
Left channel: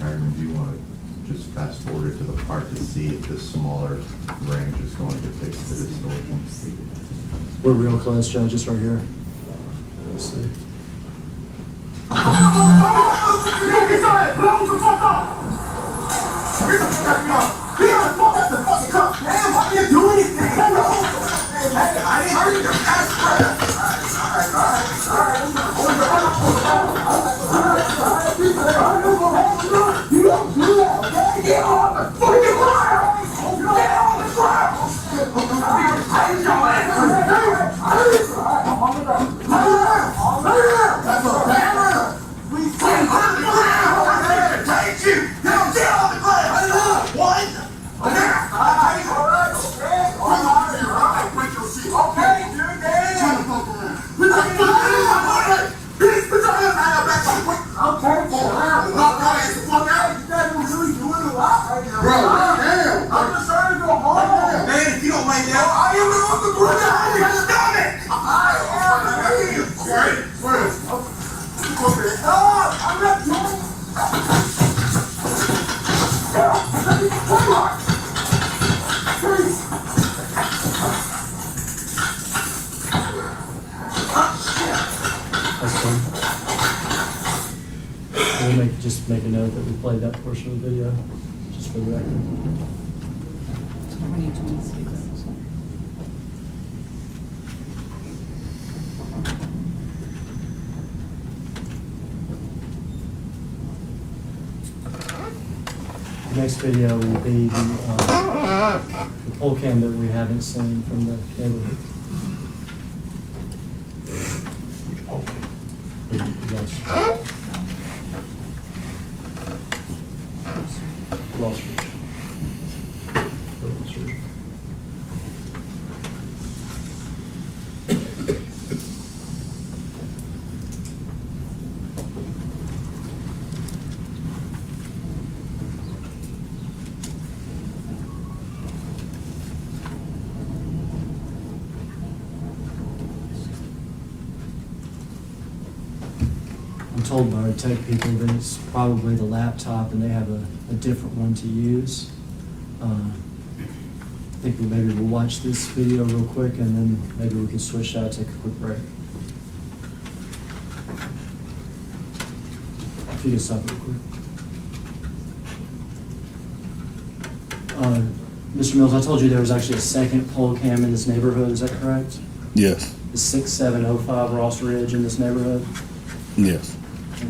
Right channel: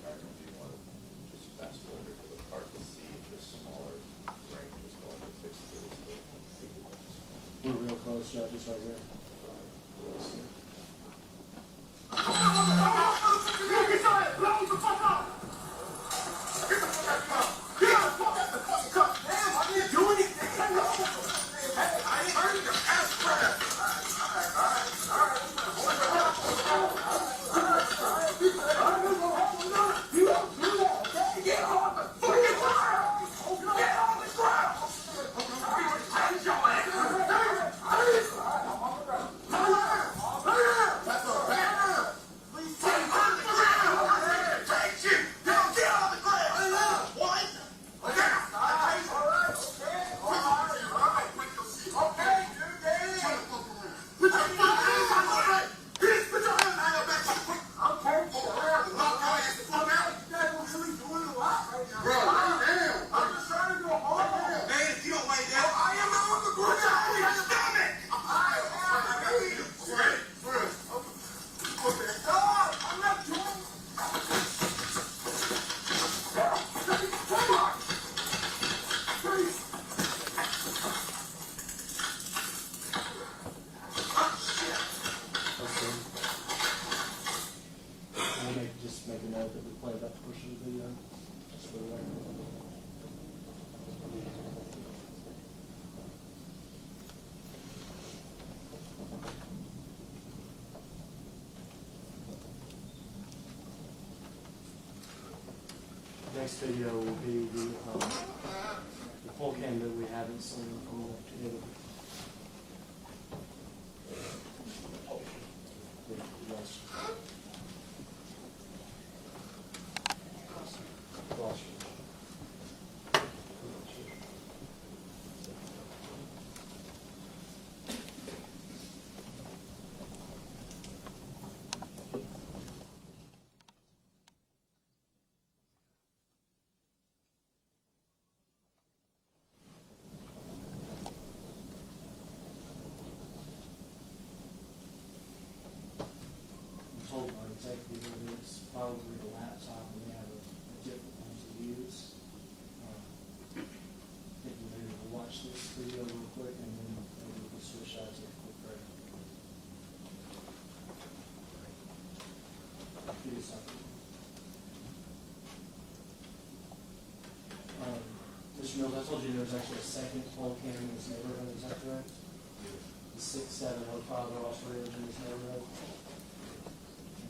Tyron, do you want to just fast forward it to the part to see if this smaller range is going to fix the distortion? We're real close, Judge, just right here. Let's see. We'll just make a note that we played that portion of the video, just for the record. The next video will be the pole cam that we haven't seen from the neighborhood. Yes. Wall Street. I'm told by our tech people that it's probably the laptop and they have a different one to use. think maybe we'll watch this video real quick and then maybe we can switch out, take a quick break. If you can stop real quick. Mr. Mills, I told you there was actually a second pole cam in this neighborhood, is that correct? Yes. The 6705 Ross Ridge in this neighborhood? Yes. Okay.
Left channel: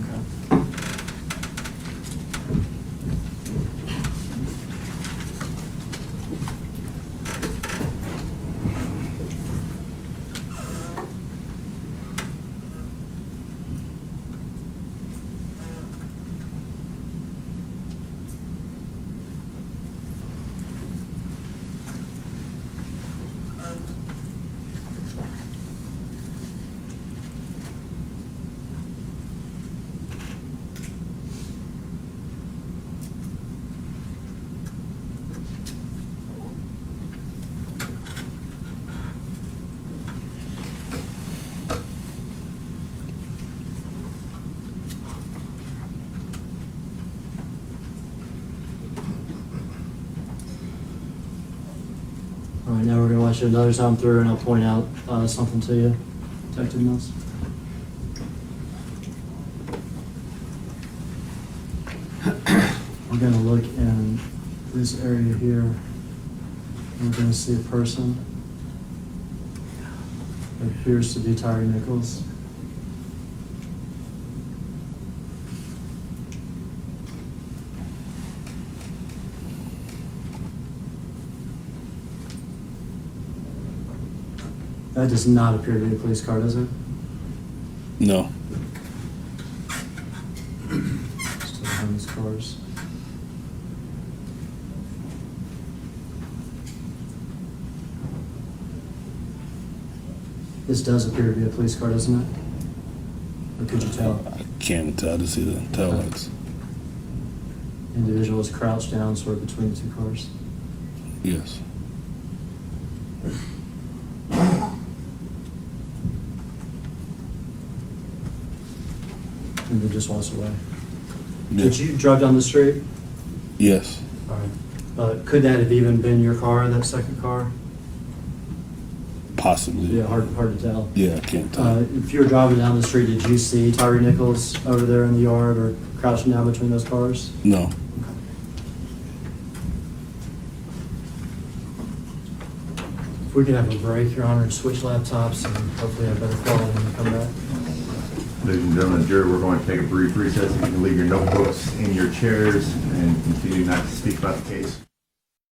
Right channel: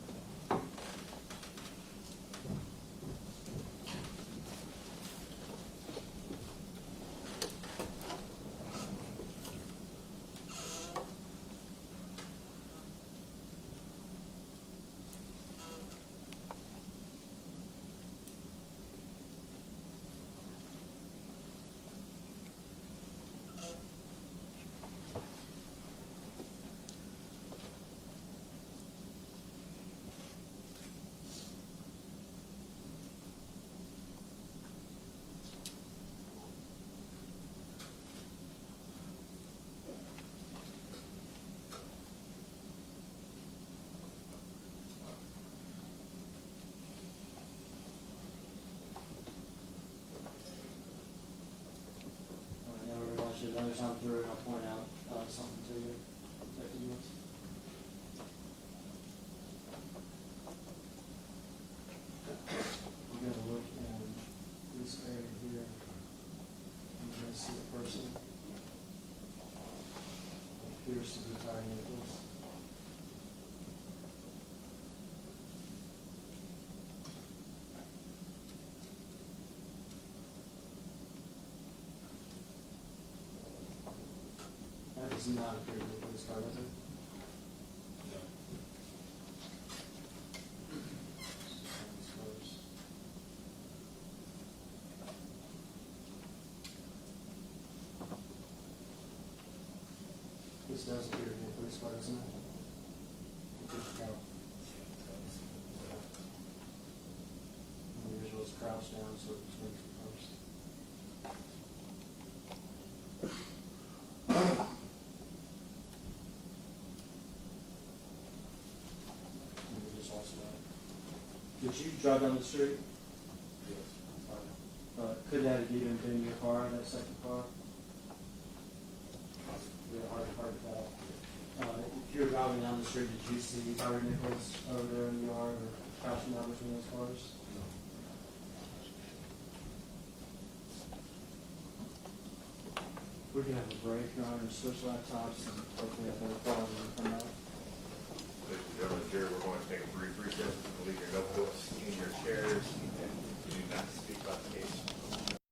All right, now we're gonna watch it another time through and I'll point out something to you, Detective Mills. We're gonna look in this area here. We're gonna see a person. It appears to be Tyre Nichols. That does not appear to be a police car, does it? No. Still behind these cars. This does appear to be a police car, doesn't it? Or could you tell? I can't tell. I just see the tail lights. Individual is crouched down sort of between the two cars. Yes. And then just walks away. Yeah. Did you drive down the street? Yes. All right. Could that have even been your car, that second car? Possibly. Yeah, hard to tell. Yeah, I can't tell. If you were driving down the street, did you see Tyre Nichols over there in the yard or crouching down between those cars? No. If we could have a break, Your Honor, switch laptops and hopefully have better quality when we come back. Ladies and gentlemen, jury, we're going to take a brief recess. You can leave your notebooks in your chairs and continue not to speak about the case.